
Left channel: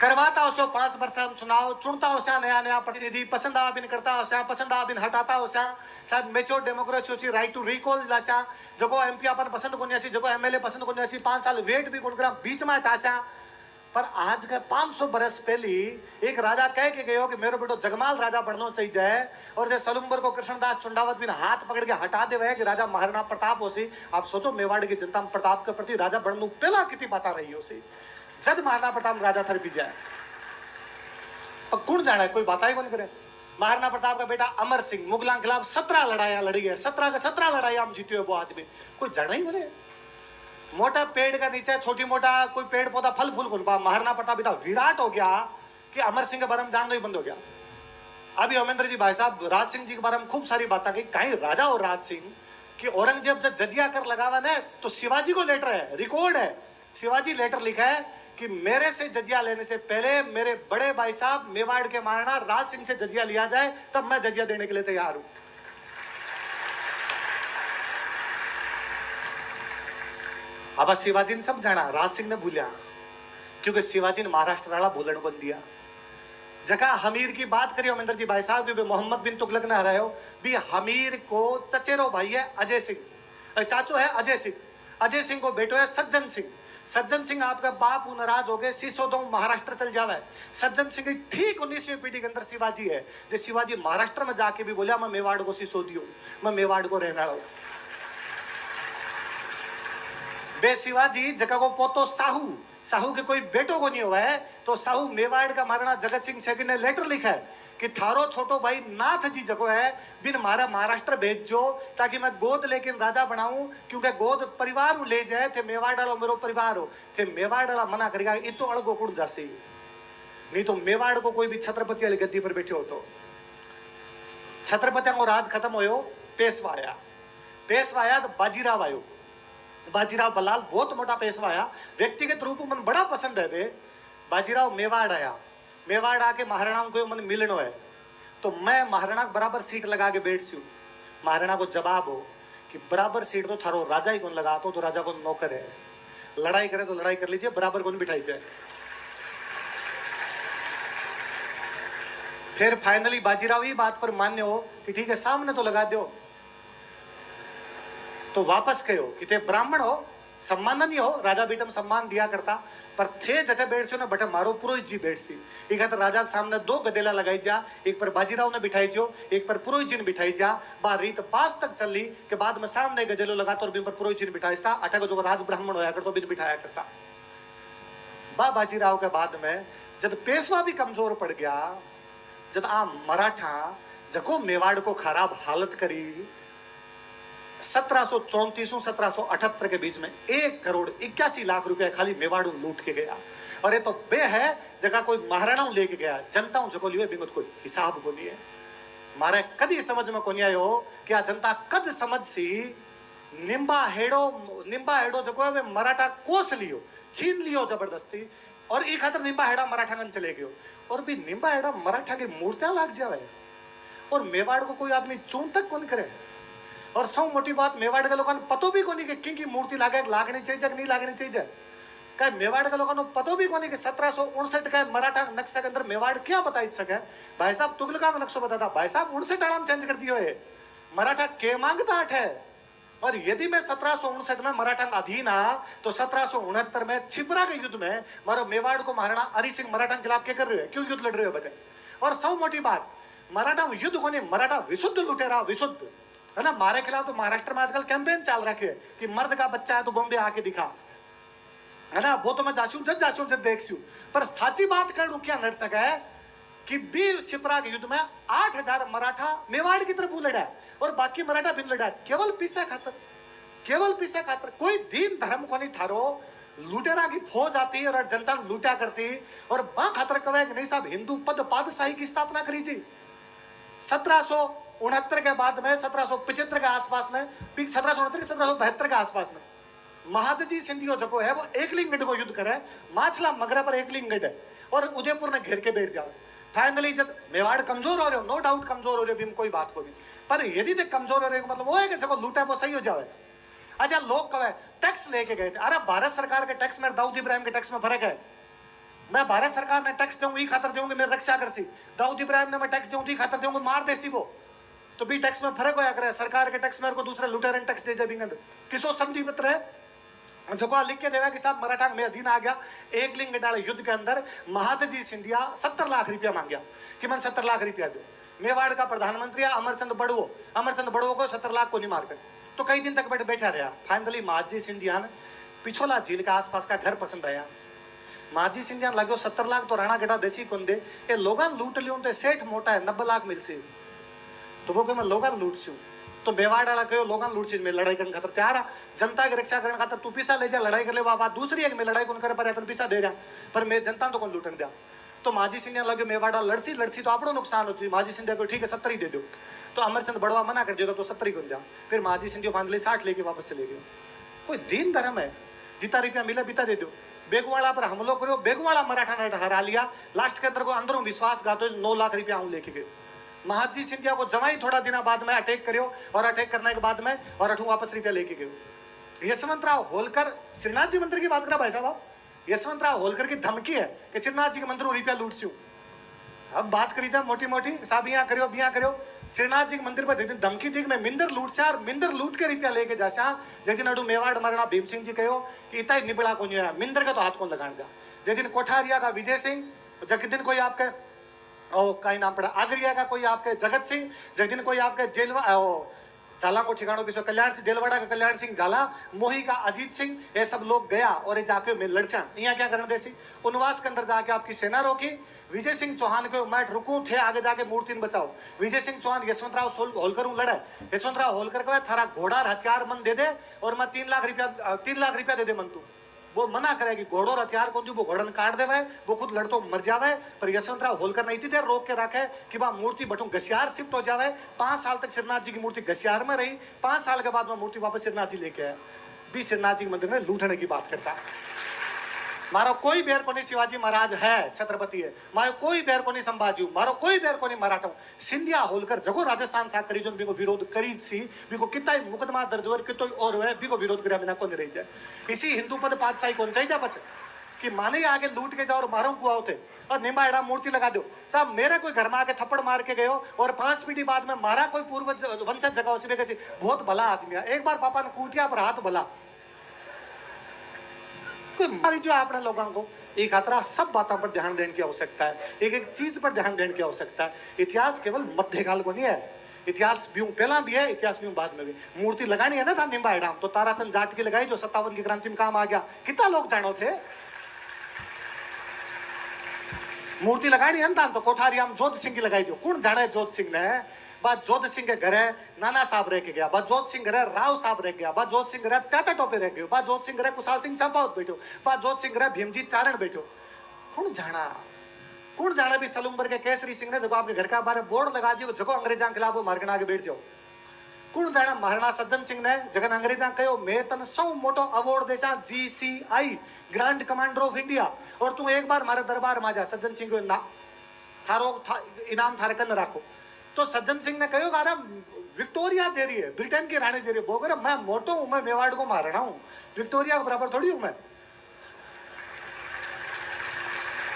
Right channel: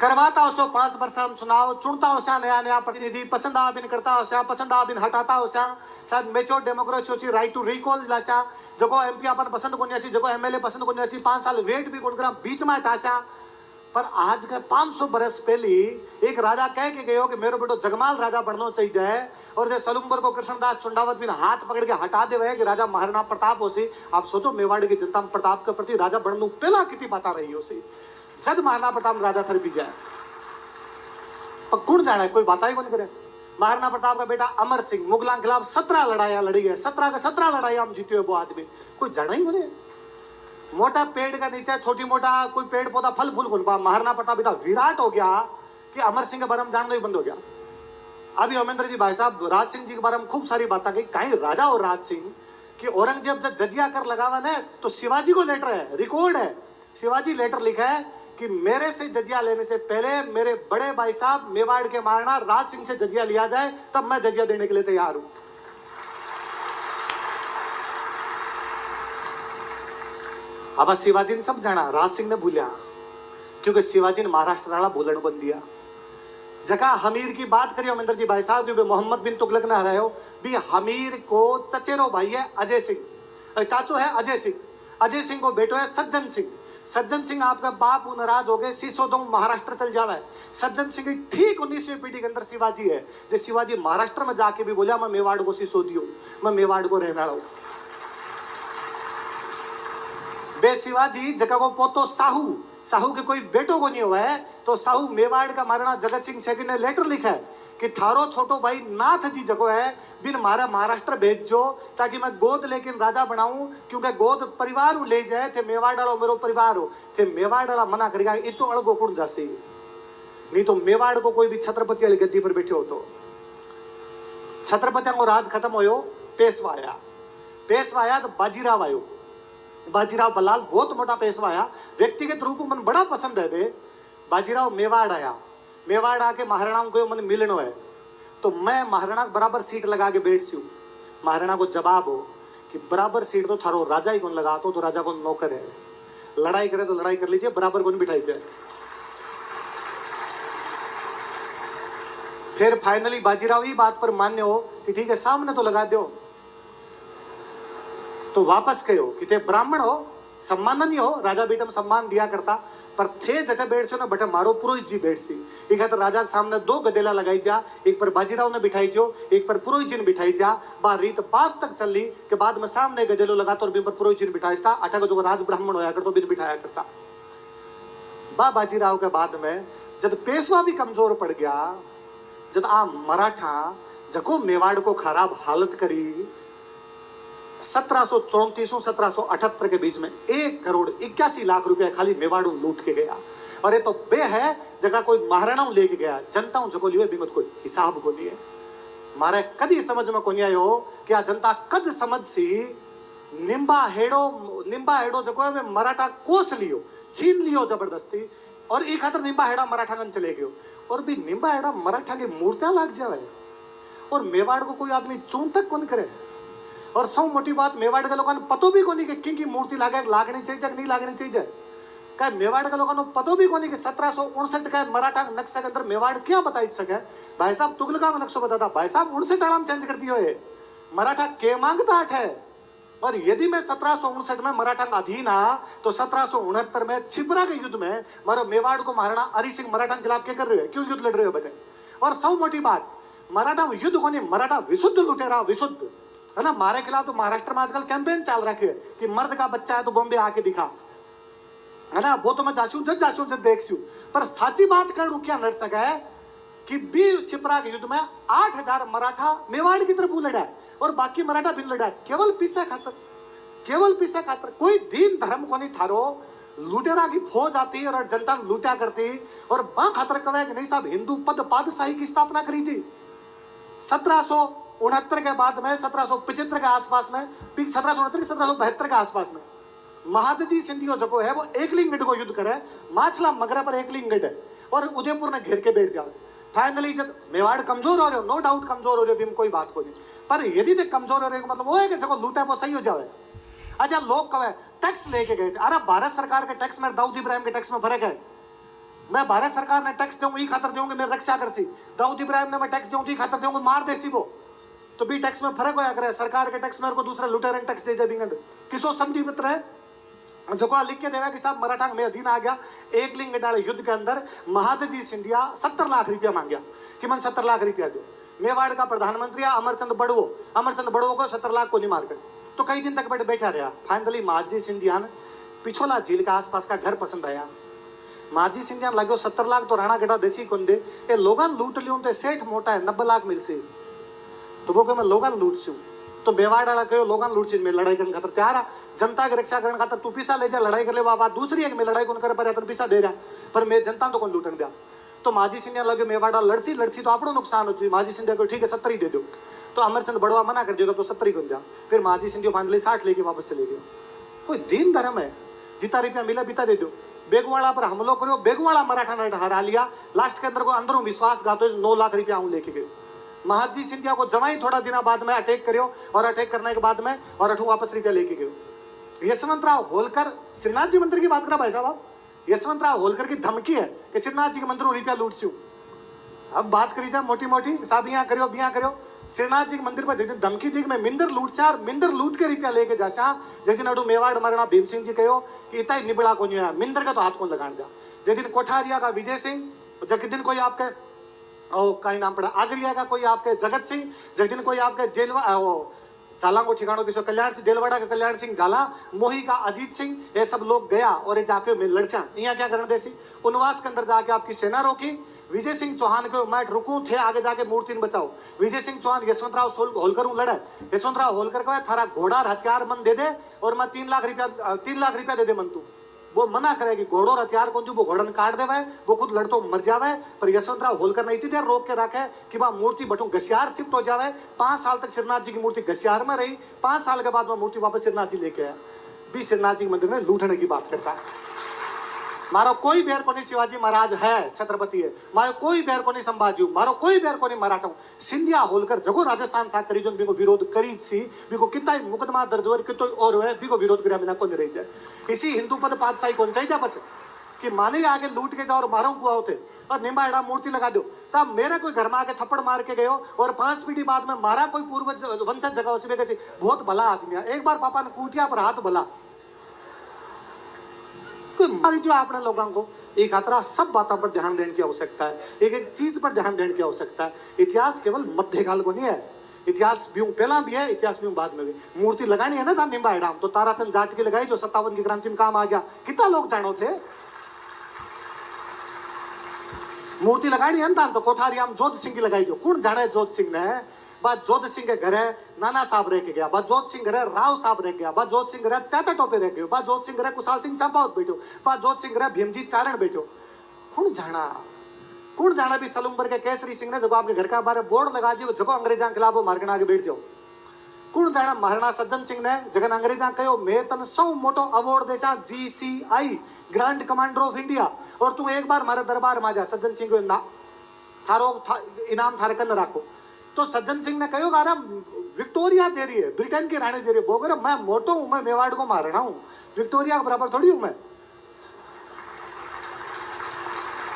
करवाता हो 5 वर्ष हम चुनाव चुनता हो नया प्रतिनिधि, पसंद आ बिन करता हो पसंद आ बिन हटाता हो शायद मेच्योर डेमोक्रेसी होची, राइट टू रिकॉल लाशा जको एमपी अपन पसंद को नहीं जको एमएलए पसंद को नहीं 5 साल वेट भी कौन करा बीच में हटाशा। पर आज के 500 बरस पहली एक राजा कह के गयो कि मेरे बेटो जगमाल राजा बनना चाहिए और जैसे सलुम्बर को कृष्णदास चुंडावत भी हाथ पकड़ के हटा दे कि राजा महाराणा प्रताप हो सी। आप सोचो मेवाड़ की जनता प्रताप के प्रति राजा बनने पहला कितनी बात रही हो सी। जब महाराणा प्रताप राजा थर भी जाए पर कौन जाना है, कोई बात ही कौन करे। महाराणा प्रताप का बेटा अमर सिंह मुगलों के खिलाफ 17 लड़ाइयां लड़ी है, 17 के 17 लड़ाइयां हम जीते हुए वो आदमी कोई जाना ही बने। मोटा पेड़ का नीचे छोटी मोटा कोई पेड़ पौधा फल फूल खुल पा। महाराणा प्रताप इतना विराट हो गया कि अमर सिंह के बारे में जानना ही बंद हो गया। अभी अमेंद्र जी भाई साहब राज सिंह जी के बारे में खूब सारी बातें कही, कहीं राजा और राज सिंह कि औरंगजेब जब जजिया कर लगावा ना तो शिवाजी को लेटर है, रिकॉर्ड है, शिवाजी लेटर लिखा है कि मेरे से जजिया लेने से पहले मेरे बड़े भाई साहब मेवाड़ के महाराणा राज सिंह से जजिया लिया जाए तब मैं जजिया देने के लिए तैयार हूं। अब शिवाजी ने सब जाना, राज सिंह ने भूलिया क्योंकि शिवाजी ने महाराष्ट्र वाला बोलन बन दिया। जगह हमीर की बात करियो अमेंद्र जी भाई साहब कि मोहम्मद बिन तुगलक ने हरायो भी हमीर को चचेरो भाई है अजय सिंह, चाचू है अजय सिंह, अजय सिंह को बेटो है सज्जन सिंह। सज्जन सिंह आपका बाप नाराज हो गए सिसोदों महाराष्ट्र चल जावा है। सज्जन सिंह ठीक 19वीं पीढ़ी के अंदर शिवाजी है। जो शिवाजी महाराष्ट्र में जाके भी बोला मैं मेवाड़ को सिसोदियो, मैं मेवाड़ को रहना हूं। बे शिवाजी जगह को पोतो साहू, साहू के कोई बेटो को नहीं हुआ है तो साहू मेवाड़ का महाराणा जगत सिंह सेकंड ने लेटर लिखा है कि थारो छोटो भाई नाथ जी जको है बिन मारा महाराष्ट्र भेजो ताकि मैं गोद लेकिन राजा बनाऊं, क्योंकि गोद परिवार उ ले जाए थे मेवाड़ वालो मेरो परिवार हो थे मेवाड़ वाला मना करेगा ये तो अड़गो कुड़ जासी, नहीं तो मेवाड़ को कोई भी छत्रपति वाली गद्दी पर बैठे हो तो छत्रपतियों को राज खत्म होयो, पेशवा आया तो बाजीराव आयो, बाजीराव बलाल बहुत मोटा पेशवा आया, व्यक्तिगत रूप में मन बड़ा पसंद है बे। बाजीराव मेवाड़ आया, मेवाड़ आके महाराणाओं को मन मिलनो है तो मैं महाराणा बराबर सीट लगा के बैठ सी, महाराणा को जवाब हो कि बराबर सीट तो थारो राजा ही कौन लगा तो राजा को नौकर है, लड़ाई करे तो लड़ाई कर लीजिए, बराबर कौन बिठाई जाए। फिर फाइनली बाजीराव ही बात पर मान्य हो कि ठीक है सामने तो लगा दो, तो वापस कहो कि ते ब्राह्मण हो सम्मान नहीं हो, राजा बेटा में सम्मान दिया करता पर थे जटे बैठ छो ना बटे मारो पुरोहित जी बैठ सी, एक खातर राजा के सामने दो गदेला लगाई जा, एक पर बाजीराव ने बिठाई जो, एक पर पुरोहित जी ने बिठाई जा। बा रीत पास तक चली के बाद में सामने गदेलो लगाता और बिन पर पुरोहित जी ने बिठाई था, अठा को जो राज ब्राह्मण होया करता बिन बिठाया करता। बा बाजीराव के बाद में जब पेशवा भी कमजोर पड़ गया, जब आ मराठा जको मेवाड़ को खराब हालत करी, 1734-1778 के बीच में 1,81,00,000 रुपया खाली मेवाड़ लूट के गया। और ये तो बे है जगह कोई महाराणा लेके गया, जनता जको लियो बिंगत कोई हिसाब को लिए मारे कदी समझ में को नहीं आयो कि आ जनता कद समझ सी निम्बा हेड़ो जको है मराठा कोस लियो, छीन लियो जबरदस्ती, और एक खातर निम्बा हेड़ा मराठा गन चले गयो, और भी निम्बा हेड़ा मराठा की मूर्तियां लाग जावे और मेवाड़ को कोई आदमी चून तक कौन करे। और सौ मोटी बात मेवाड़ के लोगों पतो भी कोनी कि की मूर्ति लागनी चाहिए कि नहीं लागनी चाहिए, क्या मेवाड़ के लोगों पतो भी कोनी कि 1759 का मराठा नक्शा के अंदर मेवाड़ क्या बता सके। भाई साहब तुगलका में नक्शा बताता, भाई साहब 59 आराम चेंज कर दियो है, मराठा के मांगता है। और यदि मैं 1759 में मराठा का अधीन आ तो 1769 में छिपरा के युद्ध में मारो मेवाड़ को महाराणा हरि सिंह मराठा के खिलाफ क्या कर रहे हो, क्यों युद्ध लड़ रहे हो बेटे। और सौ मोटी बात मराठा युद्ध को नहीं, मराठा विशुद्ध लुटेरा विशुद्ध है ना। मारे खिलाफ तो महाराष्ट्र में आजकल कैंपेन चल रखे है कि मर्द का बच्चा है तो बॉम्बे आके दिखा, है ना। वो तो मैं जासूं जब देखू, पर साची बात कर क्या लड़ सका है कि बी छिपरा के युद्ध में 8,000 मराठा मेवाड़ की तरफ लड़ा और बाकी मराठा बिन लड़ा, केवल पैसा खातर। कोई दीन धर्म को नहीं थारो, लुटेरा की फौज आती और जनता लूटा करती और बा खातर कहे कि नहीं साहब हिंदू पद पादशाही की स्थापना करी जी। 1769 के बाद में 1775 के आसपास में, 1772 के आसपास में महादजी सिंधियो जो है वो एकलिंगगढ़ को युद्ध करे, माछला मगरा पर एकलिंगगढ़ है और उदयपुर ने घेर के बैठ जाए। फाइनली जब मेवाड़ कमजोर हो रहे हो, नो डाउट कमजोर हो रहे हो, कोई बात को नहीं, पर यदि तक कमजोर हो रहे मतलब वो है कि जगह लूटा वो सही हो जाए। अच्छा लोग कहे टैक्स लेके गए थे, अरे भारत सरकार के टैक्स में दाऊद इब्राहिम के टैक्स में फर्क है। मैं भारत सरकार ने टैक्स दूंगी खातर दूंगी मेरे रक्षा कर सी, दाऊद इब्राहिम ने मैं टैक्स दूंगी खातर दूंगी मार देसी वो, तो भी टैक्स में फर्क होया करे। सरकार के टैक्स में को दूसरा लुटेरन टैक्स दे जाए किसो संधि मित्र है जो को लिख के देवा कि साहब मराठा में अधीन आ गया। एक लिंग डाले युद्ध के अंदर महादजी सिंधिया 70 लाख रुपया मांग गया कि मन 70 लाख रुपया दो। मेवाड़ का प्रधानमंत्री अमरचंद बड़ुओ को 70 लाख को नहीं मार कर, तो कई दिन तक बैठा रहा। फाइनली महादजी सिंधिया ने पिछोला झील का आसपास का घर पसंद आया। महादजी सिंधिया लगो 70 लाख तो राणा गढ़ा देसी कौन दे, ये लोगन लूट लियो तो सेठ मोटा है 90 लाख मिल से, तो वो मैं लोगन लूट सी। तो मेवाड़ वाला कहो लोगन लूट सी, मैं लड़ाई करने खातर तैयार है, जनता की रक्षा करने खातर तू पैसा ले जा लड़ाई कर ले, बाबा दूसरी है कि मैं लड़ाई कौन करे पर पैसा दे रहा पर मैं जनता तो कौन लूटन दिया। तो महाजी सिंधिया लगे मेवाड़ा लड़सी तो आपको नुकसान होती। महाजी सिंधिया को ठीक है 70 ही दे दो, तो अमरचंद बड़वा मना कर दिया तो 70 ही कौन दिया। फिर महाजी सिंधिया फाइनली 60 लेके वापस चले गए। कोई दीन धर्म है, जितना रुपया मिला बीता दे दो। बेगवाड़ा पर हमलो करो, बेगवाड़ा मराठा ने हरा लिया, लास्ट के अंदर को अंदरों विश्वासघात 9 लाख रुपया लेके गए। महाजी सिंधिया को जवाई थोड़ा दिन बाद में अटैक करियो और अटैक करने के बाद में और अठू वापस रुपया लेके गए। यशवंतराव होलकर श्रीनाथ जी मंदिर की बात करा भाई साहब, यशवंतराव होलकर की धमकी है कि श्रीनाथ जी के मंदिर रुपया लूट चू। अब बात करी जाए मोटी मोटी साहब यहाँ करियो श्रीनाथ जी के मंदिर पर जिस धमकी दी मैं मिंदर लूट चार मिंदर लूट के रुपया लेके जासा, जिस अडू मेवाड़ मरना भीम सिंह जी कहो कि इतना ही निबड़ा को नहीं है मिंदर का तो हाथ कौन लगान दिया। जिस दिन कोठारिया का विजय सिंह, जिस दिन कोई आपके का नाम पड़ा आगरिया का कोई आपके जगत सिंह, जिस दिन कोई आपके झाला को ठिकानों किसो कल्याण सिंह देलवाड़ा का कल्याण सिंह झाला, मोही का अजीत सिंह, ये सब लोग गया और ये जाके में लड़चा यहाँ क्या करने देसी उनवास के अंदर जाके आपकी सेना रोकी। विजय सिंह चौहान को मैं रुकू थे आगे जाके मूर्ति बचाओ। विजय सिंह चौहान यशवंतराव होलकर लड़े। यशवंतराव होलकर को थारा घोड़ा हथियार मन दे दे और मैं 3 लाख रुपया दे दे मन तू। वो मना करेगी घोड़ो और हथियार कौन वो घोड़न काट देवे, वो खुद लड़तो मर जावे। पर यशवंतराव होलकर ने इतनी देर रोक के रखे कि वह मूर्ति बटू घसियार शिफ्ट हो जावे। 5 साल तक श्रीनाथ जी की मूर्ति घसियार में रही। 5 साल के बाद वह मूर्ति वापस श्रीनाथ जी लेके आया। भी श्रीनाथ जी मंदिर में लूटने की बात करता है। मारो कोई बैर को नहीं शिवाजी महाराज है, छत्रपति है। मारो कोई बैर को नहीं संभाजी, मारो कोई बैर को नहीं मराठा। सिंधिया होलकर जगो राजस्थान सा करी जो बिको विरोध करी सी, बिको कितना मुकदमा दर्ज हो कितो और है बिको विरोध करिया बिना कोनी रही जाए। इसी हिंदू पद पातशाही कौन चाहिए बच कि माने आगे लूट के जाओ और मारो कुआ होते और निम्बाड़ा मूर्ति लगा दो। साहब मेरा कोई घर में आके थप्पड़ मार के गयो और 5 पीढ़ी बाद में मारा कोई पूर्वज वंशज जगह उसी कैसी बहुत भला आदमी है। एक बार पापा ने कूटिया पर हाथ भला मारी जो अपने लोगों को एक खतरा सब बातों पर ध्यान देने की आवश्यकता है। एक एक चीज पर ध्यान देने की आवश्यकता है। इतिहास केवल मध्यकाल को नहीं है, इतिहास भी पहला भी है, इतिहास भी बाद में भी। मूर्ति लगानी है ना था निम्बा डाम तो ताराचंद जाट की लगाई जो 57 की क्रांति में काम आ गया। कितना लोग जानो थे मूर्ति लगानी है ना तो कोठारियाम जोध सिंह की लगाई जो कौन जाने जोध सिंह ने। बाद जोध सिंह के घरे नाना साहब रह के गया, बाद जोध सिंह घरे राव साहब रह गया, बाद जोध सिंह घरे त्याता टोपे रह गयो, बाद जोध सिंह घरे कुशाल सिंह चंपावत बैठो, बाद जोध सिंह घरे भीमजी चारण बैठो। कौन जाना भी सलूम्बर के केसरी सिंह ने जब आपके घर का बारे बोर्ड लगा दियो जगो अंग्रेजा के खिलाफ मार्गन आगे बैठ जाओ। कौन जाना महाराणा सज्जन सिंह ने जगन अंग्रेजा कहो मैं तन सौ मोटो अवार्ड देसा GCI grand commander of India और तू एक बार मारे दरबार में आ जा। सज्जन सिंह को थारो इनाम थारे कन राखो। तो सज्जन सिंह ने कहो गारा विक्टोरिया दे रही है, ब्रिटेन की रानी दे रही है। वो कह मैं मोटो हूं, मैं मेवाड़ को मारना हूं, विक्टोरिया के बराबर थोड़ी हूं मैं।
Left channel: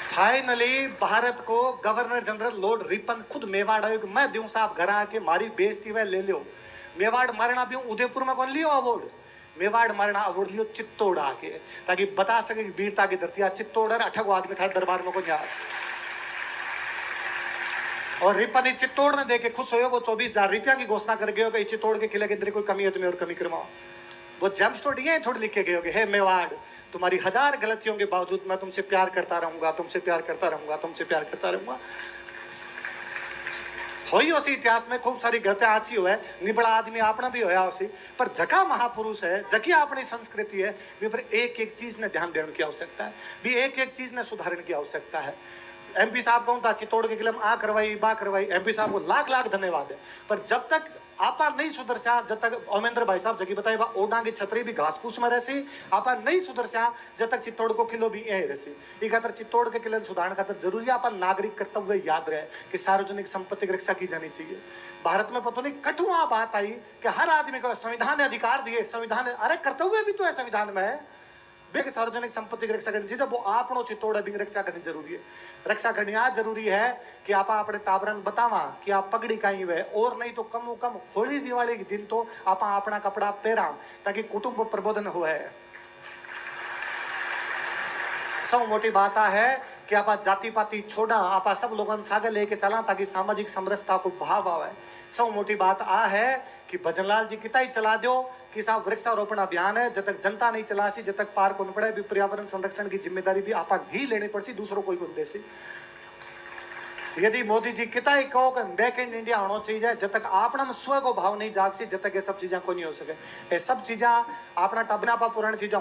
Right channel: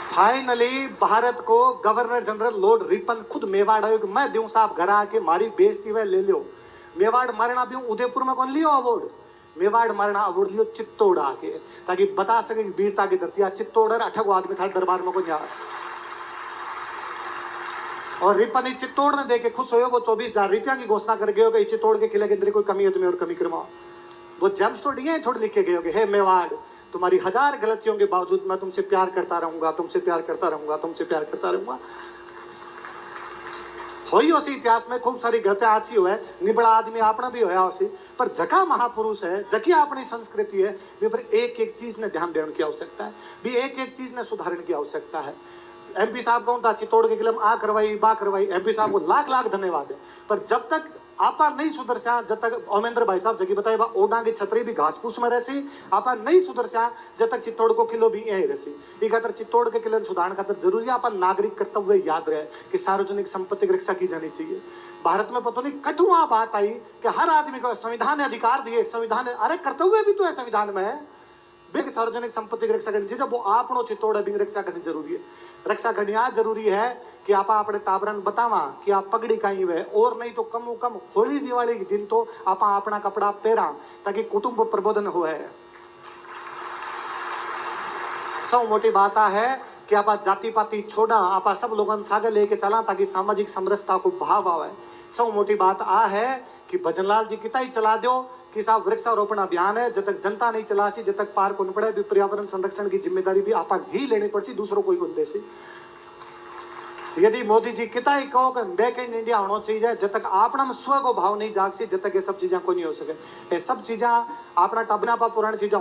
फाइनली भारत को गवर्नर जनरल लॉर्ड रिपन खुद मेवाड़ आयो कि मैं दूं साहब घर आके मारी बेइज्जती वे ले लो। मेवाड़ मारना भी उदयपुर में कौन लियो अवार्ड, मेवाड़ मारना अवार्ड लियो चित्तौड़ आके ताकि बता सके कि वीरता की धरती चित्तौड़ अठगो आदमी था दरबार में को यार। और रिपन चित्तौड़ ने देखे खुश हो वो 24,000 रुपया की घोषणा कर गए कि चित्तौड़ के किले के अंदर कोई कमी है तुम्हें और कमी करवाओ। वो जेम्स तो ये थोड़ी लिख के गए हे मेवाड़ तुम्हारी 1000 गलतियों के बावजूद मैं तुमसे प्यार करता रहूंगा, तुमसे प्यार करता रहूंगा, तुमसे प्यार करता रहूंगा। होई उसी इतिहास में खूब सारी गलतियां आची हुए निबड़ा आदमी अपना भी होया उसी पर जका महापुरुष है जकी अपनी संस्कृति है भी पर एक एक चीज ने ध्यान देने की आवश्यकता है, भी एक एक चीज ने सुधारने की आवश्यकता है। MP साहब कहूँ था चित्तौड़ के किले में आ करवाई बा करवाई, MP साहब को लाख लाख धन्यवाद है। पर जब तक आपा नहीं सुधरसा जब तक ओमेंद्र भाई साहब जगी बताए ओडा की छतरी भी घास फूस में रहसी आपा नहीं सुधरसा जब तक चित्तौड़ को किलो भी यही रहसी। ये खातर चित्तौड़ के किले सुधारण खातर जरूरी है आपा नागरिक कर्तव्य याद रहे कि सार्वजनिक संपत्ति की रक्षा की जानी चाहिए। भारत में पता नहीं कठुआ बात आई कि हर आदमी को संविधान ने अधिकार दिए, संविधान अरे कर्तव्य भी तो है संविधान में बेग सार्वजनिक संपत्ति की रक्षा करनी चाहिए। वो आपनो चित्तौड़ बिंग रक्षा करनी जरूरी है। रक्षा करनी आज जरूरी है कि आप अपने ताबरन बतावा कि आप पगड़ी कहीं हुए और नहीं तो कम कम होली दिवाली के दिन तो आप अपना कपड़ा पहरा ताकि कुटुंब प्रबोधन हुए। सब मोटी बात है कि आप जाति पाति छोड़ा आप सब लोगों सागे लेके चला ताकि सामाजिक समरसता को भाव आवे। सब मोटी बात है कि भजनलाल जी कितना ही चला दो कि साहब वृक्षारोपण अभियान है जब तक जनता नहीं चला सी जब तक पार को पड़े भी पर्यावरण संरक्षण की जिम्मेदारी भी आप ही लेनी पड़ती दूसरों कोई को देसी। यदि मोदी जी कितना ही कहो कि मेक इन इंडिया होना चाहिए जब तक अपना स्व को भाव नहीं जाग सी जब तक ये सब चीजें को नहीं हो सके। ये सब चीजें अपना टबना पा पुरानी चीजें